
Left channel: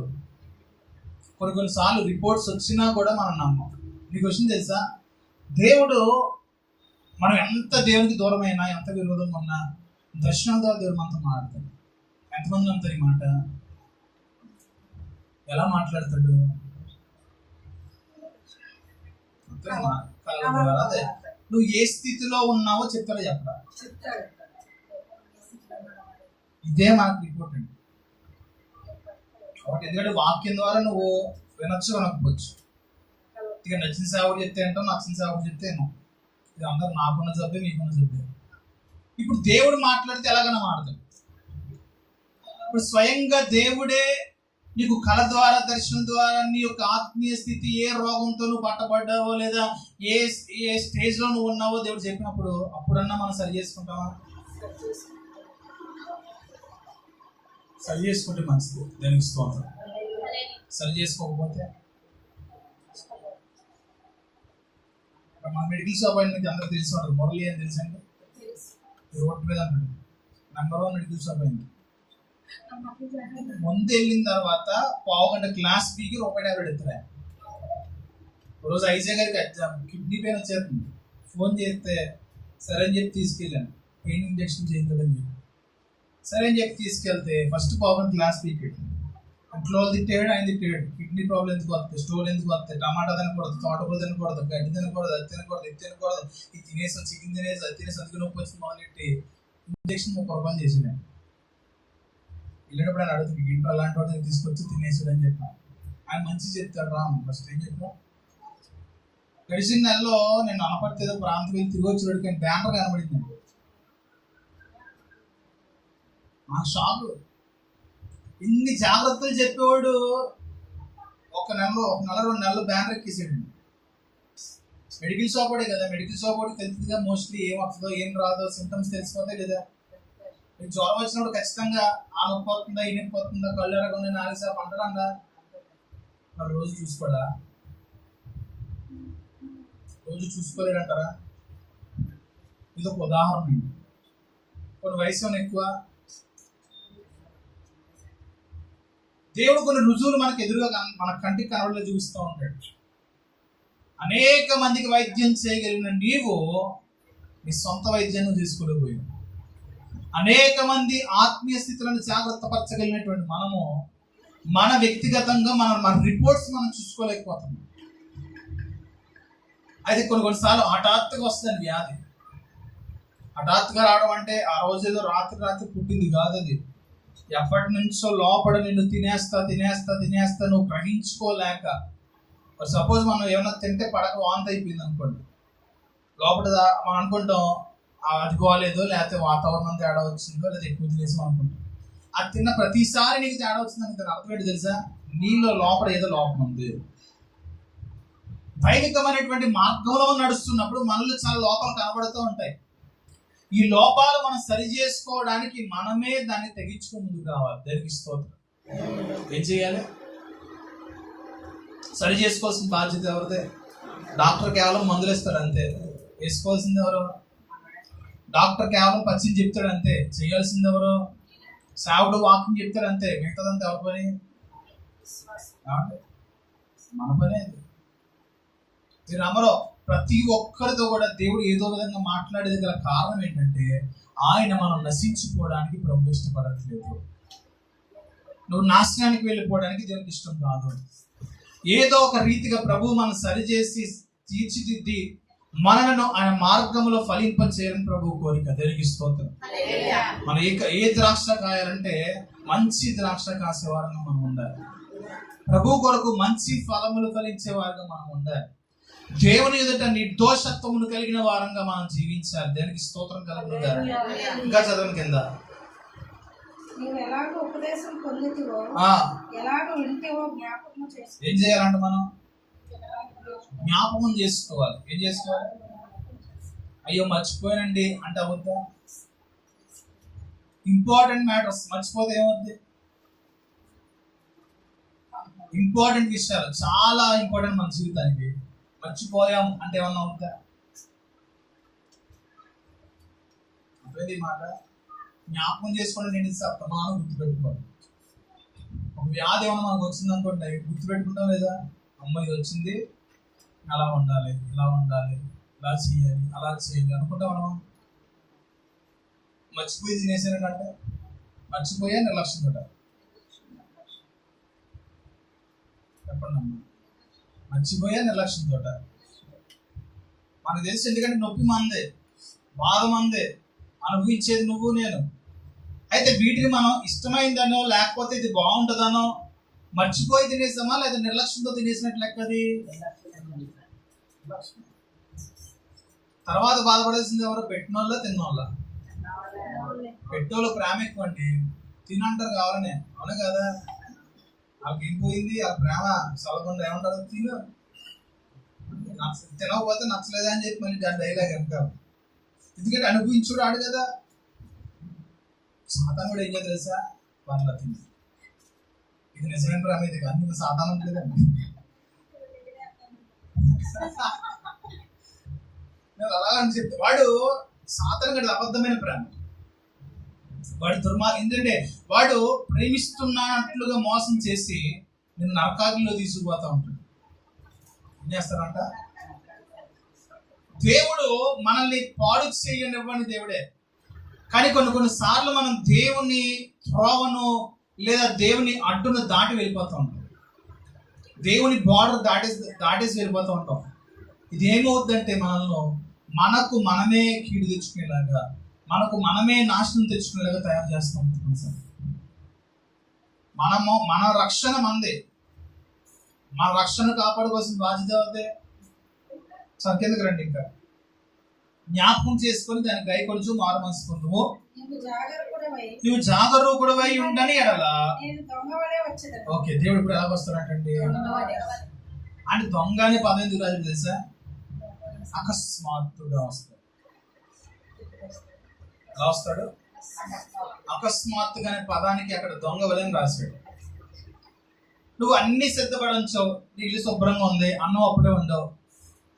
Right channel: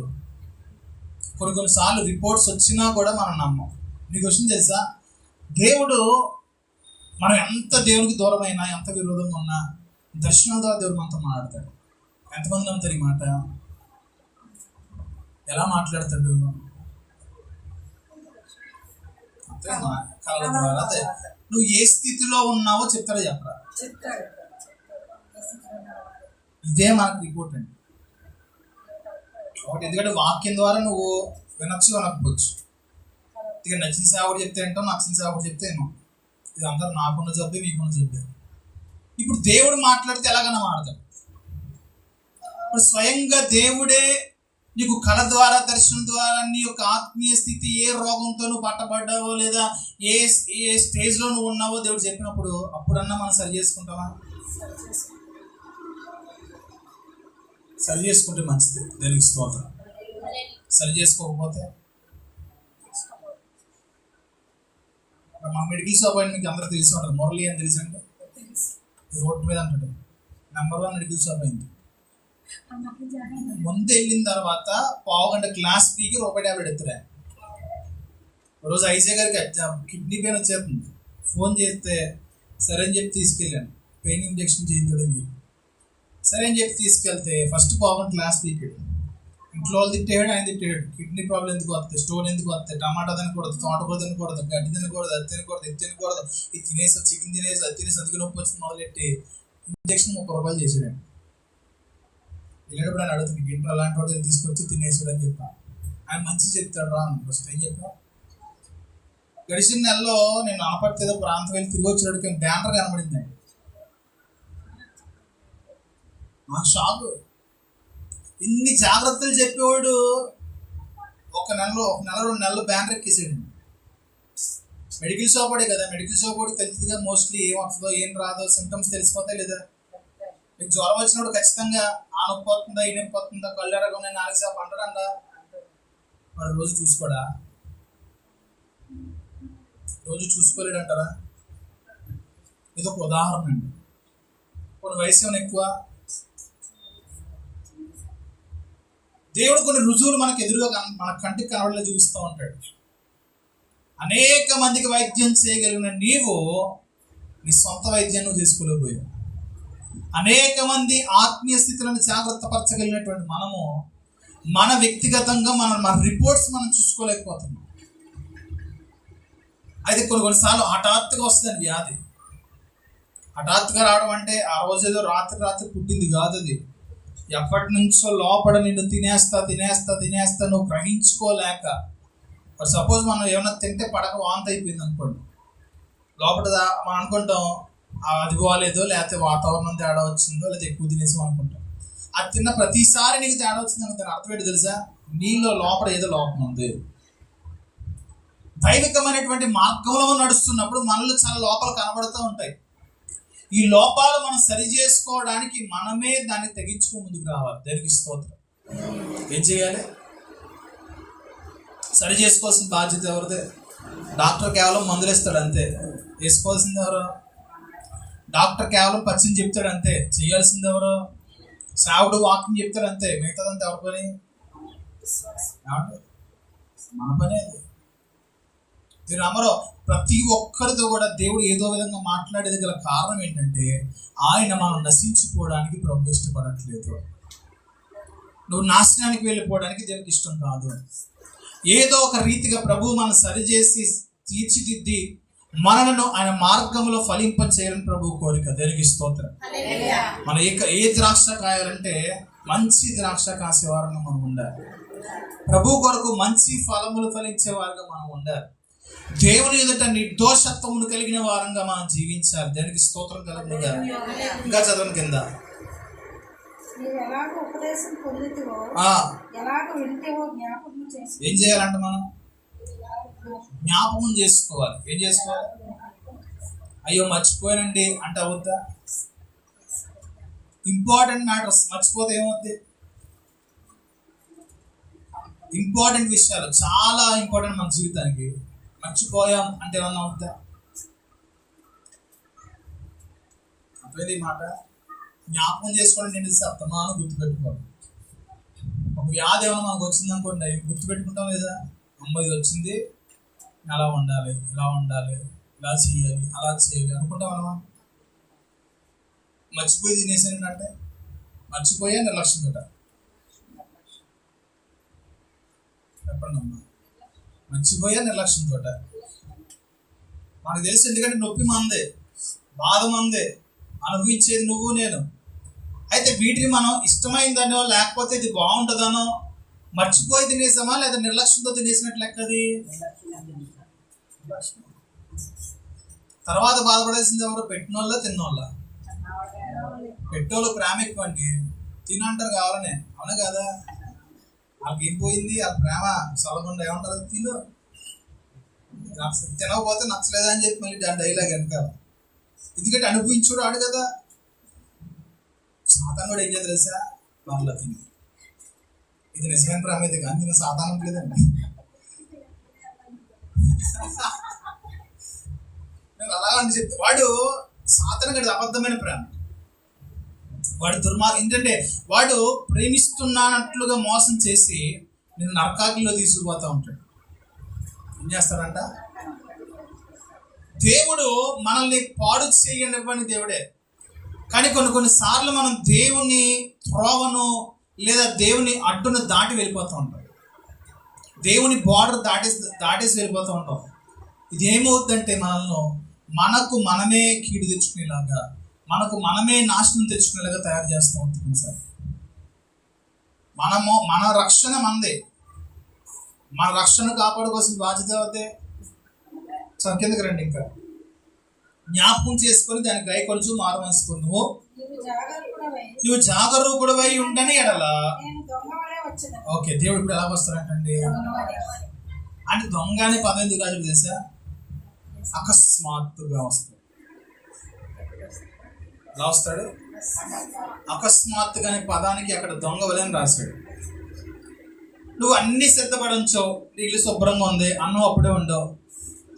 కొన్నిసార్లు రిపోర్ట్స్ వచ్చినా కూడా మనం నమ్మం. నీకు వచ్చింది తెలుసా, దేవుడు మనం ఎంత దేవునికి దూరమైనా, ఎంత విరోధంగా ఉన్నా దర్శనం ద్వారా దేవుడు మనతో మాట్లాడతాడు. ఎంతమంది నమ్ముతారు ఈ మాట? ఎలా మాట్లాడతాడు? అంతే, కళ్ళ ద్వారా. అదే నువ్వు ఏ స్థితిలో ఉన్నావో చెప్తాడో చెప్పరా? ఇదే మనకు రిపోర్ట్ అండి. ఒకటి, ఎందుకంటే వాక్యం ద్వారా నువ్వు వినొచ్చు, వినకపోవచ్చు. ఇక నచ్చిన సేవకుడు చెప్తే ఏంటో, నచ్చిన సేవకుడు చెప్తే ఏమో, ఇది అందరూ నాకున్న జబ్బే, మీకున్న జబ్బే. ఇప్పుడు దేవుడు మాట్లాడితే ఎలాగైనా మాట్లాడతాడు. ఇప్పుడు స్వయంగా దేవుడే నీకు కళ ద్వారా, దర్శనం ద్వారా నీ యొక్క ఆత్మీయ స్థితి, ఏ రోగంతో నువ్వు పట్టబడ్డావో లేదా ఏ స్టేజ్లో నువ్వు ఉన్నావో దేవుడు చెప్పినప్పుడు, అప్పుడన్నా మనం సరి చేసుకుంటామా? సరి చేసుకుంటే మంచిది, దేనికి స్తోత్రం. సరి చేసుకోకపోతే మా మెడికల్ షాప్ అని మీకు అందరూ తెలిసి ఉంటుంది. మురళి అని తెలుసు అండి, రోడ్డు మీద అంటాడు, #1 మెడికల్ షాప్ అయింది. ముందు వెళ్ళిన తర్వాత పావుగంట క్లాస్ ఫీకి ₹1.50 ఎత్తురా. రోజు ఐజే గారికి ఎగ్జామ్, కిడ్నీ పెయిన్ వచ్చేస్తుంది. ఫోన్ చేస్తే సరే అని చెప్పి తీసుకెళ్ళాను, పెయిన్ ఇంజెక్షన్ చేయించడం చెప్పి. సరే అని చెప్పి తీసుకెళ్తే ఫస్ట్ పావుగంట క్లాస్ పీకాడు. ఇంట్లో వాళ్ళు తిట్టాడు, ఆయన తిట్టాడు. కిడ్నీ ప్రాబ్లం ఎందుకు వస్తుంది, స్టోన్ ఎందుకు వస్తుంది, టమాటా తినకూడదు, తోటకూర తినకూడదు, గడ్డి తినకూడదు, అది తినకూడదు, ఇది తినకూడదు, ఇది తినేసి చికెన్ తినేసి అది తినేసి అందుకు నొప్పి వచ్చింది మొదలెట్టి ఇంజెక్షన్ ₹30 చేసాడు. వెళ్ళేటప్పుడు ఆయన అడుగుతుంది, ఇంట్లో అలాంటి వాడు తీసుకొచ్చి తినేసాడు అని చెప్పా. ఆయన మంచి చెప్తాడు రా. ఫస్ట్ ఏం చెప్పా, గడిచిన నెలలో నేను అనపర్తి ఏదో ప్రాంతం వెళ్ళి తిరిగి వచ్చేటప్పుడు బ్యానర్ కనబడిందండి. మా షాపు ఇన్ని జాగ్రత్తలు చెప్పేవాడు ఒక నెల 2 నెలలు బ్యానర్ ఎక్కేసాడండి. మెడికల్ షాప్ వాడే కదా, మెడికల్ షాప్ వాడికి తెలుస్తుందిగా మోస్ట్లీ ఏం వస్తుందో ఏం రాదో సిమ్టమ్స్ తెలిసిపోతాయి లేదా. మీకు జ్వరం వచ్చినప్పుడు ఖచ్చితంగా ఆ నొప్పి వస్తుందా, ఈ నొప్పి వస్తుందా, కళ్ళు ఎరగొనే, నాలుగు సేపు అంటారా? మరి రోజు చూసుకోడా? రోజు చూసుకోలేడంటారా? ఇది ఒక ఉదాహరణ అండి. కొన్ని వయసు ఏమైనా ఎక్కువ, దేవుడు కొన్ని రుజువులు మనకు ఎదురుగా మన కంటికి కనబడలే చూపిస్తూ ఉంటాడు. అనేక మందికి వైద్యం చేయగలిగిన నీవు నీ సొంత వైద్యాన్ని నువ్వు చేసుకోలేకపోయావు. అనేక మంది ఆత్మీయ స్థితులను జాగ్రత్త పరచగలిగినటువంటి మనము మన వ్యక్తిగతంగా మన రిపోర్ట్స్ మనం చూసుకోలేకపోతున్నాం. అయితే కొన్నిసార్లు హఠాత్తుగా వస్తుందండి వ్యాధి. హఠాత్తుగా రావడం అంటే ఆ రోజుల్లో రాత్రి పుట్టింది కాదు. అది ఎప్పటి నుంచో లోపల నిన్ను తినేస్తా నువ్వు గ్రహించుకోలేక. సపోజ్ మనం ఏమైనా తింటే పడక వాంతి అయిపోయింది అనుకోండి, లోపల మనం అనుకుంటాం అది బాగాలేదో, లేకపోతే వాతావరణం తేడా వచ్చిందో, లేదా ఎక్కువ తినేసాం అనుకుంటాం. అది తిన్న ప్రతిసారి నీకు తేడా వచ్చిందని దాని అర్థం ఏంటి తెలుసా? నీలో లోపల ఏదో లోపం ఉంది. దైవికమైనటువంటి మార్గంలో నడుస్తున్నప్పుడు మనలో చాలా లోపాలు కనబడుతూ ఉంటాయి. ఈ లోపాలు మనం సరి చేసుకోవడానికి మనమే దాన్ని తెగించుకో ముందుకు రావాలి. దానికి స్తోత్రం. ఏం చేయాలి? సరి చేసుకోవాల్సిన బాధ్యత ఎవరిదే? డాక్టర్ కేవలం మందులు ఇస్తాడు అంతే. వేసుకోవాల్సింది ఎవరు? డాక్టర్ కేవలం పచ్చిని చెప్తాడు అంతే. చేయాల్సింది ఎవరు? సేవకుడు వాక్యం చెప్తాడు అంతే. మిగతాదంతా ఎవరి పని? మన పనే అది. మీరు అమరో ప్రతి ఒక్కరితో కూడా దేవుడు ఏదో విధంగా మాట్లాడేది గల కారణం ఏంటంటే ఆయన మనం నశించుకోవడానికి ప్రభు ఇష్టపడట్లేదు. నువ్వు నాశనానికి వెళ్ళిపోవడానికి దేవుడికి ఇష్టం కాదు. ఏదో ఒక రీతిగా ప్రభు మనం సరిచేసి తీర్చిదిద్ది మనలను ఆయన మార్గంలో ఫలింప చేయాలని ప్రభు కోరిక. దేవునికి స్తోత్రం. మన ఏ ద్రాక్ష కాయాలంటే మంచి ద్రాక్ష కాసే వారంగా మనం ఉండాలి. ప్రభు కొరకు మంచి ఫలములు ఫలించే వారంగా మనం ఉండాలి. దేవుని ఎదుట నిర్దోషత్వమును కలిగిన వారంగా మనం జీవించాలి. దానికి స్తోత్రం కలుగుగా. ఇంకా చదవని కింద ఏం చేయాలంటే మనం జ్ఞాపకం చేసుకోవాలి. ఏం చేసుకోవాలి? అయ్యో మర్చిపోయానండి అంటే అవుద్దా? ఇంపార్టెంట్ మ్యాటర్స్ మర్చిపోతే ఏమవుద్ది? ఇంపార్టెంట్ విషయాలు చాలా ఇంపార్టెంట్ మన జీవితానికి మర్చిపోయాం అంటే ఏమన్నా అవుతుందా? అర్థమైంది ఈ మాట. జ్ఞాపకం చేసుకోండి, నేను సప్తమానం గుర్తుపెట్టుకోవాలి. ఒక వ్యాధి ఏమైనా మనకు వచ్చింది అనుకోండి, గుర్తుపెట్టుకుంటాం లేదా? అమ్మ ఇది వచ్చింది, అలా ఉండాలి, ఇలా ఉండాలి, ఇలా చేయాలి, అలా చేయాలి అనుకుంటాం మనమా? మర్చిపోయి తినేసానంటే మర్చిపోయే నిర్లక్ష్యం తోట. చెప్పండి అమ్మా, మర్చిపోయే నిర్లక్ష్యం తోట. మనకు తెలుసు, ఎందుకంటే నొప్పి మందే, బాధ మందే, అనుభవించేది నువ్వు నేను. అయితే వీటిని మనం ఇష్టమైందనో లేకపోతే ఇది బాగుంటుందనో మర్చిపోయి తినేసామా, లేదా నిర్లక్ష్యంతో తినేసినట్లు లెక్కది. తర్వాత బాధపడేసింది ఎవరు? పెట్టినోళ్ళ తిన్నోళ్ళ? పెట్టోళ్ళు ప్రేమ ఎక్కువ అండి, తినంటారు కావాలనే, అవునా కదా? వాళ్ళకి ఏం పోయింది, వాళ్ళ ప్రేమ సలకుండా ఏమంటారు, తిను, తినకపోతే నచ్చలేదా అని చెప్పి మళ్ళీ దాని డైలాగ్ వెనకాల. ఎందుకంటే అనుభవించుడు ఆడు కదా. సాతాను కూడా ఏం చేయాలి తెలుసా? పర్లా తిని, ఇది నిజమైన ప్రేమ అయితే కానీ నేను సాతానం లేదండి. నేను అలా అని చెప్తే వాడు సాతాను గడి అబద్ధమైన ప్రేమ. వాడు ఏంటంటే వాడు ప్రేమిస్తున్నట్లుగా మోసం చేసి నేను నరకాగ్నిలో తీసుకుపోతా ఉంటాడు. ఏం చేస్తాడంట? దేవుడు మనల్ని పాడు చేయనివ్వని దేవుడే, కానీ కొన్ని సార్లు మనం దేవుని త్రోవను లేదా దేవుని అడ్డును దాటి వెళ్ళిపోతూ ఉంటాం. దేవుని బార్డర్ దాటేసి వెళ్ళిపోతూ ఉంటాం. ఇది ఏమవుతుందంటే మనకు మనమే కీడు తెచ్చుకునేలాగా, మనకు మనమే నాశనం తెచ్చుకునేలాగా తయారు చేస్తూ ఉంటుంది సార్. మన రక్షణ మందే, మన రక్షణ కాపాడుకోవాల్సిన బాధ్యత అవుతే కిందకి రండి. ఇంకా జ్ఞాపకం చేసుకొని దాన్ని గైకొలుచు మారు మనసు పొందుము. నువ్వు జాగరూకుడవై ఉండని ఎడల. ఓకే, దేవుడు ఇప్పుడు ఎలా వస్తాడంటండి అంటే దొంగ అనే పదం ఎందుకు రాజు తెలుసా? అకస్మాత్తుగా వస్తాడు. ఎలా వస్తాడు? అకస్మాత్తుగా అనే పదానికి అక్కడ దొంగ వలని రాశాడు. నువ్వు అన్ని సిద్ధపడించావు, ఇల్లు శుభ్రంగా ఉంది, అన్నం అప్పుడే ఉండవు.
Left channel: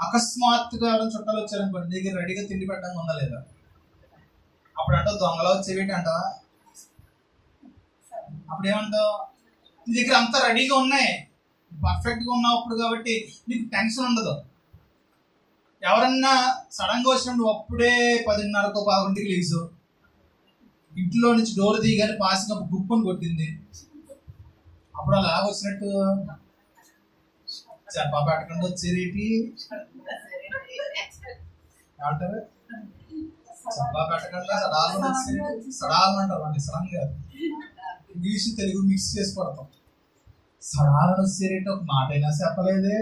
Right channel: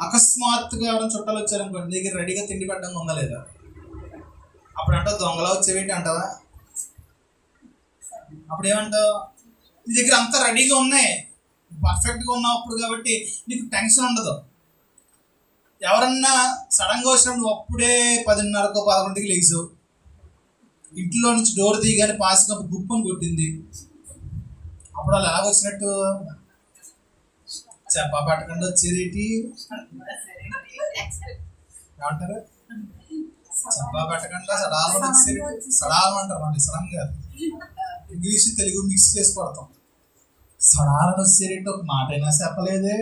అకస్మాత్తుగా ఎవరైనా చుట్టాలు వచ్చారనుకోండి, దగ్గర రెడీగా తిండి పెట్టడం ఉందా లేదా? అప్పుడు అంటావు దొంగలా వచ్చేవేంటి అంటావా? అప్పుడు ఏమంటావు? నీ దగ్గర అంతా రెడీగా ఉన్నాయి, పర్ఫెక్ట్గా ఉన్నావు అప్పుడు, కాబట్టి నీకు టెన్షన్ ఉండదు. ఎవరన్నా సడన్గా వచ్చినప్పుడు నువ్వు అప్పుడే 10:30కో 11కి లేచు, ఇంట్లో నుంచి డోర్ తీయగానే పాసిగా గుప్పని కొట్టింది, అప్పుడు వాళ్ళు ఎలాగ వచ్చినట్టు? చెప్పా పెట్టకుండా వచ్చేదేంటి ఏమంటారు? చెప్పా పెట్టకుండా సడాలు వచ్చేది, సడాలు అంటారు అండి, సడన్ కాదు. ఇంగ్లీష్ తెలుగు మిక్స్ చేసి పడతాం. సడాలను వచ్చేరేంటి ఒక మాట అయినా చెప్పలేదే,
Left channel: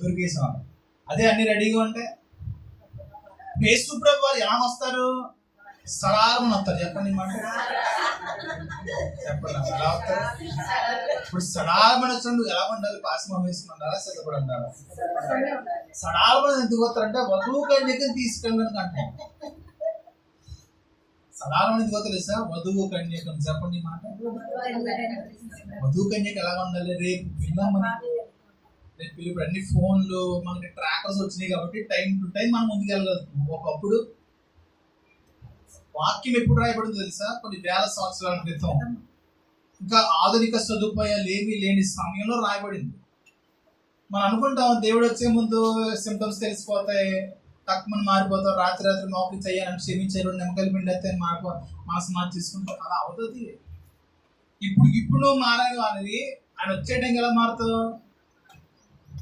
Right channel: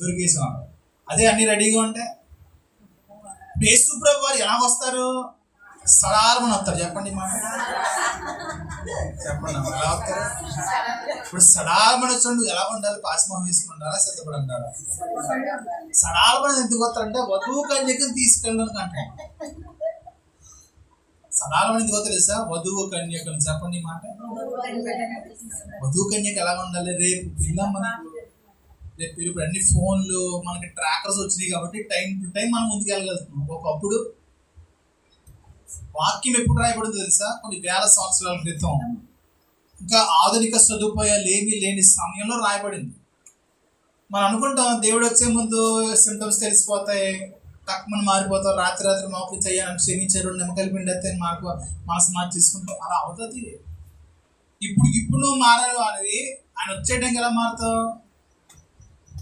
దొరికేసాం. అదే అన్ని రెడీగా ఉంటే యేసు ప్రభు వారు ఎలా వస్తారు? సడాలని వస్తారు. చెప్పండి మాట, చెప్పండి ఎలా వస్తారు? ఇప్పుడు సడాలని వచ్చినప్పుడు ఎలా ఉండాలి? పాస్మం వేసుకుని ఉండాలా, సిద్ధపడి ఉండాలా? సడాలని ఎందుకు వస్తారంటే వధువు కన్యకని తీసుకెళ్ళడానికి అంటాం. సడాలని ఎందుకు వస్తారు తెలుసా? వధువు కన్యకని. చెప్పండి మాట, వధువు కన్యక ఎలా ఉండాలి? రేపు పిల్లమ్మని, రేపు ఇప్పుడు అన్ని ఫోన్లు మనకి ట్రాకర్స్ వచ్చినాయి కాబట్టి టైం టు టైం మనం ముందుకు వెళ్ళగలుగుతున్నాం. ఒకప్పుడు వాక్యం ఎప్పుడు రాయబడిందో తెలుసా? కొన్ని వేల సంవత్సరాల క్రితం, ఇంకా ఆధునిక సదుపాయాలు ఏమీ లేని సమయంలో రాయబడింది. మనం అనుకుంటాం దేవుడు వచ్చే ముందు సింటమ్స్ తెలిసిపోతాయి, టక్మని మారిపోతాం, రాత్రి మోకరించి అయ్యాను క్షమించారు, నిమ్మకాయలు పిండి మనసు మార్చి తీసుకుంటాం. అలా అవుతుంది. ఇప్పుడు నువ్వు మారాలి అనేది ఆయన వచ్చే టైంకి ఎలా మారుతావు?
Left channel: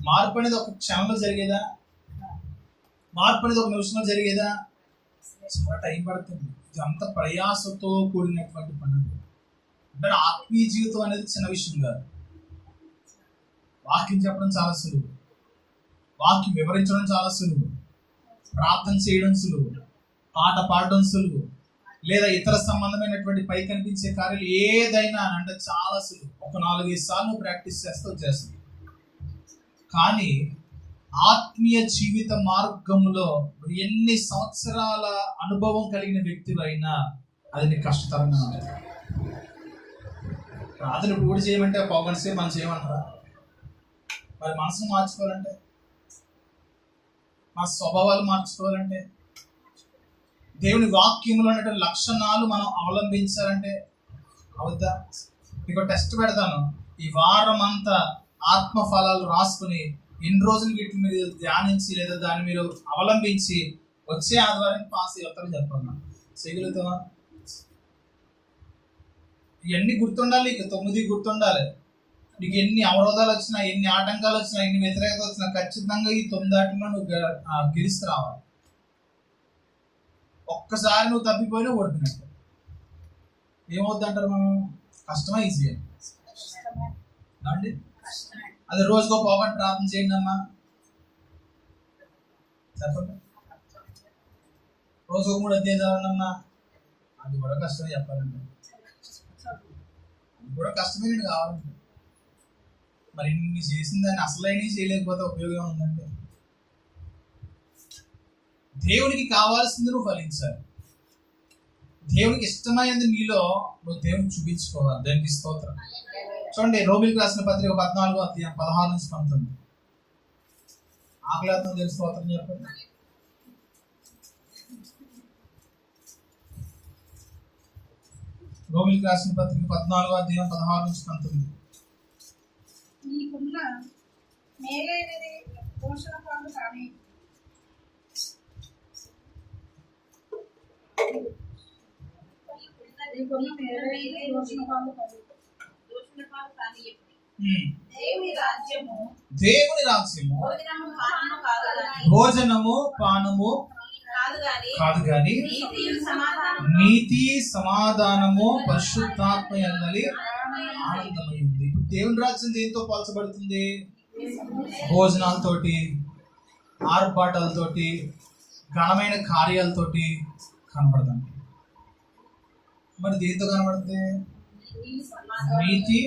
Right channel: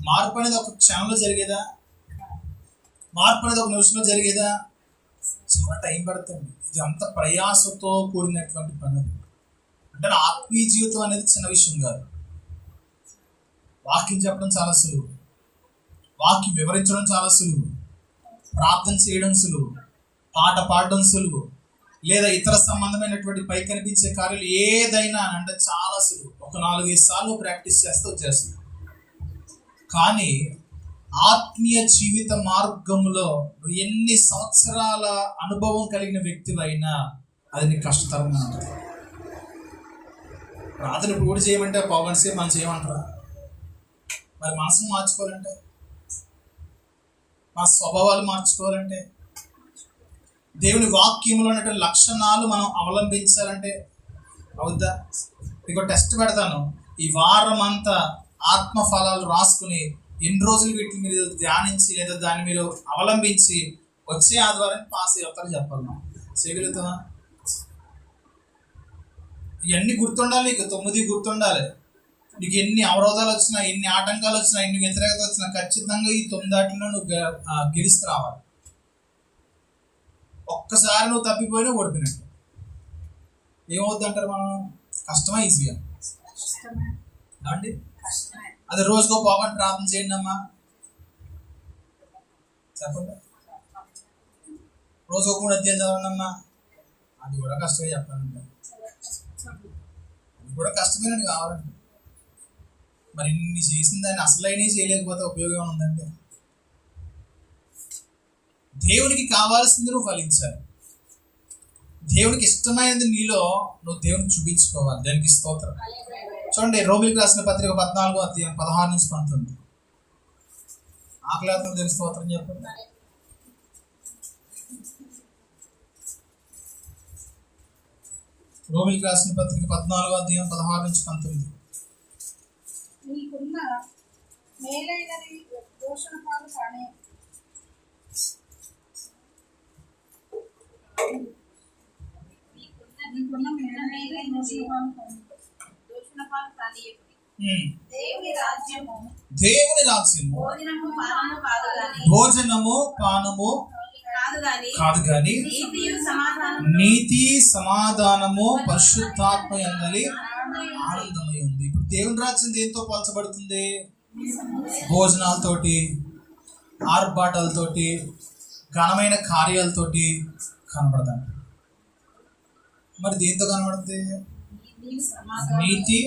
మార్పు అనేది ఒక క్షణంలో జరిగేదా? మార్పు అనేది ఒక నిమిషంలో జరిగేదా? చాలా టైం పడుతుంది. ఇది అంత ప్రయాసతో కూడినటువంటి పని. అంటే ఆత్మీయ జీవితం అనేది చిన్న విషయం కాదు. వాక్యం చెప్పడం చాలా సులువు, వాక్యం వివరించడం చాలా సులువు, ప్రార్థన చేయడం సులువు, పాట పాడడం సులువు, లేదా ఇతర సంబంధమైనటువంటి పై కనిపించే కార్యాలు ఏదైనా అంటే చాలా సులువు. ఒక 4-5 సార్లు ప్రాక్టీస్ చేస్తే వచ్చేస్తుంది. కానీ ఆత్మీయ జీవిత మార్గంలో ఎన్ని సంవత్సరాల అనుభవం కలిగిన వ్యక్తివైనా అది నీకు కష్టతరంగా ఉంటుంది. ప్రార్థన ఇప్పుడు కూడా చేయమంటే 1/2 గంట సేపు మనం చేయమంటారా? మరి మనసును మార్చుకోవాలంటే మా స్వభావాలు మార్చుకోవాలంటే, దేవుని వాక్యంలో ఉన్నటువంటి లక్షణాలు మనం అవలంబించాలంటే అవుద్దా? మీకు టెస్ట్ పెడతాను. ఈ వారం అంతా ఆత్మ ఫలాలు రాసుకుని ఎన్ని రోజులు వీటిని మీరు ధ్యానించి లేదా దాన్ని మీరు అవలంబించి వచ్చే ఆదివారం పాస్ అవుతారో చెప్పాలి. మనం చేయగలుగుతామా? ఇవన్నీ గుర్తుండాలి. నీకు 9 గుర్తుండాలి. నీకు ఎన్ని అవరోధాలు వచ్చినా, ఎన్ని ఆటంకాలు వచ్చినా, ఎన్ని వ్యతిరేకత వచ్చినా ఖచ్చితంగా ఈ 9 నువ్వు గెలుస్తూ రావాలి. ఒక్కసారి నువ్వు తప్పిపోయినా ఓడిపోయినట్టు. ఏమవుద్ది అంటారు మనం? కష్టమా ఈజీగా అండి? అది రోజుకో పోగొట్టు ప్రార్థన చేయండి అమ్మా, చెప్పండి. రోజుకో 3 అధ్యాయాలు చదవండి అమ్మా, అది కూడా కష్టమే చెప్పాలంటే. అది కూడా కష్టమేనండి కావాలంటే. మరి ఇన్ని చేసిన దాన్ని అసలైనవి చేయలేకపోతే ఉపయోగం ఉందంటే? దేవునికి కావాల్సింది నువ్వు ఫలించాలి. దేవునికి ఇష్టమైనది నీలో నువ్వు దేవుని చూపించుకోవాలి. దానికి స్తోత్రం. చూడండి, రోమిలికి రాసిన పత్రిక 14వ అధ్యాయం 16 నుంచి 19. ఆకలితో దేవుని స్తోత్రం చెప్పండి. రోమిలికి రాసిన పత్రిక 14వ అధ్యాయం 16 నుంచి 19. నీకున్న మేలైనది పోషణ పాలు కానీ దేవుని రాజ్యము భోజనము పానము కాదు గాని నీతి సమాధానము పరిశుద్ధాత్మ యందలి ఆనందమై ఉంది. ఇప్పుడు దేవుని రాజ్యం దేంతో పోల్చబడుతుంది? భోజనాలతోటి, ఆర్భాటాలతోటి, ఘనమైన కార్యాలతోటి కనబడదండి. మరి దేంతో కనబడుతుంది? నీతి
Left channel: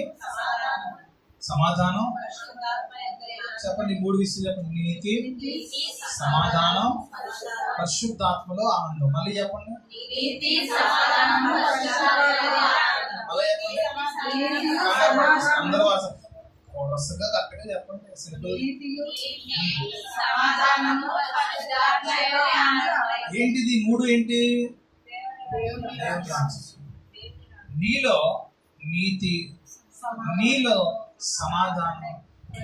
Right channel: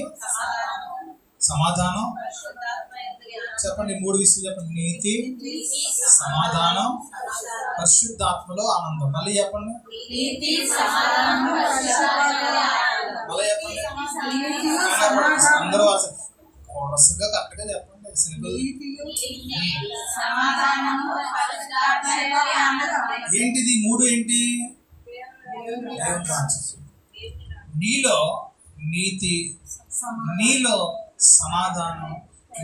సమాధానం. చెప్పండి, 3 విషయాలు చెప్పండి. నీతి, సమాధానం, పరిశుద్ధాత్మలో ఆనందం. మళ్ళీ చెప్పండి, మళ్ళీ చెప్పండి. అందరూ వరుసగా కరెక్ట్గా చెప్పండి. సింపుల్. ఏంటిది 3? ఏంటి? నీలో నీతి, నీలో సమాధానం,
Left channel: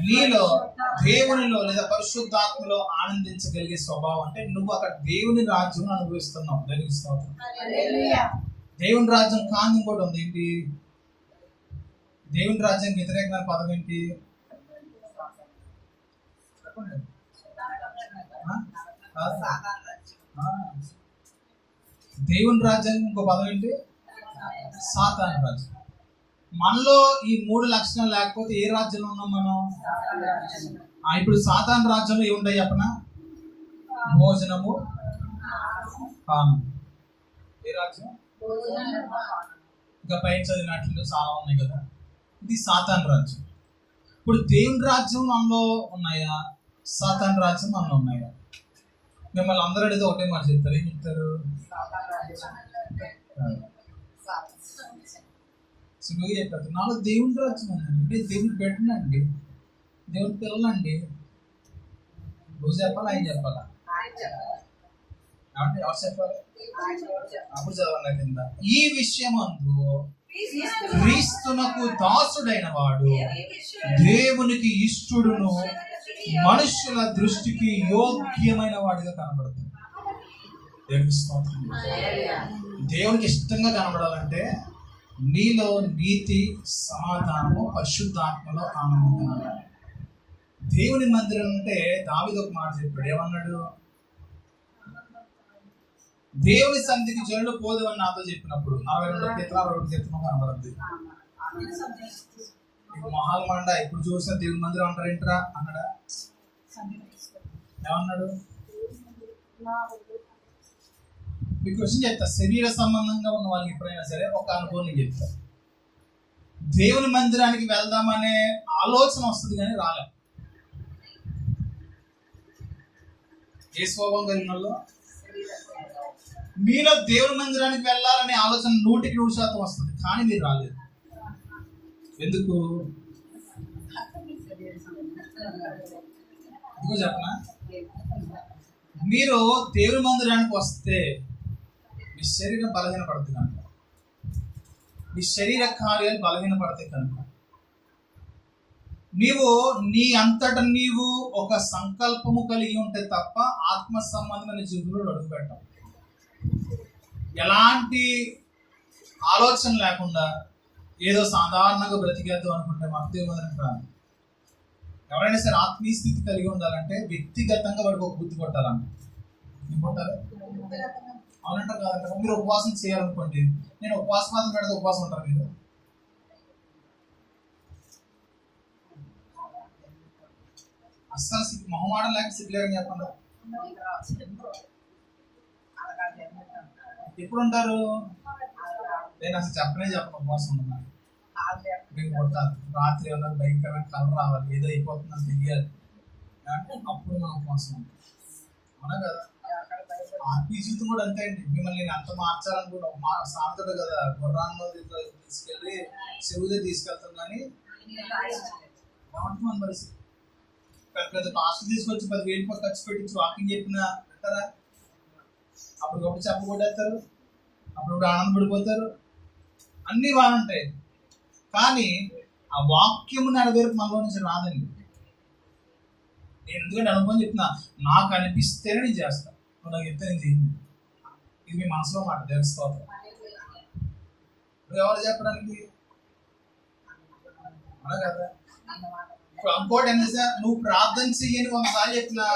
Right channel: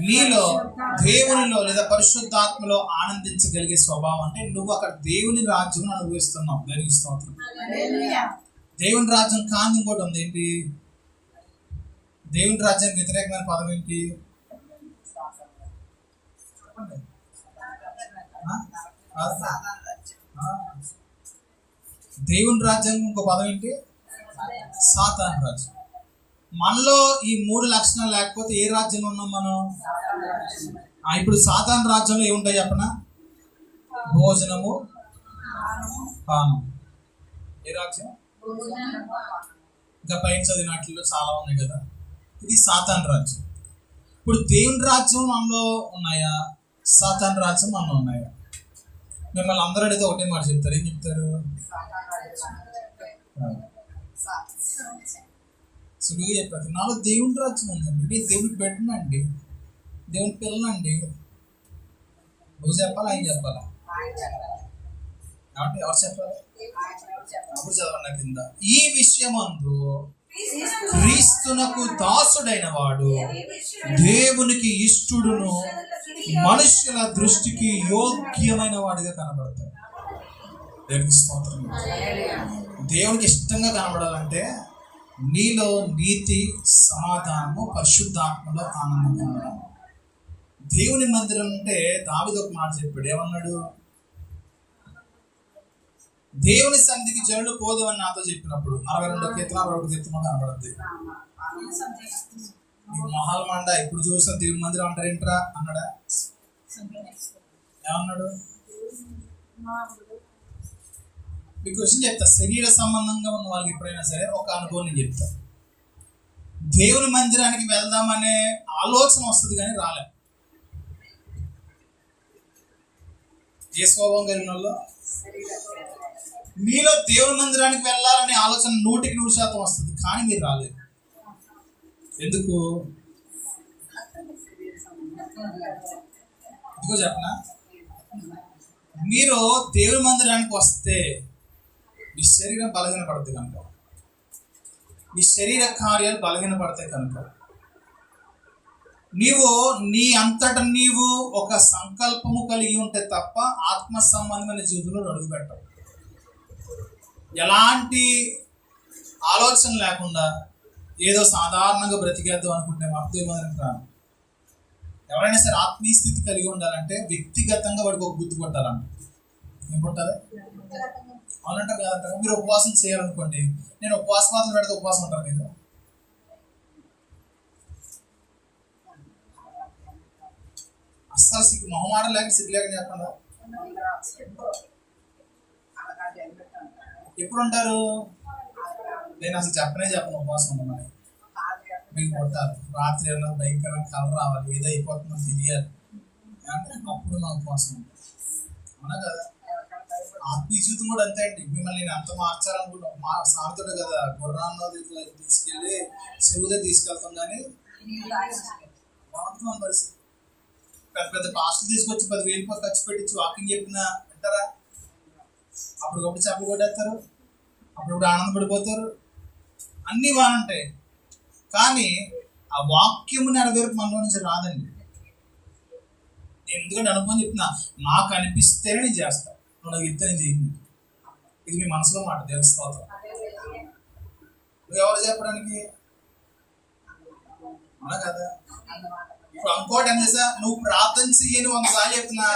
నీలో దేవునిలో లేదా పరిశుద్ధాత్మలో ఆనందించగలిగే స్వభావం. అంటే నువ్వు అక్కడ దేవుని రాజ్యం అనుభవిస్తున్నావు. దేవునికి స్తోత్రం. దేవుని రాజ్యం కాని ఇంకోటి ఉంది. ఏంటి? దేవుని రాజ్యానికి వ్యతిరేకమైన పదం ఏంటి? దేవుని రాజ్యానికి ఇంకో పదం ఏంటి? సాతాను రాజ్యం. మనలో ఈ 3 లక్షణాలు లేకపోతే ఏ రాజ్యంలో ఉన్నాం మనం? ఇప్పుడు సాతాను రాజ్యంలో ఏముంటాయి చెప్పనా? భోజనము, పానం. ఏ రాజ్యం? ఇంకా పైన చదివినట్లు చాలా ఉన్నాయి కదా. ఇది సాతాను రాజ్యం. ఇప్పుడు దేవుని రాజ్యం మనలో ఉన్నాయా? సాతాను రాజ్యం మనలో ఉన్నాయా? మిమ్మల్ని అందరూ అడిగితే ఒకటే మాట చెప్తారు. ఏం చెప్తారు? సులువుగా చెప్పారు. నాలో దేవుని రాజ్యం ఉందండి. నేను దేవుని బిడ్డనండి, దేవుని పిల్లలండి. నువ్వు చెప్పాలా, ఆయన చెప్పాలా? అంటే ఎవరు చెప్పాలి? అప్పుడు చదవన్న కింద, ఈ విషయమందు క్రీస్తునకు దాసుడైన వాడు దేవునికి ఇష్టడును మనుషుల దృష్టికి యోగ్యమైన వాడిగా కనబడతాడు. దేవునికి స్తోత్రం. దేవునికి ఇష్టంగా కనబడాలంటే నీలో నీతి, సమాధానము, పరిశుద్ధాత్మలో ఆనందం కనబడాలి. దేవుని మందిరం అంటే దావీదు ఒక మాట చెప్పాడు. ఏమన్నాడు? దేవుని సన్నిధికి జనులు పోదేవని నాతో చెప్పినప్పుడు 62 కీర్తన 61 కీర్తన కనబడుద్ది. నీకు మొహాలు మండ ఇప్పుడు చూసిన దేవుని మందిరం అంటారు ఏంట్రా అన్నాడా? ఏమన్నాడు? మీకు క్వశ్చన్ చెప్తా. శరీర సంబంధంగా ఉన్న వాళ్ళకి ఎప్పుడైనా సరే ఒక అనుభవం నేను చెప్తా. దేవుని మందిరానికి వెళ్దామనే ఆలోచన వస్తుంది కానీ రాలేం. ఏ స్వభావం కలిగిన వాళ్ళు? మీలో దేవుని మందిరానికి వెళ్ళాలనే ఆలోచన 100% వస్తుంది కానీ మీరు రాలేదు. ఎందుకు? ఎందుకో చెప్పనా? మీరు దేవుని మందిరానికి వస్తే మీ శరీరం బలహీనపడుతుంది కనుక, మీ శరీర కార్యాలు బలహీనపడతాయి కనుక, నీవు నీ అంతట నీవు ఒక సంకల్పము కలిగి ఉంటే తప్ప ఆత్మ సంబంధమైన జీవితంలో అడుగు పెట్టవు. ఎలాంటి ఆలోచన లేకుండా ఏదో సాధారణంగా బ్రతికేద్దాం అనుకుంటే దేవుని మందిరానికి రాను. ఎవరైనా సరే ఆత్మీయ స్థితి కలిగి ఉండాలంటే వ్యక్తిగతంగా వాడికి ఒక బుద్ధి కొట్టాలంట. ఏం కొట్టాలి? అవునంటారు కాదంటారు. మీరు ఉపవాసం చేయాలనుకోండి, నేను ఉపవాసం మాత్రం పెడితే ఉపవాసం ఉంటారు మీరు? అస్సలు సిగ్గు మొహమాటం లేక సిగ్గు లేక చెప్పండి. ఎప్పుడు ఉంటారు? నేను అసలు చెప్పను ఉపవాసం ఉన్నాను. మీకు కొట్టాలి, రాత్రి ఏమన్నా భయంకరంగా కలర్ రావాలి, ఏదో అయిపోతుందని తెలియాలి అంటే అప్పుడు నా ఉపవాసం ఉంటుంది. అవునా కదా? ఆత్మీయ జీవితం కూడా అంతే అండి. మిమ్మల్ని నేను అంత మార్చాలనుకుంటా సాగుతాడు కదా, గుర్రాల్లో తీసుకెళ్ళి చెరువుదే తీసుకెళ్తాం కానీ బాగుంటుంది మన పరిస్థితి. పెద్ద పెద్ద పాస్టులు తీసుకొచ్చి 10,000 ఖర్చు పెట్టించి వాకింగ్ చెప్పిన అంటారా? అప్పటికప్పుడు చెప్పగొట్టేస్తారు, అప్పుడప్పుడు ఆనందపడిపోతారు, అన్నీ బాగుంటాయి. కానీ ఆ వాక్యము నెరవేర్పు మనలో నుంచి రాదండి. నేను ఎందుకంటే అనుభవం చెప్తున్నా, నాకు అనిపిస్తేనే నేను చేస్తాను, నువ్వు నాకు చెప్తే నేను చేయను. ఇది మీ మనసులో మాట. దేవుని స్తోత్రం. నువ్వు ఎవరు చెప్పడానికి? అవునా కదా? ఇప్పుడు ఇంకోటి ఏం చేసా, నువ్వు ప్రార్థన చెయ్యని ఒకసారి చెప్తున్నా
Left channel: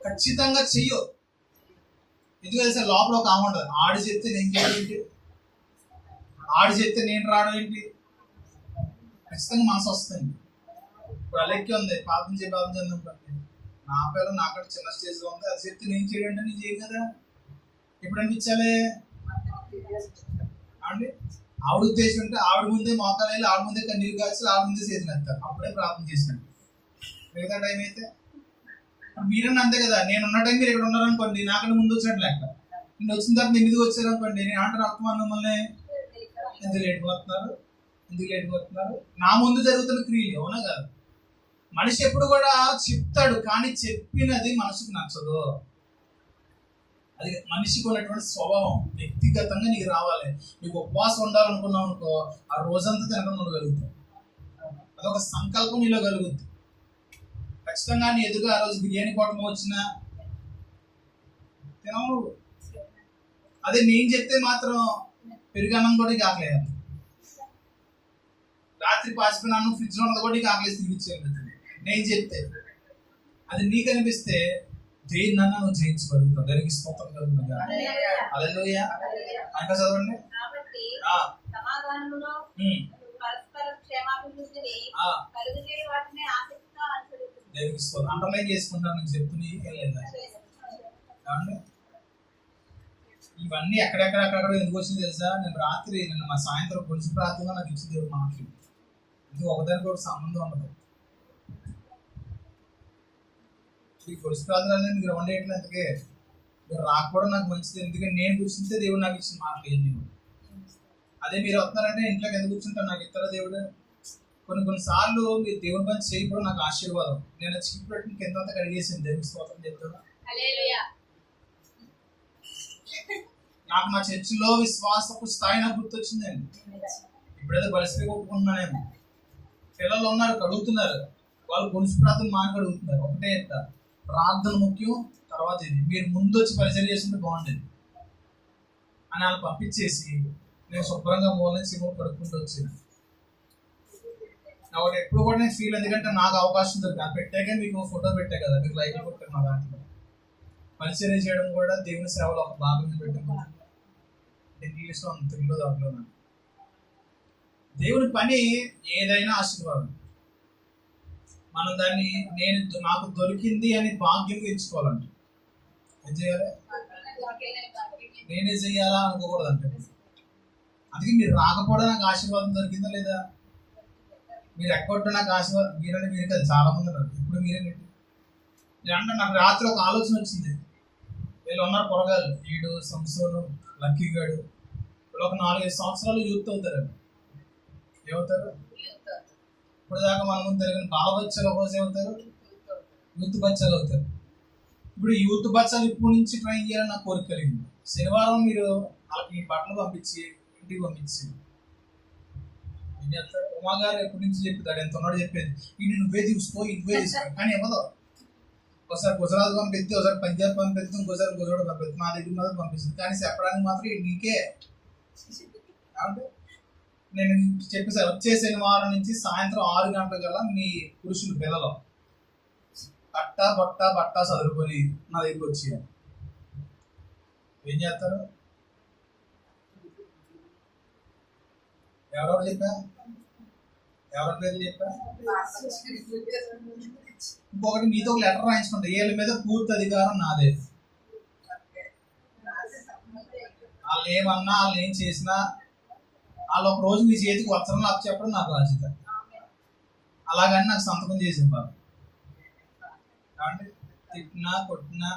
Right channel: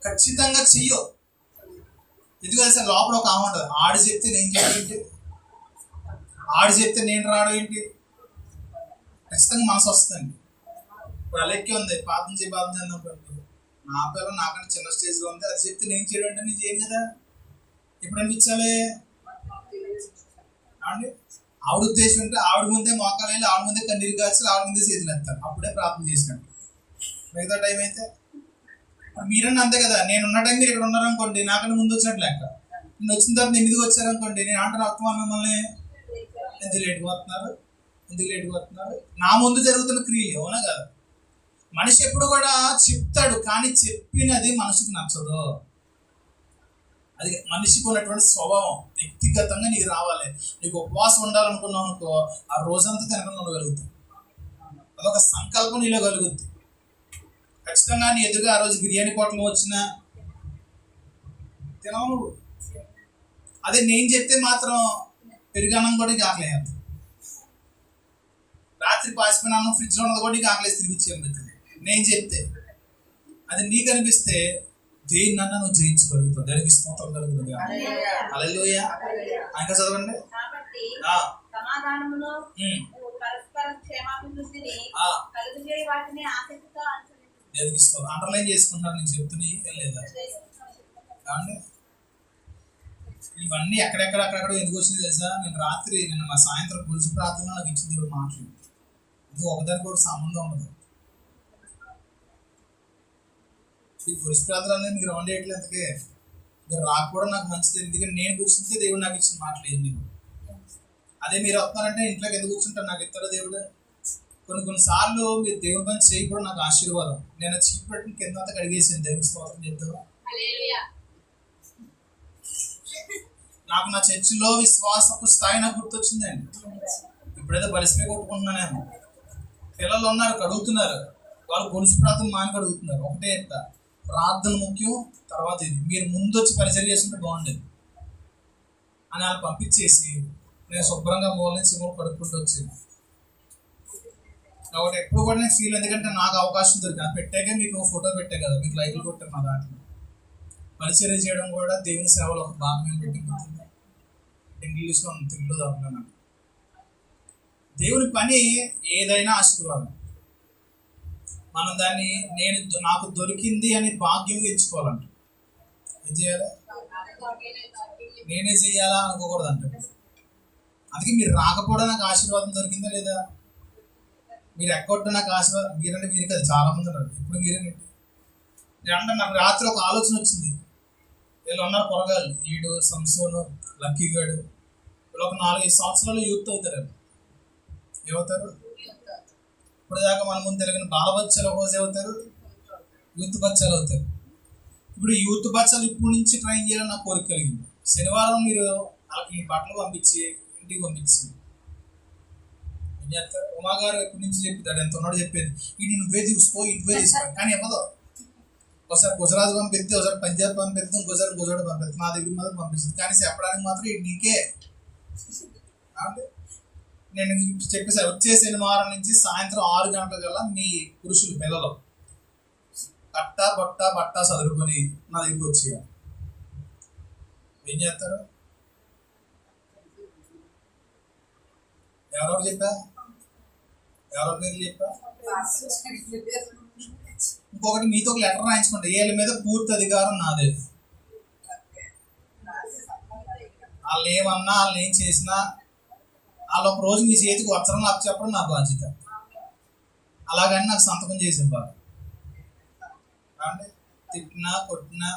ఖచ్చితంగా చెయ్యు. ఎందుకు తెలుసా? లోపల ఒక ఆమె ఉంటుంది, ఆడు చెప్తే నేను చేయడం ఏంటి, ఆడు చెప్తే నేను రావడం ఏంటి, ఖచ్చితంగా మనసు వస్తుంది. ఇప్పుడు అలెక్కి ఉంది, ప్రార్థన చేద్దాం, నా పిల్లలు నాకంటే చిన్న స్టేజ్లో ఉంది, అది చెప్తే నేను చేయడం అంటే నేను చేయను కదా. ఎప్పుడు అనిపించాలి అండి? ఆవిడ ఉద్దేశం ఉంటే ఆవిడ ముందే మోకాలు వెళ్ళి, ఆవిడ ముందే కన్నీరు కాల్చి, ఆవిడ ముందే చేతులు ఎత్తారు, అప్పుడే ప్రార్థన చేసినాను. మిగతా టైం అయితే మీరన్నా అంతే కదా. నేను ఉన్న టైం మీరు ఇక్కడ ఉన్నారనుకోండి, నాకన్నా ముందు వచ్చినట్టు లెక్క. నేను వచ్చిన తర్వాత 8కి వచ్చారనుకోండి, నేను అంటే అర్థం మిమ్మల్ని ఎందుకు లేట్గా వస్తున్నారు, నా ముందు జరుగుతున్న క్రియలు. అవునా కదా? మనిషి ఎప్పుడు కూడా చెప్తాడు, కానీ చెప్పినది మనసుకు నచ్చదు. అది మనిషికి ఉన్నటువంటి స్వభావం. వ్యక్తిగతంగా నీకు రావాలి. నీకు ఉపవాసం ఉండాలనుకున్నావు అనుకో, ఆ రోజంతా తినకుండా ఉండగలుగుతావు. అదొక సంకల్పం నీలో కలుగుద్ది. ఖచ్చితంగా నీ ఎదురుగా ఆ రోజు బిర్యానీ పొట్లం వచ్చినా తినవు నువ్వు. అదే నేను చెప్తే మాత్రం పెరుగన్నం కూడా కాకలేదు, రాత్రి పాసిపోయిన అన్నం ఫ్రిడ్జ్లో ఉన్నది కూడా నీకు ఆకలేసి తిరిగిచ్చేది. నేను చెప్తే అది నీకు అనిపిస్తే దేన్నన్నా నువ్వు జయించగలుగుతావు. దానికి స్తోత్రం కలుగుతుంది. హల్లెలూయా. ఇంకా చదవండి. దేవునికి స్తోత్రం. అండర్లైన్ చేసుకుంటాను నేను చెప్తున్నా లేదా కావండి. ఇవన్నీ అక్కడెక్కడ ఎందుకు వచ్చింది తెలుసా? నిన్న మా సాయంత్రం పులుసు ప్రార్థనలో నాకు ఇచ్చిన దేవుడు మాటలు. ఇది ఒకదానికి కూడా సంబంధం ఉండదు. ఈ పులుసు ప్రార్థనలు మీకు రౌండ్ వేయట్లేదు. అందుకే మీరు రాకపోవడం నాకు మంచిది. ఎందుకంటే నేను కూర్చుంటే దేవుడు నాకు ఇచ్చిన మాటలు ఏంటి. అదే మీరు వస్తున్నారంటే ఇంట్లోకి ఎందుకు కూర్చుంటారు? నాకు ఇస్తారా దేవుడు? కొన్నిసార్లు మీరు దేవుని పని చేయకపోవడం నాకు ఆశీర్వాదం. నేను చీపు పెట్టిన కింద అంతా కడిగేసాను. దేవుని స్తోత్రం చెప్తారా? నాకు నా చర్చిలో విశ్వాసపు స్థాయి నాకు గుర్తొచ్చిందండి. ఇప్పుడైతే బలిసిపోయి కొట్టుకుంటున్నానేమో. పిల్లలు ఉన్నారు, కడుగుతున్నారు, వాళ్ళు గొలుసు ప్రార్థన మాని కడుగుతున్నారు. ఒకటే ఎత్త ప్రార్థన ముఖ్యం, తర్వాత ఇది మీరు ముందు వచ్చి పరిచయం చేస్తుంటే బాగుండేది అని వాళ్ళు పంపించేసి నేను శుభ్రంగా మూల నుంచి కడుక్కుంటూ వచ్చాను. కాబట్టి ఎప్పుడు కూడా నేను ఫీల్, ఎందుకంటే నాకు అవకాశం దొరికింది. అది పెట్టాకే మీకు ఫోటో పెట్టే కదా, మీకు లైక్లు కొట్టారు. నా దాంట్లో పరిచయం చేయడం కూడా దేవుని సేవలో ఒక భాగం పెట్టింది. ఇంగ్లీష్లో ఉంది, తెలుగులో దాంట్లో. దేవుని పని ఏదైనా ఆశీర్వాదం. మనం దాన్ని నాకు దొరికింది అని భాగ్యంగా ఎంచుకోవాలంట. ఏం చేయాలి? నేనే చెయ్యాలా అనుకోకూడదు అంటే. అందుకే మీరు రాకపోవడం నాకు ఆశీర్వాదం దొరికిందా లేదా? మీరు ఎక్కొట్టు నాకు ఆశీర్వాదం మీరంటే మీరు కదా, చాలా మంది ఉన్నారు. ఇప్పుడు మీరేంటి అంటే నాకు రాత్రి ఒక ఆలోచన వచ్చింది. వీళ్ళు ఉన్నారు పొరగాళ్ళు, ఈడు, సంసోను, లక్కీగాడు, వీళ్ళు ఒక 4-5 సంవత్సరాలు యూత్ అవుతారు. ఏమవుతారు? ఇప్పుడు దాకా మన ముందు తిరిగిన బాలబచ్చాలు ఒకరోజు అవుతారు, యూత్ బచ్చాలు అవుతారు. ఇప్పుడు యూత్ బచ్చాలు ఇప్పుడు నుంచి ట్రైన్ చేయాలని నాకు కోరిక కలిగింది. శనివారం మీరు వాళ్ళకి బట్టలు పంపించి ఇంటికి పంపించి ఏం చేస్తారు? ఉమా గారు ఎప్పటి నుంచి చెప్తాడు, ఎంత ఉన్నాడు చెప్పేది, ఇది నువ్వే తీసుకో నువ్వే తీసుకో, కానీ ఇవ్వదు. ఒకసారి గుజరాత్ పంపిస్తే, ఒకసారి పంజాబ్ పంపిస్తాం, ఒకసారి గుజరాత్ పంపిస్తాం, మా దగ్గర మాత్రం పంపిస్తుంది, కానీ చెప్పడానికి మాత్రం ఇది నీకే. కాబట్టి నేను చెప్పేసాను, వచ్చే శనివారం నుంచి సాయంత్రం 6 గంటల కల్లా మీ పురుషులు పిల్లలు బట్ట చదువుకొని నా దగ్గరికి వచ్చేయాలి. ఏం చేస్తారు? ఎవరెవరు చెప్పా? ఎవరి పేర్లు చెప్పా? ఇంకొకటి, మీతో ఒక లెటర్ రాయించుకోండి, వీళ్ళ మీద పూర్తి అధికారం నాదే. వాళ్ళు ఏమన్నా, వాళ్ళు ఏం చేసినా, వాళ్ళు ఒక రోజు మీ చేతికి వస్త్రం నాకు చెప్పడం నా బాధ్యత. అలాగని నాకు సంతకం చేసి ఇవ్వాలి. కాబట్టి తిట్టినా కొట్టినా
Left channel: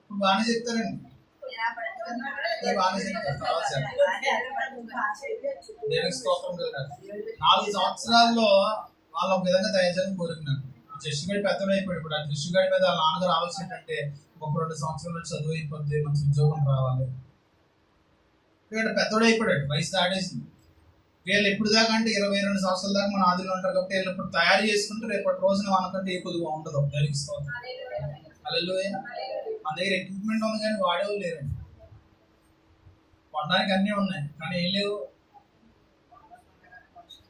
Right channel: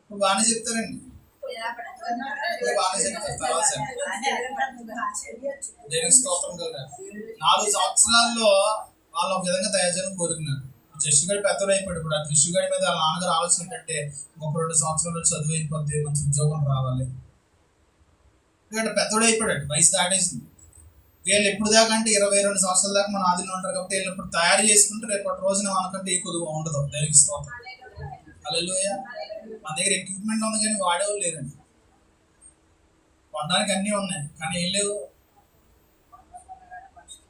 ఇప్పుడు బాగానే చెప్తారండి, బాగానే చెప్తారు. తర్వాత దేవునికి స్తోత్రం కదా. 4 సంవత్సరాల్లో వాళ్ళు ఒక విధంగా తయారు చేయాలని కోరుకున్నారు. జస్సుగాడి పెద్దలు అయిపోయాడు. ఇప్పుడు ఆ జస్సుగాడి మీద వాళ్ళ నాన్నగారు ఆలోచన ఏంటంటే, ఒక 2 సంవత్సరాలు చదువు అయిపోద్ది, మంచి ఉద్యోగం రావాలి. ఇక్కడ పెద్దోడు అయిపోయాడు, వయసు దాటేసింది. వీళ్ళు ఎప్పుడు దాకా అంటే 22 సంవత్సరాల దాకా మన ఆదిలో ఉంటారు. కాబట్టి వీళ్ళు ఇప్పుడు తయారు చేసుకుంటే రేపటి రోజున మనకంటే ఏ కొద్దిగా ఉండదు. దేవునికి స్తోత్రం. హల్లెలూయా. మన దగ్గర ఎక్విప్మెంట్ ఉంది కానీ వాడేవాళ్ళు లేరండి. కొనడానికి అన్నీ ఉన్నాయి కానీ ఏం లేదు.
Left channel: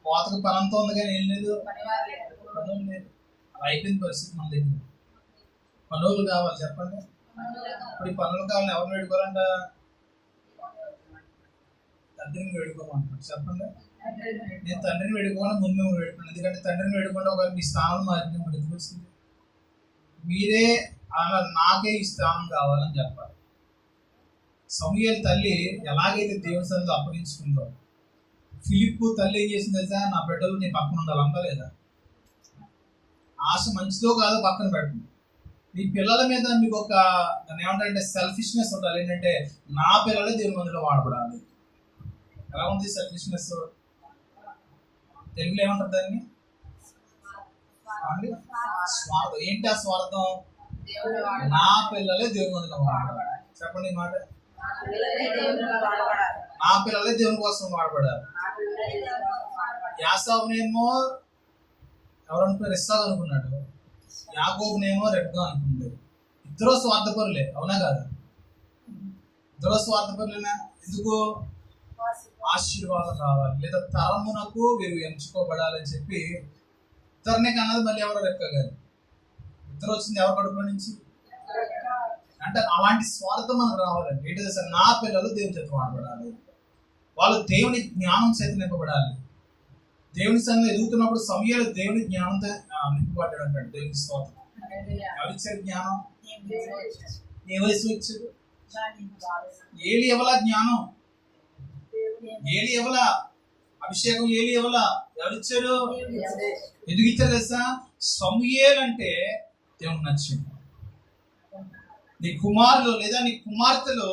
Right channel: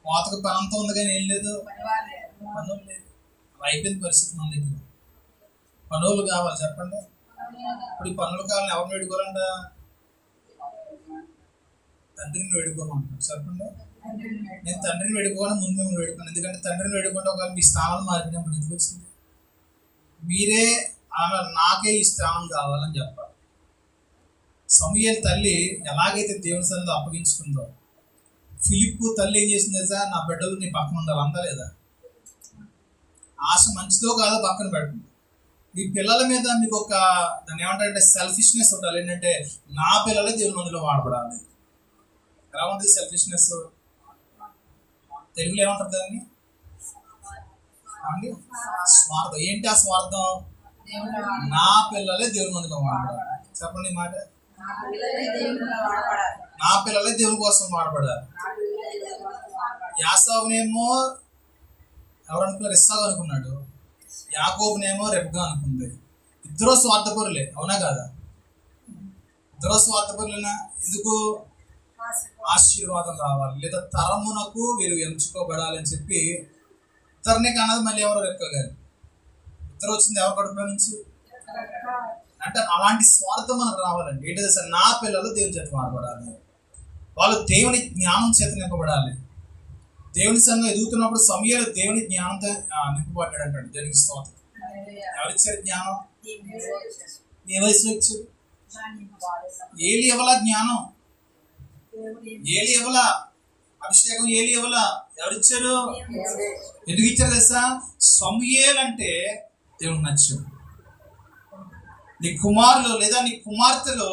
కోతకు పనంతో ఉంది కానీ ఏం లేదు, పనులు లేదు. అయిపోయింది పరిస్థితి మన దగ్గర. పనులు కావాలి, చెప్పండి. ఇప్పుడు ఈ పనులు కావాలని ఎవరిని వేడుకోవాలంట? తండ్రిని వేడుకోమంటారు. చెప్పండి. నేను తండ్రిని వేడుకోవాలని ముందు మేము వేడుకోను. ఎందుకంటే తండ్రిని వేడుకుంటే ఒకవేళ మీ స్థానం మారినప్పుడు ఎందుకు వచ్చింది? మీరే నాకే ఈ స్థానం కావాలని చెప్పాలి. సమూయేలు తల్లి ఎలాగైతే దేవుని సన్నిధిలో అప్పగించుకుందో, ఫిలిప్పు తల్లి ఏం చేసింది తెలుసా? నా బిడ్డలు నీ పక్కన ఉండాలి అందా లేదా? ఆశ మంచిదో కాదో పక్కన పెట్టండి. మీ పిల్లల మీద మీకు ఒక దాన్ని ఏమంటారంటే సెల్ఫిష్నెస్ ఉండాలి. ఏంటంటే నా పిల్లలే దేవుని మందిలో వాడబడాలి. ఎలా ఉంటుంది సెల్ఫిష్నెస్? తెలుగులో ఏమంటారు దాన్ని? స్వార్థం. ఏంటి ఆ స్వార్థం? నా పిల్లలే దేవుని మందిలో వాడబడాలి. చెప్పండి ఈ మాట. నా పిల్లలే దేవుని కోసం వాడబడాలి. యాసావునేమో ఎవరు అనుకున్నారు? ఇస్సాకు అనుకున్నాడు. యాకోబునేమో రెబ్కా అనుకుంది. ఇద్దరు స్వార్థపరులే, అవునా కాదా? ఇద్దరు స్వార్థపరులేనా? ఎందుకు? ఆశీర్వాదం కావాలి, లేదా తరమునకు వీరు ఎంచుకోబడాలని చెప్పి ఇద్దరినే కన్నది మళ్ళీ ఎవరో రెబ్కా గారు. ఇద్దరు వచ్చింది ఎవరి కడుపులో నుంచి? అంటే అలాంటి స్వార్థం మనకు రావాలండి. ఏంటి తెలుసా? నా పిల్లలు దేవుని చేత వాడబడాలి, వాళ్ళు దేవుని జ్ఞానం చేత నింపబడాలి. దేవుని సంఘం ఎదుగుతున్నప్పుడు సమూయేలు దేవుని జ్ఞానంతో నింపబడ్డాడు అంటాడు. దేవునికి స్తోత్రం. ఎవరిచ్చారు జ్ఞానం? ఏ వయసులో ఇచ్చారు? ఏలి ఎవలా జ్ఞానం? ఏలి ఎవలా అభిషేకం? ఏలి ఎవలా? ఎవరిచ్చారు? ఎందుకు ఇచ్చారు తెలుసా? సమూయేలు అంటే దేవునికి నచ్చాడు. నీ కుమారులు లేదా నీ కుమార్తెలు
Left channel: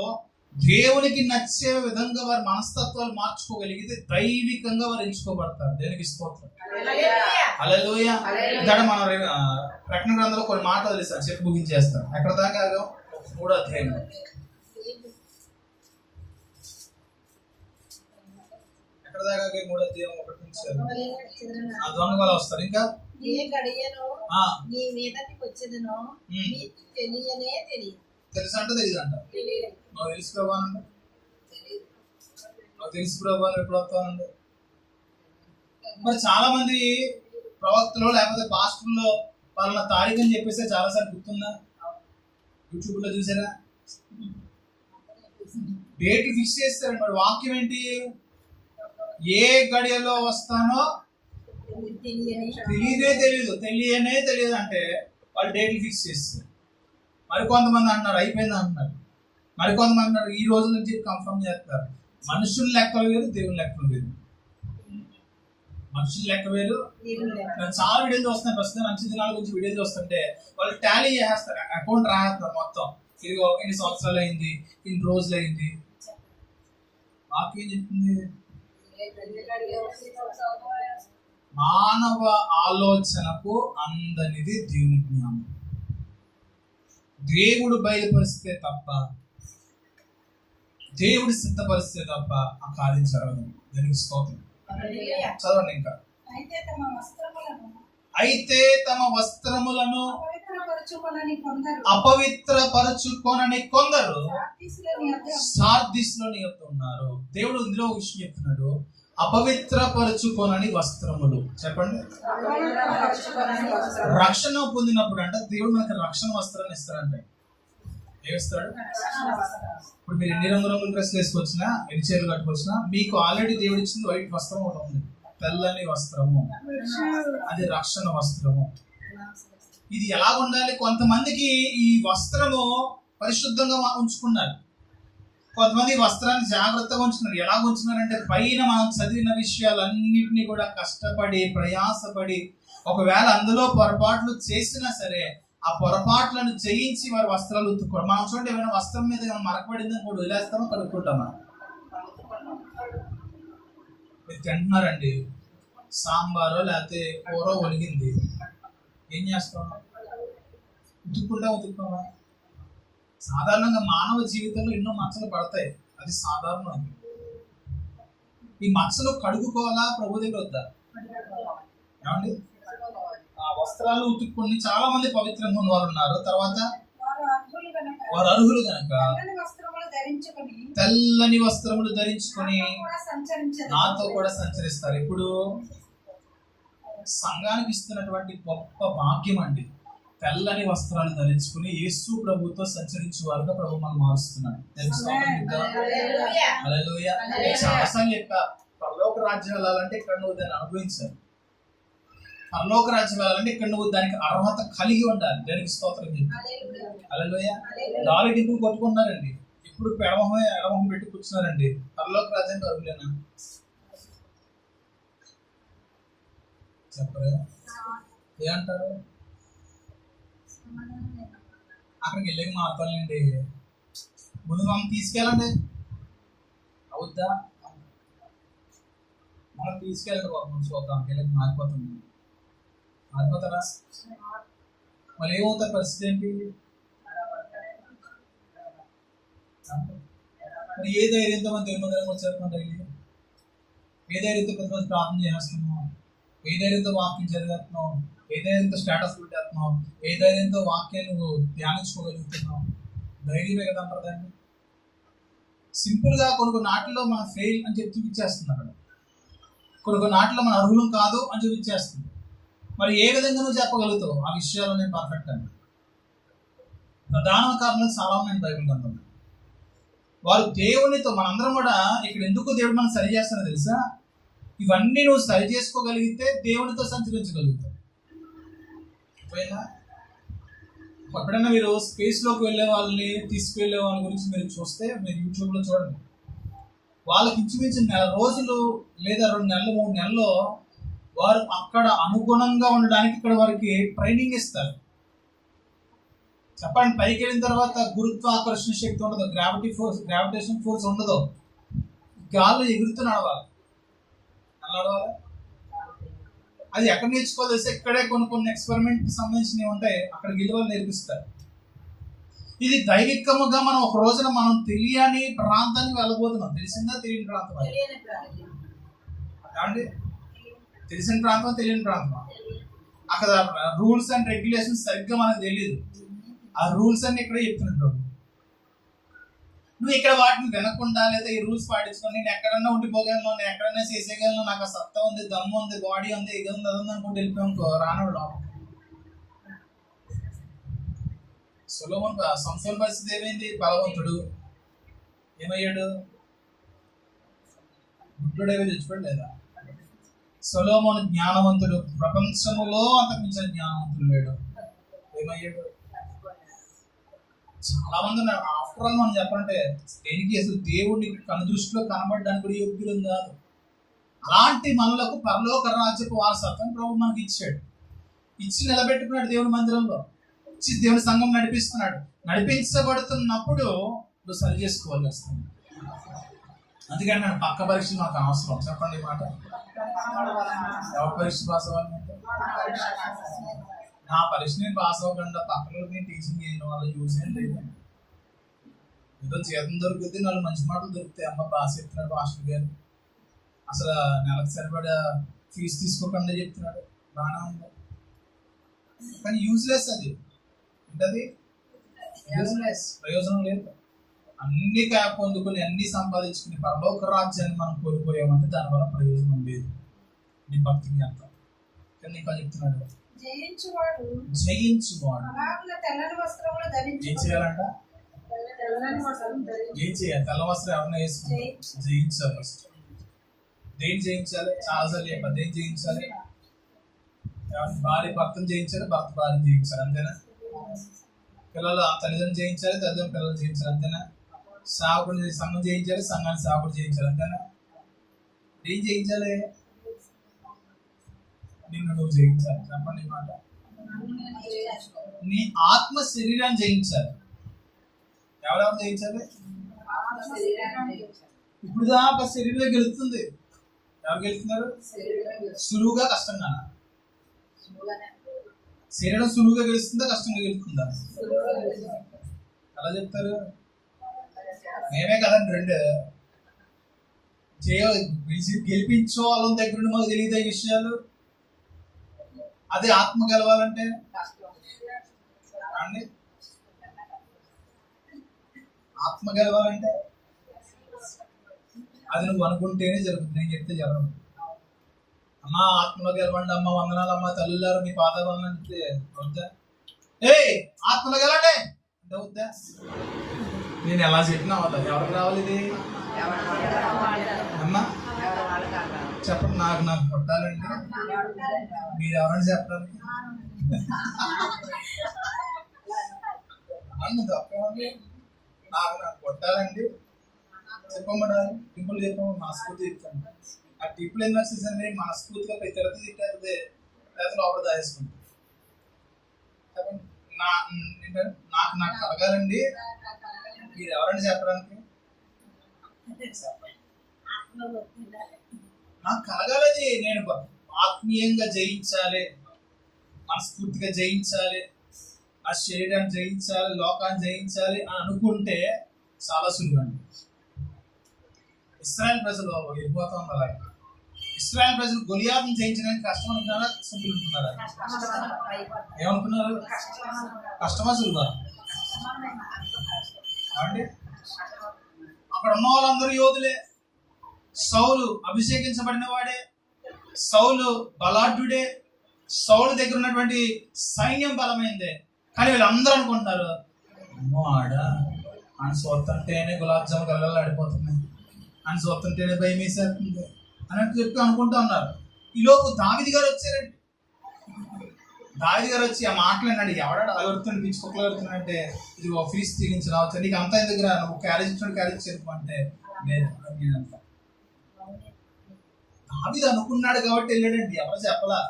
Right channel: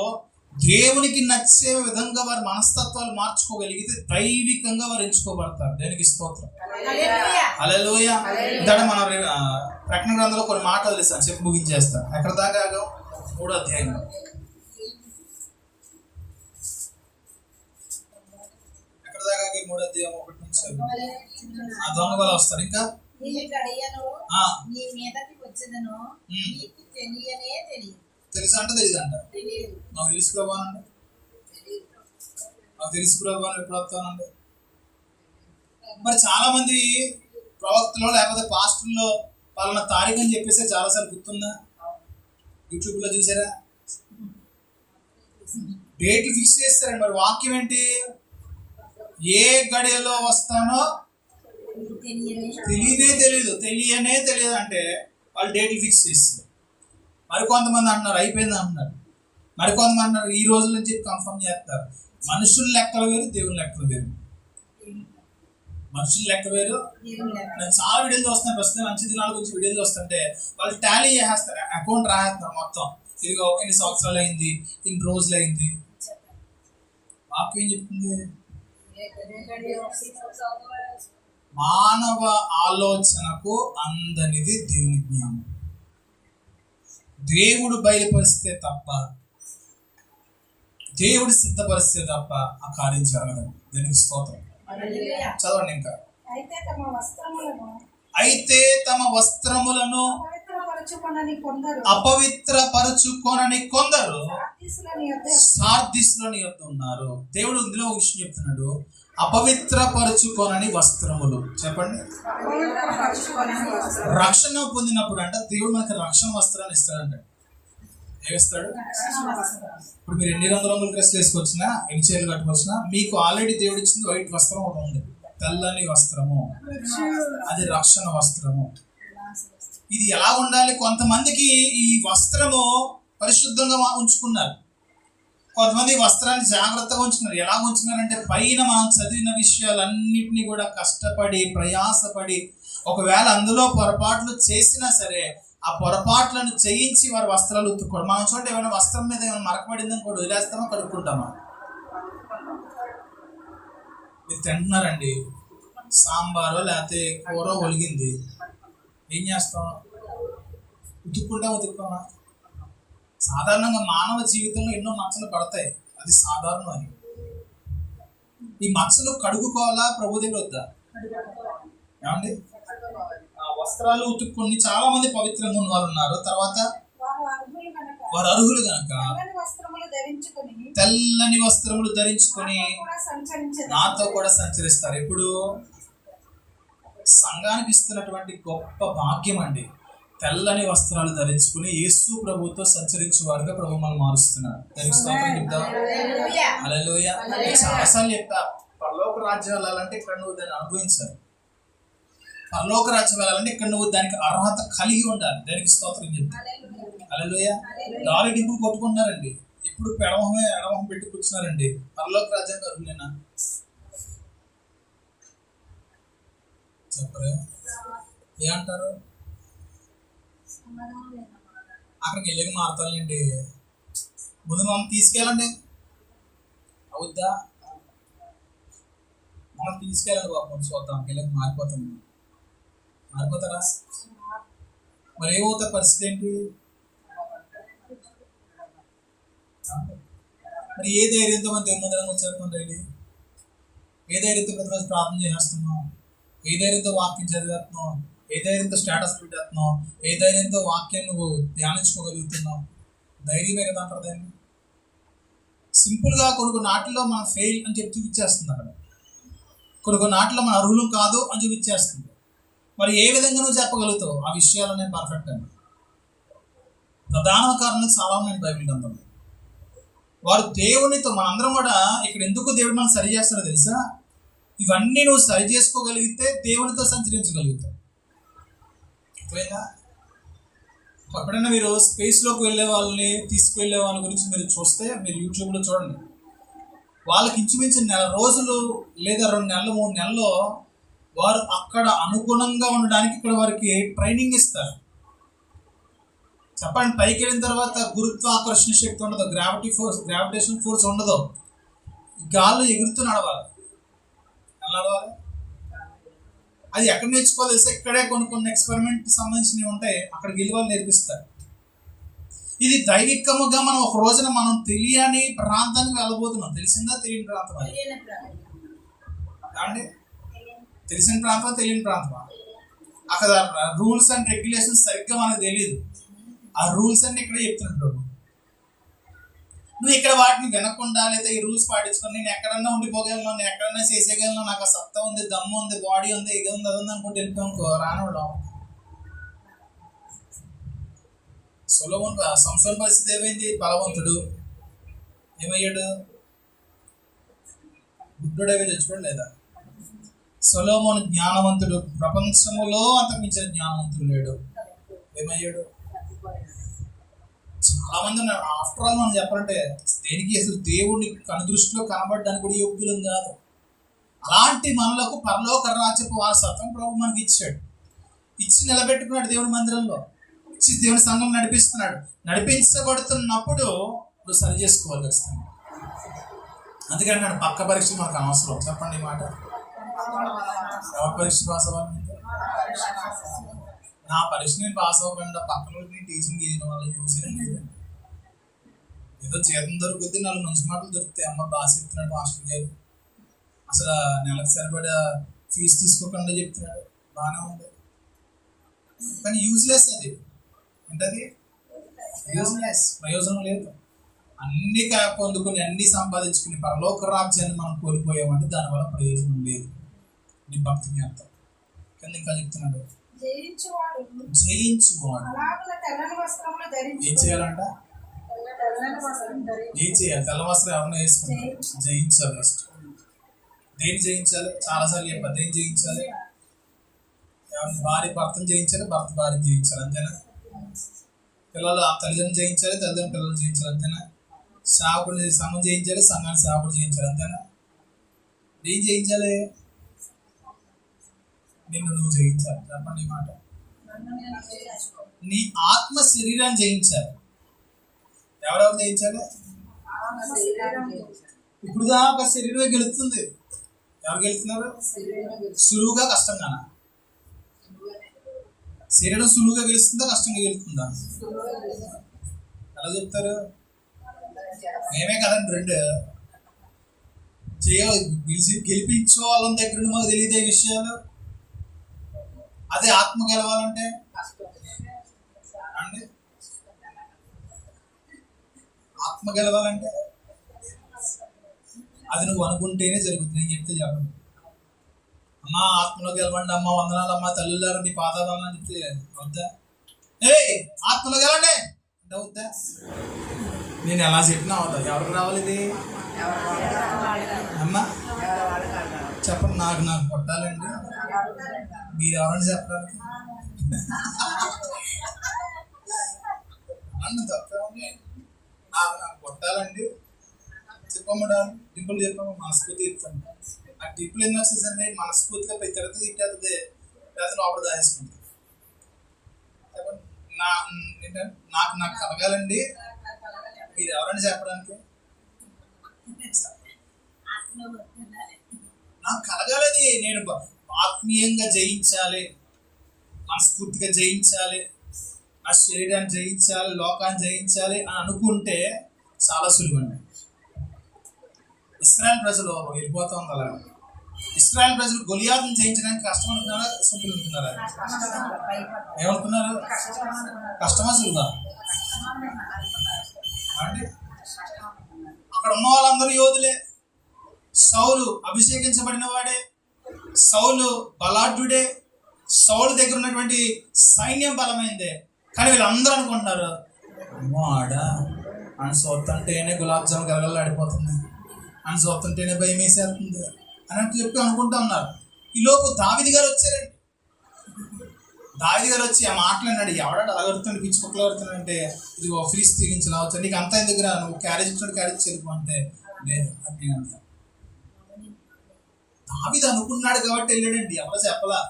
దేవునికి నచ్చే విధంగా వారి మనస్తత్వాలు మార్చుకోగలిగితే దైవికంగా వారు ఎంచుకోబడతారు. దేవునికి స్తోత్రం. హల్లెలూయా. ఇందాక మనం ప్రకటన గ్రంథంలో కొన్ని మాటలు తెలిసాను, చెప్పి ముగించేస్తాను. ఎక్కడ దాకా? 3వ అధ్యాయం. ఎక్కడ దాకా? 3వ అధ్యాయం 1 నుంచి. ఆ దొంగ వాళ్ళు వస్తారు. ఇంకా తెలుసా అంటే తెలియదంట. నాకు తెలుసు ప్రభా అండి, నాకు తెలుసు ప్రభా ఎప్పుడు వస్తానండి. మరి చాలా మంది ప్రవక్తలో లేకపోతే పాస్టర్లో వాళ్ళ తారీఖు అని చెప్పేసి చాలాసార్లు గుర్తుందా? యూట్యూబ్లో చూసారా? డేట్లు ఫిక్స్ చేస్తారండి. మరి వాక్యం ఏంటి? ఏ గడియలో వస్తానో తెలియనే తెలియదు అంటే వాళ్ళు డేట్లు ఫిక్స్ చేస్తారు. మరికొంతమంది అంటున్నారు అయిపోయింది అంటున్నారు, మరికొంతమంది అంటున్నారు ఈ రోజుల నుంచి కన్ఫర్మ్ చేస్తారు. మనుషుల లెక్కలు వేరు, దేవుని లెక్కలు వేరు. మనుషుల లెక్క వేరు. నేను చాలా వీడియోలు చూస్తున్నాను ప్రస్తుతం, మంచి దినాల గురించి వీడియోలు చూస్తుంటే వాళ్ళు టాలీ చేసేస్తారు, అకౌంట్ రాసేస్తారు మొత్తం. ఇదిగో ఇన్ని సంవత్సరాలు అయింది, ఇన్ని రోజులు అయింది. వాక్యం ఏం చెప్తుంది? మానవ ఆలోచనకు అందనిది దేవుని జ్ఞానం. దేవుడు బయలుపరిస్తే తప్ప, దేవుడు సిద్ధపరిస్తే తప్ప ఆ కార్యం జరగదు. దానికి స్తోత్రం. చదవండి ఇంకా. అయితే తమ వస్త్రములను అపవిత్రపరచుకొనని కొందరు సార్దిస్లోని యొద్ద ఉన్నారు. దేవుడు ఇందులో ఒక విషయం చెప్తున్నాడు, అపవిత్రపరచుకొనని వస్త్రములు. చెప్పండి. రక్షణ పొందినప్పుడు అంట దేవుడు మనకి రక్షణ వస్త్రాన్ని ఇస్తాడంట. ఏమిస్తాడు? ఇప్పుడు మీరు ఎన్ని రంగురంగుల డ్రెస్లు వేసుకొచ్చినా, ఎన్ని చీరలు కట్టుకొచ్చినా, మీకు ఆల్రెడీ దేవుడు ఇచ్చింది వైట్ వస్త్రం ఒకటి ఉంది, తెల్లని వస్త్రము. అది రక్షణ వస్త్రము. ఇది ఎలా ఉండాలి? కొంతమందికి ఈ వస్త్రము పరిశుద్ధంగా ఉంచుకున్నారు, కొంతమంది వస్త్రాన్ని జాగ్రత్తగా ఉంచుకున్నారు. ఎలా ఉంచుకున్నారంటే పైన మనం చదివిన విషయాలన్నింటినీ కూడా కష్టపడి ప్రయాసపడి, ఒకవేళ అందులో పొరపాట్లు చేసినా సరే ఆ పొరపాట్లను జయించి వారి వస్త్రాలు ఉతుక్కోవడం. మనం చూడండి, ఏమైనా వస్త్రం మీద ఏమైనా మరకబడిందని కూడా వదిలేస్తామో కడుక్కుంటామా? మీరు తింటున్నారండి, సాంబారో లేకపోతే కూర ఒలిగింది, ఏం చేస్తాం? ఉతుక్కోమా? సాధారణంగా మానవ జీవితంలో ఎన్నో మచ్చలు పడతాయి, అది సాధారణం. అని ఈ మచ్చలు కడుగుకోవాలా? ప్రభు దగ్గర వద్దా? ఏమండి? ఆ వస్త్రాలు ఉతుక్కొని చాలా మంది పవిత్రంగా ఉన్న వాళ్ళు ఉన్నారు. తర్వాత వారు అర్హులు గనక తెల్లని వస్త్రములు ధరించుకొని నాతో కూడా సంచరిస్తారు. ఇప్పుడు సంఘానికి ఇస్తున్నటువంటి గొప్ప భాగ్యం అండి, తెల్లని వస్త్రాలు ధరించుకుని యేసు ప్రభుతో సంచరించే వారుగా ప్రభు మనం మారుస్తున్నాడు. హల్లెలూయా. చాలాసార్లు చెప్పా, పరలోక రాజ్యం వెళ్ళాలంటే ఇక్కడ నువ్వు దాన్ని అనుభవించాలి. పరలోక రాజ్యం వెళ్ళాలంటే ఇక్కడ నువ్వు దానికి అర్హత కలిగి ఉండాలి. దానికి స్తోత్రం చెప్తాను. హల్లెలూయా. లారీ డింపులు కొట్టుకుంటున్నారండి, ఇప్పుడు ఎడమొహం పెట్టి కూర్చున్నారండి. పరలోక రాజ్యానికి అర్హులేనా? చెప్పరే, ఏమంటారు? అక్కడికి వెళ్ళి మారుతానండి. ముందు మమ్మల్ని తీసుకెళ్ళండి, అవుద్దా? మనం తీసుకెళ్ళండి బాబు, చూద్దాం. వెళ్ళి మారిపోతారా? మరి ఏమవుతారు? పరిస్థితి ఏంటి? మరి ఏ ధైర్యంతో మనం దేవుని మందిరం వచ్చేస్తున్నాం? డైలీ ఏ ధైర్యంతో ప్రతిరోజు ప్రార్థన చేస్తున్నాం? ఏ ధైర్యంతో వాక్యం చదివేస్తున్నాం? ఏ ధైర్యంతో స్టేటస్ పెట్టేస్తున్నావు? ఏ ధైర్యంతో వాక్యాన్ని నువ్వు ధ్యానించుకోగలుగుతున్నావు? ధైర్యమే కదా అంటారు దాన్ని. సింపుల్గా కొన్ని నాటిలో మనం ఫెయిల్ అని చెప్పి చూపించేస్తుంది, అక్కడ కొన్ని నాటిలో మన అర్హులం కాదు అని చూపించేస్తుంది. మరి ఏ విధంగా నువ్వు చెప్పగలుగుతావు ఆ విషయాలు? నేను పర్ఫెక్ట్ అండి. ప్రధాన కారణాలు చాలా ఉన్నాయి బైబిల్ గ్రంథంలో. వారు దేవునితో, మనందరం కూడా ఇక్కడ ఎందుకు దేవుడు మనం సరి చేస్తారో తెలుసా? ఇవన్నీ నువ్వు సరి చేసుకోగలిగితే దేవునితో సంచరించగలుగుతావు. ఎప్పుడైనా మీరు స్పేస్లోకి వెళ్ళే వాళ్ళని తీసుకువెళ్ళే వాళ్ళ గురించి మీరు చూస్తే, మీరు యూట్యూబ్లో చూడండి, వాళ్ళకి ఇంచుమించు 4 రోజులు లేదా 2 నెలలు 3 నెలల్లో వారు అక్కడ అనుగుణంగా ఉండడానికి ఇక్కడ వారికి ట్రైనింగ్ ఇస్తారు. చెప్పండి, పైకి వెళ్ళిన తర్వాత గురుత్వాకర్షణ శక్తి ఉండదు, గ్రావిటేషన్ ఫోర్స్ ఉండదు, గాల్లో ఎగురుతూ నడవాలి. ఎలా నడవాలి? అది ఎక్కడ నేర్చుకోవాలి? ఇక్కడే కొన్ని ఎక్స్పెరిమెంట్కి సంబంధించినవి ఉంటాయి, అక్కడికి వెళ్ళి వాళ్ళు నేర్పిస్తారు. ఇది దైవికముగా మనం ఒక రోజున మనం తెలియని ప్రాంతానికి వెళ్ళబోతున్నాం. తెలిసిందా? తెలియని ప్రాంతం. అండి, తెలిసిన ప్రాంతం, తెలియని ప్రాంతం. అక్కడ రూల్స్ అండ్ రెగ్యులేషన్స్ సరిగ్గా మనకు తెలియదు. ఆ రూల్స్ అన్ని ఇక్కడే చెప్తున్నాడు ప్రభు. నువ్వు ఇక్కడ వాటిని వినకుండా లేదా ఈ రూల్స్ పాటించుకొని నేను ఎక్కడన్నా ఉండిపోగలను, నేను ఎక్కడన్నా చేసేయగలను, నాకు ఆ సత్తా ఉంది, దమ్ము ఉంది, బాడీ ఉంది, ఇది ఉంది, అది ఉంది అనుకుంటూ వెళ్ళిపోయానుకో, రానోడు. సంసోను పరిస్థితి ఏమైంది? బలవంతుడు ఏమయ్యాడు? బుద్ధుడేవో చచ్చిపోయాడు లేదా? సొలొమోను జ్ఞానవంతుడు, ప్రపంచంలో అంతకుమించిన జ్ఞానవంతుడు లేడు, ఏమయ్యాడు? చాలా మంది ఉన్నారు. ఆఫ్టర్ ఆల్ మనం చెప్పాలంటే దేనికి అసలు దేవుడిని కనుదృష్టిలో కనబడడానికి కూడా యోగ్యులం కాదు. అలాంటి మనలకు పరలోక రాజ్యపు వారసత్వం ప్రభు మనకి ఇచ్చాడు. ఇచ్చి నిలబెట్టుకున్నాడు దేవుని మందిరంలో, ఇచ్చి దేవుని సంఘం నడిపిస్తున్నాడు. నడిపించబడుతున్నప్పుడు నువ్వు సరి చేసుకోవాలి ఖచ్చితంగా. అందుకని నన్ను పక్క పరీక్షలు మనకు అనవసరం. చెప్పండి ఈ మాట. ఎవరి పరీక్ష పాస్ అవ్వాలి? నా పరీక్ష నేను పాస్ అవ్వకుండా పక్కన నేను టీచింగ్ చేయడం వల్ల యూజ్ ఏం లేదండి. ఏదో జీతం దొరుకుద్ది, 4 మంచి మాటలు దొరుకుతాయి. అమ్మ బాగా చెప్తున్నాడు మాస్టర్ గారు, అసలు నెలకు సరిపడా ఫీజు తీసుకోకుండా చెప్తున్నాడు, బాగానే ఉంది. కానీ యూజ్లెస్ అది. ఏంటది? యూజ్లెస్, ప్రయోజనం లేదు. అన్ని పొందుకొని అన్ని సంపాదించుకుని పరలోక రాజ్యాన్ని మనం కోల్పోయామంటే దానివల్ల ప్రయోజనం లేదు. నీ భక్తికి అర్థం కింద ఇంకా చెప్తున్నాడు, జయించువాడు ఏం చేయాలంట? ఏం చేయాలి? తెల్ల వస్త్రం ఎవరైనా వేసుకుంటారు, జయించాలి. ఫస్ట్ దేన్ని జయించాలి? చాలాసార్లు చెప్పాలి. దేన్ని జయించాలి? భార్య భర్తను జయించాలి, భర్త భార్యను జయించాలి, అంతేనా? పిల్లలు తల్లిదండ్రులు జయించాలి, తల్లిదండ్రులు పిల్లలు జయించాలి, అంతేనా? సేవకుడిని సంఘం జయించాలి, సంఘాన్ని సేవకుడు జయించాలి, అంతేనా? ఏం జయించాలి? నిన్ను నువ్వు జయించాలి. చెప్పండి ఈ మాట. నీ ఆత్మ శరీరాన్ని జయించాలి. ఎవరెవరు జయించాలి? ఇప్పుడు దాకా శరీరమే గెలుస్తుంది. ఎవరు గెలుతున్నారు? సులువుగా కష్టంగానా? శరీరం సులువుగా గెలుస్తుందా కష్టంగా గెలుస్తుందా? ఎలా చెప్తారు? మేమే కదండి రెండు గెలిపించే వాళ్ళ దగ్గర మాకు తెలియదు ఈ విషయాలు. అదే ఆత్మ గెలవాలంటే అండి, ఆత్మ గెలవాలంటే అది నువ్వు అనుకుంటేనే జరుగుతుంది. నేను చెప్తే జరగదు. అమ్మ ఆత్మలో గెలవండి, అమ్మ వందనాలు, అమ్మ తల్లులారు నీ పాదాలు అని చెప్తే వద్దా? ఆత్మలో గెలండి అంటే వద్దా? నేను ఎలా చెప్పినా అవుతా. ఎవరికి రావాలి ఇది? అమ్మా చెప్పండి. నాకు కొట్టాలండి, మీరు ఎవరండి చెప్పడానికి? తప్పేమండి? నాకు కొట్టాలండి, చెప్పమ్మా. టింపుల్ చెప్పాము, మనస్ఫూర్తి చెప్తాను. ఆ టిప్పులు ఏం వచ్చేసండి, మనస్ఫూర్తిగా ప్రతి తరగతి తిట్టేది లేదా లోపల దాచేసుకుంటుంది. చెప్పండి. నాకు కలగాలండి, మీరు ఎవరండి చెప్పడానికి? నాకు కలగాలని, నేను ఆత్మీయంగా జయించాలి, మనస్ఫూర్తిగా జయించాలి, నా శరీరాన్ని జయించాలి, లోకాన్ని జయించాలి అని అనుకుంటే చాలా సులువండి. ఇశ్రాయేల్ ప్రజలు వెళ్ళిపోతా ఉంది అలాగే. ఇశ్రాయేల్ ప్రజలు గొలియాతును జయించడానికి కష్టం అనుకున్నారా, సింపుల్ అనుకున్నారా? ఏమనుకున్నారు? కష్టమా సులువా అండి? అక్కడ ఉన్న వాళ్ళందరూ యోధులే. సౌలు అభిషేకించబడిన వాడే, సౌలు బలాఢ్యుడే, సౌలు దగ్గర ఉన్నటువంటి సైన్యం బలమైందే. కానీ వీళ్ళందరూ అనుకుంటున్నారు, అమ్మో ఆయన సొత్తంటేనే గులాబ్ జామ్ గలగలాడిపోతుంది, ఆయన సొత్తంటేనే భయం వేసేస్తుంది అన్నట్టు చెప్పి అనుకుంటా ఉన్నారు. ఈలోపు దావీదు గారు వచ్చారండి. దావీదు గారు వచ్చి ఆ మాటలు అన్నాడు, ఎవడాడు అలగడుతుంది, పిచ్చి కుక్కలు అడుగుతుందంటే ఇది ఫీజు తీగించి రావచ్చు, నీకు అంతా ఎందుకు రా, నువ్వు క్యారేజ్ ఇచ్చాడు క్యారేజ్ చేరుకు అంటే లేదు అని నేను అంతా. దావీదు అనుకున్నాడు కాబట్టి వెళ్ళాడండి, ఎవరో చెప్పలా.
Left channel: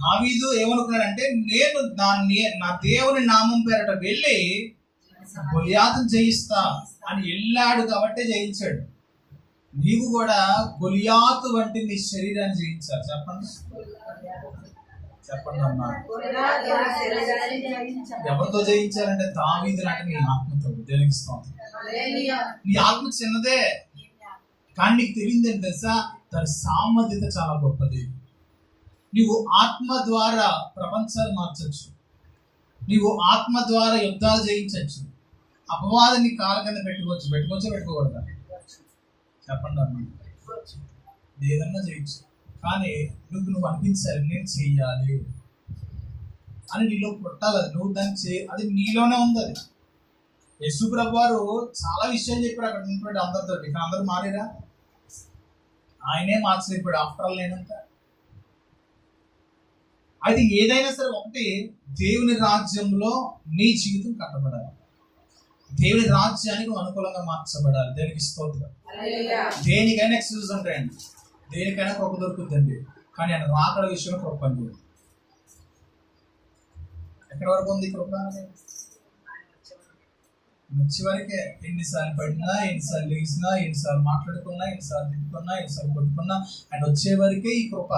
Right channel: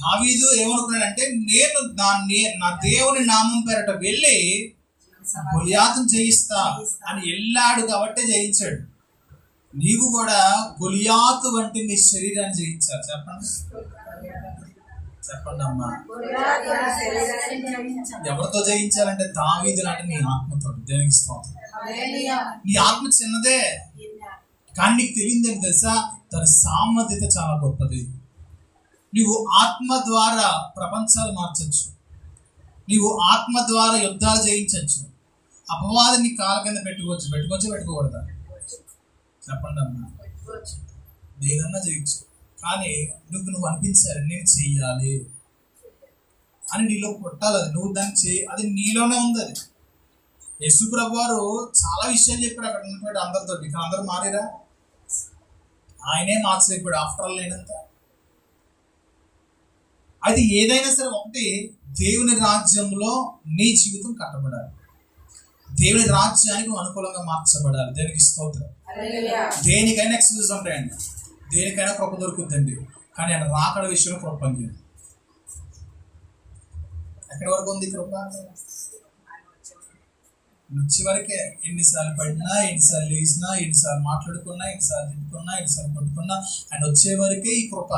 దావీదు ఏమనుకున్నాడంటే, నేను నా దేవుని నామం పేరట వెళ్ళి గొలియాతును జయిస్తా అని వెళ్ళాడు కాబట్టి జయించాడు. నీవు కూడా గొలియాతు వంటి నీ శరీరాన్ని జయించాలి. చెప్పండి అమ్మా. ఎవరితో జయించాలంటే దావీదు లాంటి నీ ఆత్మతో. దేనికి స్తోత్రం. నీ ఆత్మ చిన్నదే కానీ నీకు తెలియదని తెలుసా, దాని సామర్థ్యత చాలా గొప్పది. నీవు ఆత్మ ద్వారా ప్రపంచాలు మార్చచ్చు, నీవు ఆత్మ ద్వారా యుద్ధాలు జయించవచ్చు, అపవాదిని కాళ్ళ కింద పెట్టుకోకూడదా? చెప్పండి అమ్మా. ఏదన్నా చేయొచ్చు, కానీ నువ్వు అనిపించాలి నేను చెయ్యాలి అని నీలో కొట్టాలి. అది నువ్వు దాన్ని అది నీలోనే ఉంది. అది యేసు ప్రభు వారు చాలా విషయాలు చెప్పాడు అక్కడ ఉన్నటువంటి అందరితో. కానీ అందరూ మారేరా? ఆయనే మార్చలేకపోయాడు ఆఫ్టర్ ఆల్ లేనంత. అయితే ఏదైనా సరే ఒకటి, దేవుని రాజ్యంలో నీ జీవితం కట్టబడాలి, దేవుని రాజ్యానికి అనుకూలంగా మార్చబడాలి. దేనికి స్తోత్రం. దేనికైనా ఎక్స్క్యూజ్ ఉంటాయండి, దేనికైనా కృప దొరుకుతుందండి, కానీ ఆయన రాకడ విషయంలో కృప పనిచేయదు. ఎక్కడి వరకు ఉంది కృప? వచ్చే వరకే. ఎన్నిసార్లు పడినా, ఎన్నిసార్లు లేచినా, ఎన్నిసార్లు మాట్లాడుకున్నా, ఎన్నిసార్లు తిట్టుకున్నా, ఎన్నిసార్లు కొట్టుకున్నా, ఆయన వచ్చే వరకే ఈ కృప.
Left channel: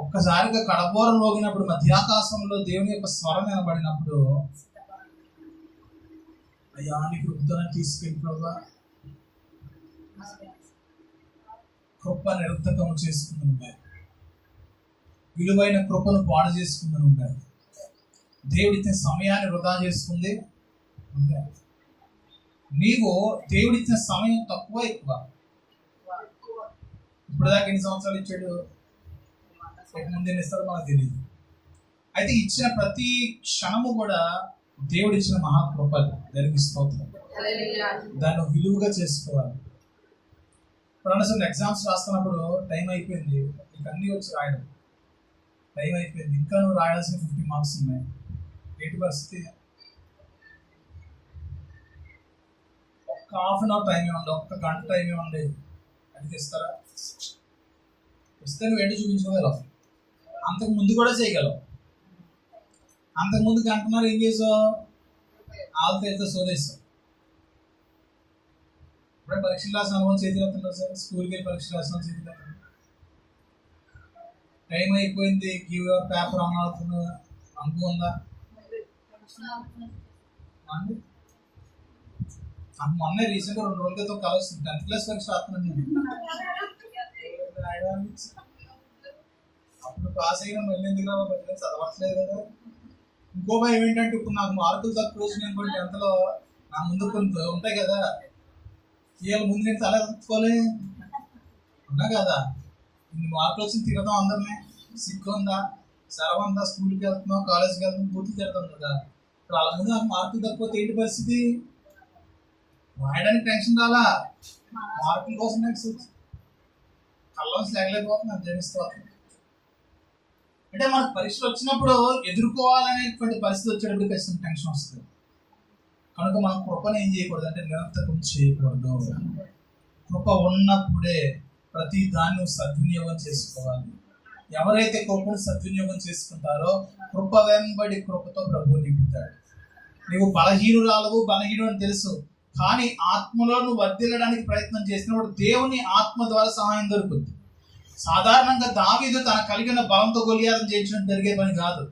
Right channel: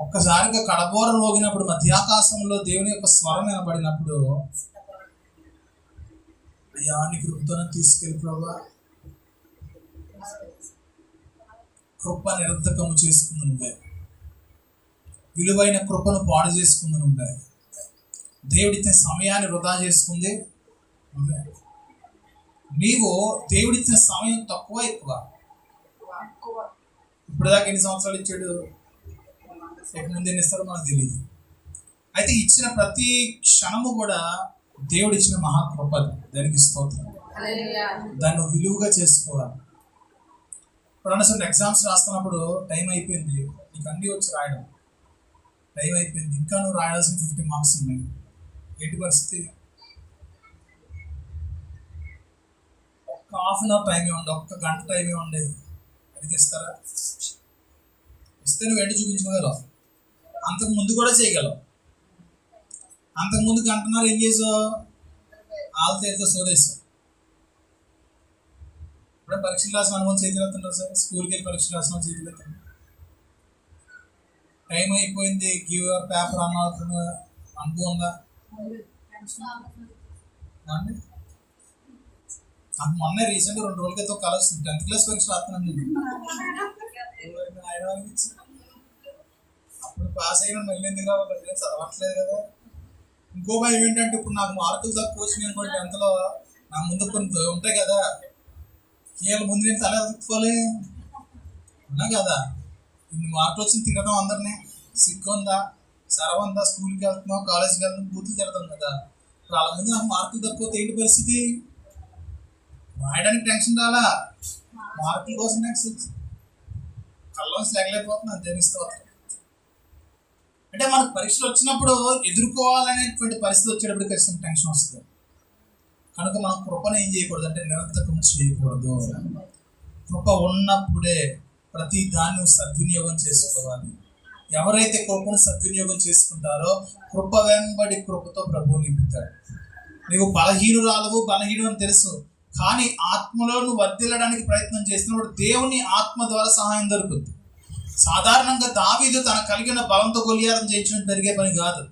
ఒక్కసారిగా కడబోరం మోగినప్పుడు మధ్యాకాశంలో దేవుని యొక్క స్వరం వినబడినప్పుడు, అయ్యా నీ కృపతోనే తీసుకెళ్ళి ప్రభా, కృప నిరర్థకము చేసుకుంది నువ్వే, విలువైన కృపను పాడు చేసుకుంది నువ్వే, దేవుడిచ్చిన సమయాన్ని వృధా చేసుకుంది నువ్వే. నీవు దేవుడిచ్చిన సమయం తక్కువ ఎక్కువ? ఇప్పుడు దాకా ఎన్ని సంవత్సరాలు ఇచ్చాడు? ఇక ముందు ఎన్ని ఇస్తాడో మనకు తెలియదు. అయితే ఇచ్చిన ప్రతి క్షణము కూడా దేవుడు ఇచ్చిన మహాకృప, దానికి స్తోత్రం. దాన్ని విలువగా చేసుకోవాలి. ఇప్పుడు అసలు ఎగ్జామ్స్ రాస్తున్నప్పుడు టైం అయిపోయింది, నీకు అన్నీ వచ్చి రాయడం టైం అయిపోయింది, ఇంకా నువ్వు రాయాల్సిన 50 మార్క్స్ ఉన్నాయి, ఏంటి పరిస్థితి? ఒక్క హాఫ్ అన్ అవర్ టైమే ఉండే, ఒక్క గంట టైమే ఉండే, అది ఇస్తారా? ఇస్తే నువ్వు ఏంటి చూపించుకోగలవు, అంతకు ముందు కూడా చేయగలవు. అంతకుముందు గంటన్నర ఏం చేసావు? ఆల్తో సోదేశావు. ఇప్పుడే పరీక్షలు రాసిన అనుభవం చేతులు ఎత్తుంటారు సార్, స్కూల్కి వెళ్ళి పరీక్షలు రాసిన చేతులు ఎత్తండి. టైం అయిపోయింది, గివ్ యువర్ పేపర్ అన్న అనుభవం ఉందా అండి? నాకు మొన్న రీసెంట్గా 2 రోజుల క్రితం కలుస్తుంది, 10th క్లాస్ పరీక్ష రాస్తున్నాను నేను. అప్పుడు పాస్ అయినా మళ్ళీ ఎందుకు రావాలి, చదవట్లేదు కదా. ఇంకో భయం ఏంటంటే, ఇప్పుడు నాకు మార్కులు తక్కువ వచ్చినాయి అనుకోండి 10thలో, నా ముందు కొన్ని ఉంటాయి కదా, వీళ్ళ ముందు నేను తల ఎత్తుకోలే ఉన్నా కదా. ఇన్ని మార్కులు వచ్చి తిరగదాం అందరినీ, సిగ్గు ఉందా, సెలవు ఉందా, స్కూల్కి వెళ్తున్నావు, కాలేజ్కి వెళ్తున్నావు, బూతులు తిడతాం కదా. ఇప్పుడు వాళ్ళ ముందు నాకు మార్కులు తక్కువ ఏంటి పరిస్థితి? రాయడానికి టెన్షన్ రాలా, మార్కుల కోసం టెన్షన్, కళ్ళలోంచి లేగలేకపోతున్నాను జనిస్తూ. అంటే మనకు పరీక్షలు వచ్చినప్పుడు ఎదుర్కోవాలనేటువంటి పరిస్థితి వచ్చేటప్పుడు ఖచ్చితంగా టెన్షన్ వస్తుంది. కనుక మనం కృపను ఏం చేయకూడదు అంటే నిరర్థకం చేయకూడదు. కృప ఉన్నప్పుడే ప్రతి దాన్ని సద్వినియోగం చేసుకోవాలి. ఎవరైతే కృపను సద్వినియోగం చేసుకుంటారో కృప వెంబడి కృపతో ప్రభువు నింపుతాడు. నీవు బలహీనురాలవు, బలహీనుడు అని తెలుసు, కానీ ఆత్మలో నువ్వు వర్ధిల్లడానికి ప్రయత్నం చేసినప్పుడు దేవుని ఆత్మ ద్వారా సహాయం దొరుకుతుంది. సాధారణంగా దావీదు తన కలిగిన బలంతో గొలియాతును జయించడం జరిగే పని కాదు.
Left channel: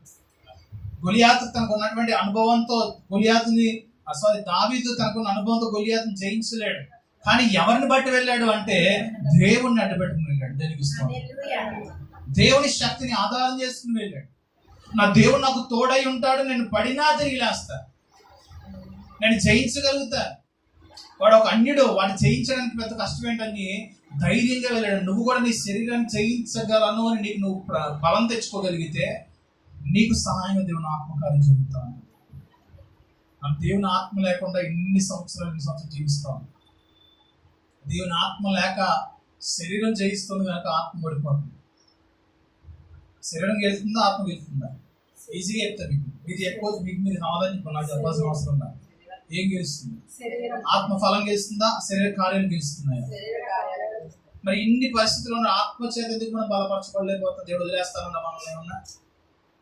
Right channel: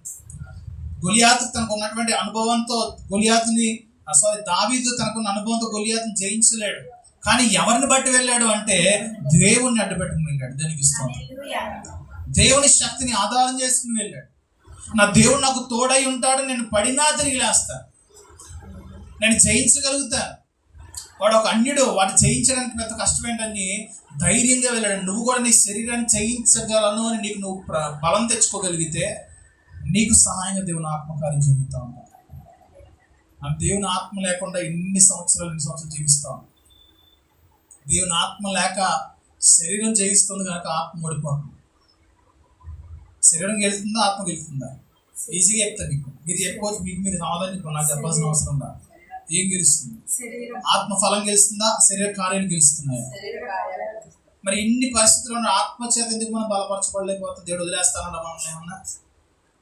గొలియాతు తనకు ఉన్నటువంటి అనుభవంతో దావీదు తనకున్న అనుభవంతో గొలియాతును జయించలేడు. కానీ ఎవరిని బట్టి వెళ్ళాడు అంటే దేవుణ్ణి అడ్డుపెట్టుకుని వెళ్ళాడు. దానికి ఇష్టం దేవుని శక్తిని ఆధారం చేసుకుని వెళ్ళాడు. నా దేవుడు నాకు తోడై ఉంటాడు, నేను పడినా తిరిగి లేస్తా, నేను జయించగలుగుతాను. వాడు ఒక అన్యుడు, వాడు జయించడానికి పెద్ద కష్టం ఏంటని ధైర్యంగా వెళ్ళాడు. నువ్వు కూడా నీ శరీరాన్ని జయించగలను అని నీకు నువ్వు బలం తెచ్చుకోగలిగితే నీకు సహాయంగా దేవుని ఆత్మకార్యం జరుగుతూ ఉంటాడు. ఆ దేవుని ఆత్మ లేకుండా ఎన్ని సంవత్సరాలు జీవిస్తాం. దేవుని ఆత్మ లేక శరీరం జయిస్తుంది కనుక ఆత్మ ఓడిపోతుంది. శరీరం గెలుస్తుందా, ఆత్మ గెలుస్తుందా? ఈజీగా చెప్తాను మీకు, మీరు చెప్పుకోవచ్చు, మీకు మీరు సమాధానం చెప్పండి, నాకు చెప్పాల్సిన అవసరం ఉందా? ఏం గెలుస్తుంది? ఆత్మ ఫలం గెలుస్తుందా, శరీర కార్యాలు గెలుస్తున్నాయా? మరి ఇన్ని పరిస్థితుల్లో ఆత్మ చేత ఎందుకు మనం బలపరచబడలేకపోతాం? దేవుడు వదిలేస్తానన్నా మనల్ని ఏమన్నా?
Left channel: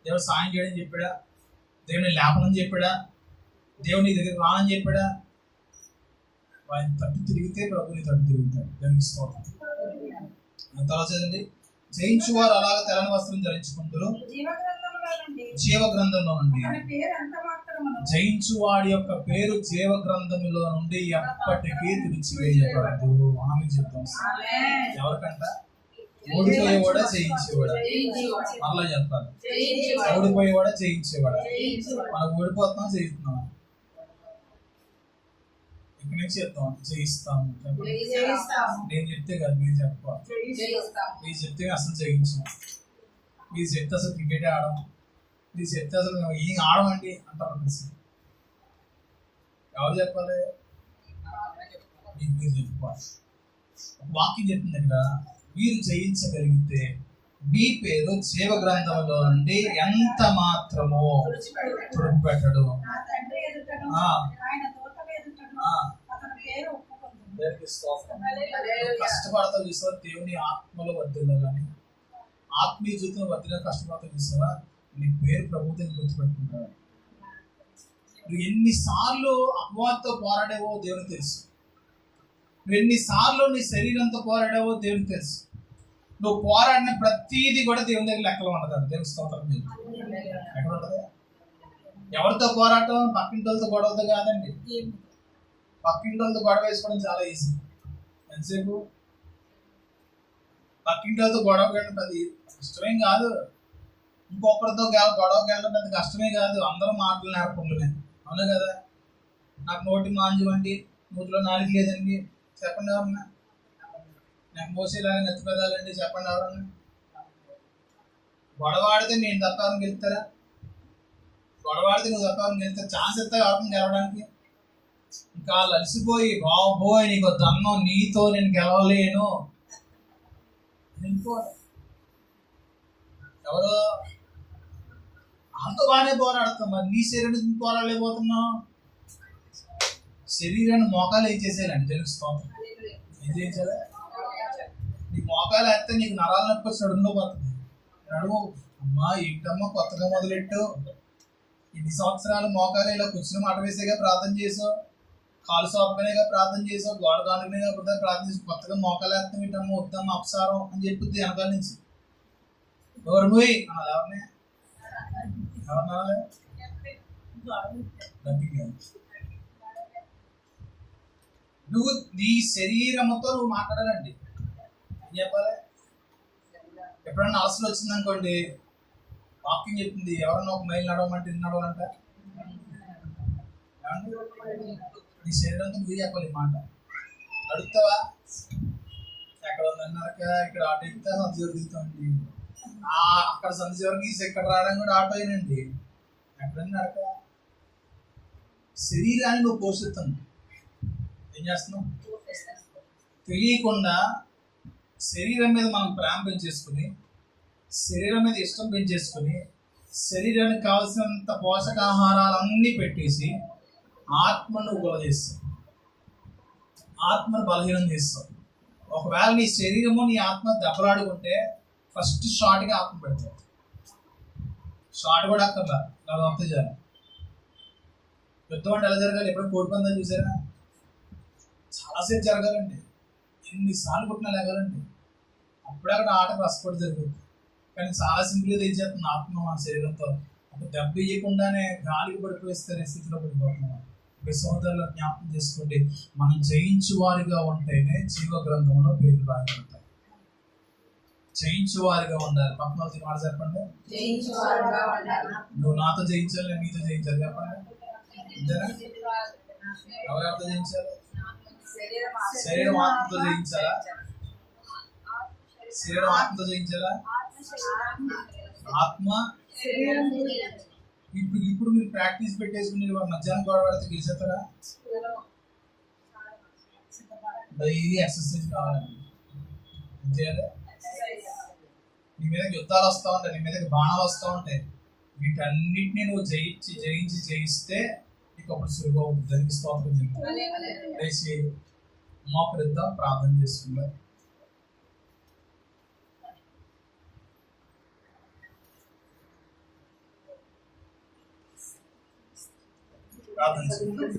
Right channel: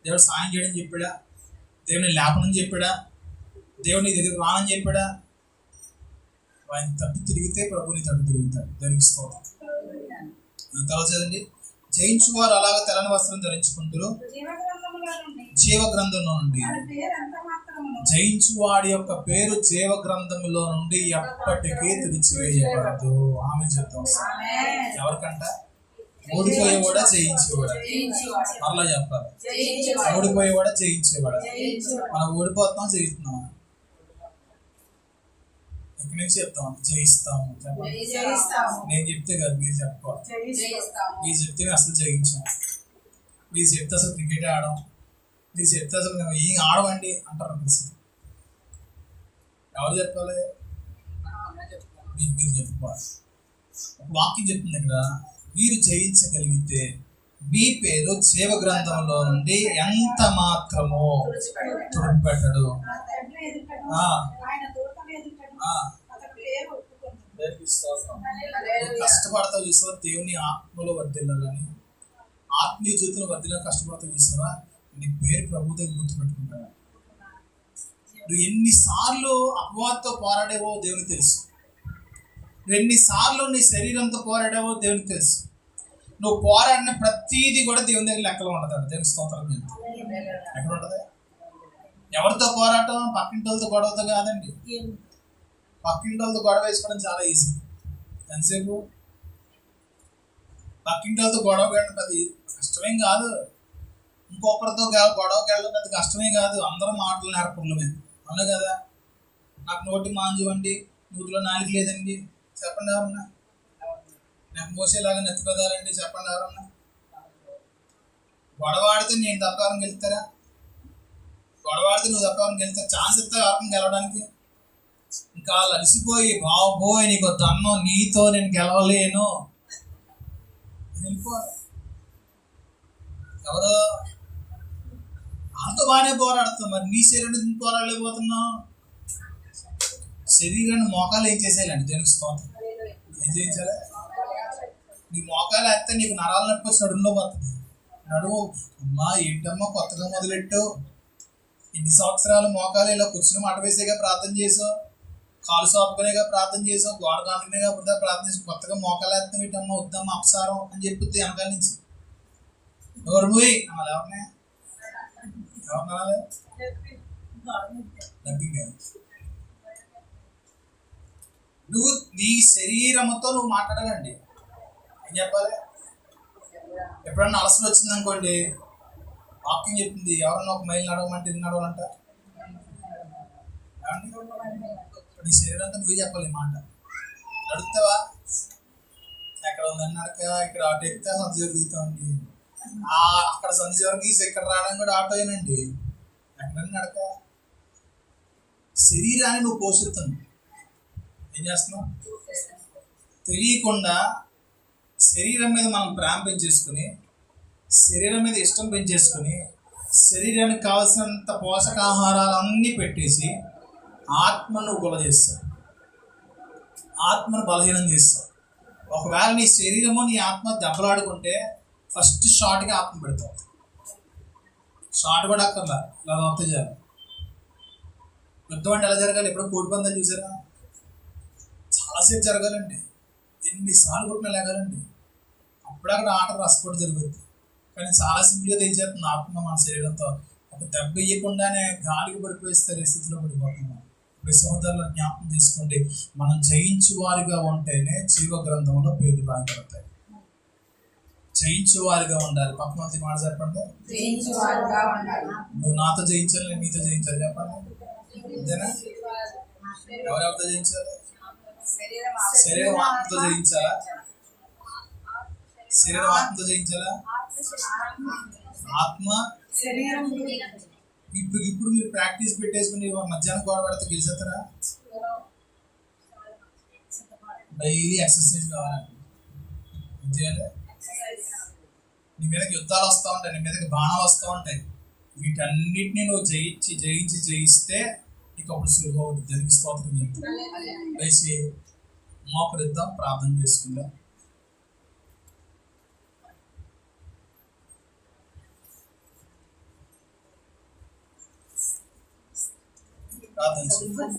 దేవుడు సాయం చేయడం చెప్పాడా? దేవుని లేపనం చెప్పాడా? దేవుని దగ్గర రానని చెప్పాడా? ఆయన తట్టు తిరిగితే ప్రభుని తట్టు తిరుగుతాడు. దానికి స్తోత్రం. తర్వాత చదండి, జయించువారు అలాగ తెల్లని వస్త్రం ధరించుకుంటారు, జీవ గ్రంథంలో నుండి. జయించువాడి యొక్క పేరు జీవ గ్రంథంలో నుండి ఎప్పటికీ తుడిచివేయబడదు. ఆమె చెప్తాం. ఎవరికంట? ఓడిపోయేవాడా, జయించేవాడా? మరలా చెప్పాలి, ఓడిపోయేవాడా, జయించేవాడా? మనం ఓడిపోతున్నాం, జయిస్తున్నాం. ఇక్కడి నుంచి చెప్తాం, జయిస్తాము. నేను చెప్తే కాదు, మీరు చెప్పాలి. మీరు చెప్తే అసలు జయించాం, మీరు చెప్తే అసలు క్రికెట్ ఆడడం, మీరు చెప్తే అసలు మేము ఏం ఆడమండి అంటారు. ఎవరు చెప్పాలి? మీరు చెప్పుకోవాలి. ఒక వాక్యం చెప్తుంది ఇక్కడ, మీరు జయించగలిగితే మీ పేరు జీవ గ్రంథంలో నుండి ఎంత మాత్రమో తుడిచిపెట్టడు. కష్టపడతావు చూసావా దేవుని ఆత్మలో వర్ధిల్లాలని, ఆత్మీయ జీవితంలో వర్ధిల్లా కష్టపడతావు చూసావా, నీ పేరు ప్రభు దగ్గర గుర్తుపెట్టుకుంటావా? నువ్వు ఎన్నిసార్లు అపవాదంతో పోరాడావో దేవునికి తెలుసు. నువ్వు ఎన్నిసార్లు నీ శరీరంతో పోరాడావో దేవునికి తెలుసు. నువ్వు పోరాడిన ప్రతిదీ కూడా దేవుని దగ్గర లెక్కలో ఉండదు. దేవుని స్తోత్రం చెప్తాను. ఎక్కడ ఉంటుంది? ఎవరితో పోరాటం? పక్కింటి వాళ్ళతో గొడవతో కాదండి. పక్కింటి వాళ్ళతో గొడవ వేసుకోవడం చాలా ఈజీ. ఎంతసేపు పక్కింటి వాళ్ళతో గొడవ వెళ్ళడం అది కష్టమేం కాదు. ఇంకొకరితో గొడవకి వెళ్ళడం పెద్ద కష్టమే కాదు. అందరూ మాటలు నేర్పడమే, అవునా కదా? నాకు నోటి మాంజు అండి, నోటిలో నాలుగు లేదండి చెప్పండి ఎవరన్నా. నాకు మోసేలాగా నెత్తి పెదాలండి చెప్పండి ఎవరన్నా. గొడవ ఆడితే నేను తప్పని గెలుస్తారా? గొడవ ఆడితే నువ్వు తప్పని గెలుస్తా ఛాన్స్ ఇస్తా కాకుండా గెలవడానికి. ఇంకా వాళ్ళు అలసిపోయి బాబోయ్ నీకు దన్నం, నీతో నేను గెలవలేను వెళ్ళిపోవాలి. ఎవరో వాళ్ళతో బాగానే పోరాడుతాం, మరి నీ శరీరం పోరాడలేకపోతున్నావు. శరీరాన్ని మోకాలు ఏం చేసేయాలండి? దేవునికి స్తోత్రం. ఏం చేయించాలి? నీ మోకాలు వేస్తే నీకు నరాలు నొప్పి వచ్చి నడుములో పోతుంది. నడుము అమ్మా ఏంటమ్మా కొత్తగా మొదలెట్టు, ఇన్ని సంవత్సరాలు మోకాలు ఇలా కూర్చుని మాట వేసేగా ప్రార్థన చేసావు, కాలు సోపకనేగా ప్రార్థన చేసావు, గోడ కానుకనేగా ప్రార్థన చేసి కొత్తగా మోకాలు వేస్తాం ఏంటమ్మా, వద్దమ్మా అపసారం అని చెప్పుద్ది వెనకాల నుంచి. ఎవరు పోయి అనాలి? ఎవరినే ఎవరినాలి? నువ్వు నీ శరీరంతో నువ్వు మాట్లాడాలండి. ఏం చెప్పాలి? ఎప్పుడన్నా అలసలు వచ్చిందనుకోండి, వాకింగ్ చెప్తుంది ఎవరన్నా ఒక మైలు నడవమంటే నడవాలంట. నీ శరీరంతో నువ్వే చెప్పాలి ఈ మాట. నడుస్తావా? ఎక్కడ ఉందని నడక, ఇక్కడ ఆటో ఎక్కితే సంత చివరికి దిగుతామండి. అక్కడ సంత చివరికి ఇక్కడ రావడం కూడా ఆటో అయినండి. ఎక్కడన్నా నడక. శరీరాన్ని నువ్వు పోషిస్తున్నావు. ఏం చేస్తున్నావు? తెలియకుండా శరీరం మీద మనం ప్రేమ పెంచేసుకుని, శరీరం మీద ఇష్టం పెంచేసుకుని, శరీరానికి కావాల్సినంత పోషకాహారాలన్నీ పెట్టేసి ఆత్మను గుల చేస్తావు, ఆత్మను బలహీనం చేస్తావు. ఒకవేళ నీ శరీరము నీ ఆత్మ దెబ్బలాడుకుంటే ఫస్ట్ షార్ట్గా ఆత్మ పెడతావు. షార్ట్ కూడా అక్కర్లా, ఇలా దొరుకుతాయి చాలు. యుద్ధం అంటే ఎలా జరగాలి? ఎప్పుడో కోడి పందాలు చూసారా? చాలాసేపు జరగాలండి, ఎన్నిసార్లు కొట్టినా లేగాలండి. అప్పుడే అక్కడ ఆట రసపడి జరుగుతుంది. కానీ చాలా సింపుల్గా తెలియజేస్తుంది ఆత్మ మన శరీరంతో. ఒక దెబ్బ ఇవ్వకుండానే గాలికి పడిపోయిస్తే స్థితిలో పడిపోతున్నాం. ఇప్పుడు సహోదరులను జ్ఞాపకం చేసుకోండి, మనం జయించువారిగా ఉంటేనే జీవ గ్రంథంలో పేర్లు రాయబడతాయి. జయించువారిగా ఉండాలి. పక్కన వచ్చి మాట చెప్పండి. నువ్వు నాతో జయించాలి, నేను నీతో జయించాలి. చెప్పండి. అంతేనా? ఎవరెవరితో జయించాలి? శరీరం ఆత్మతో జయించాలా? శరీరం ఆత్మతో జయించాలా? ఆత్మ ఇప్పుడు మీరు ప్రాక్టీస్ పెట్టేసుకుని మధ్యాహ్నం గొడవ పడితే గెలిచేస్తారా? డైలీ ఎక్సర్సైజ్ కావాలండి. ఏం చేయాలి? నీ మీదకి యుద్ధాలు వస్తూ ఉంటాయి, నీ మీదకి బాణాలు వస్తూ ఉంటాయి. వీటన్నిటిని నువ్వు జయిస్తే నీకు అప్పుడు సులువు అవుతుంది. దానికి స్తోత్రం చెప్తాను. లేచి మోకరిద్దాం, ప్రార్థన చేసుకుందాం. ప్రార్థన చేసుకుందాం.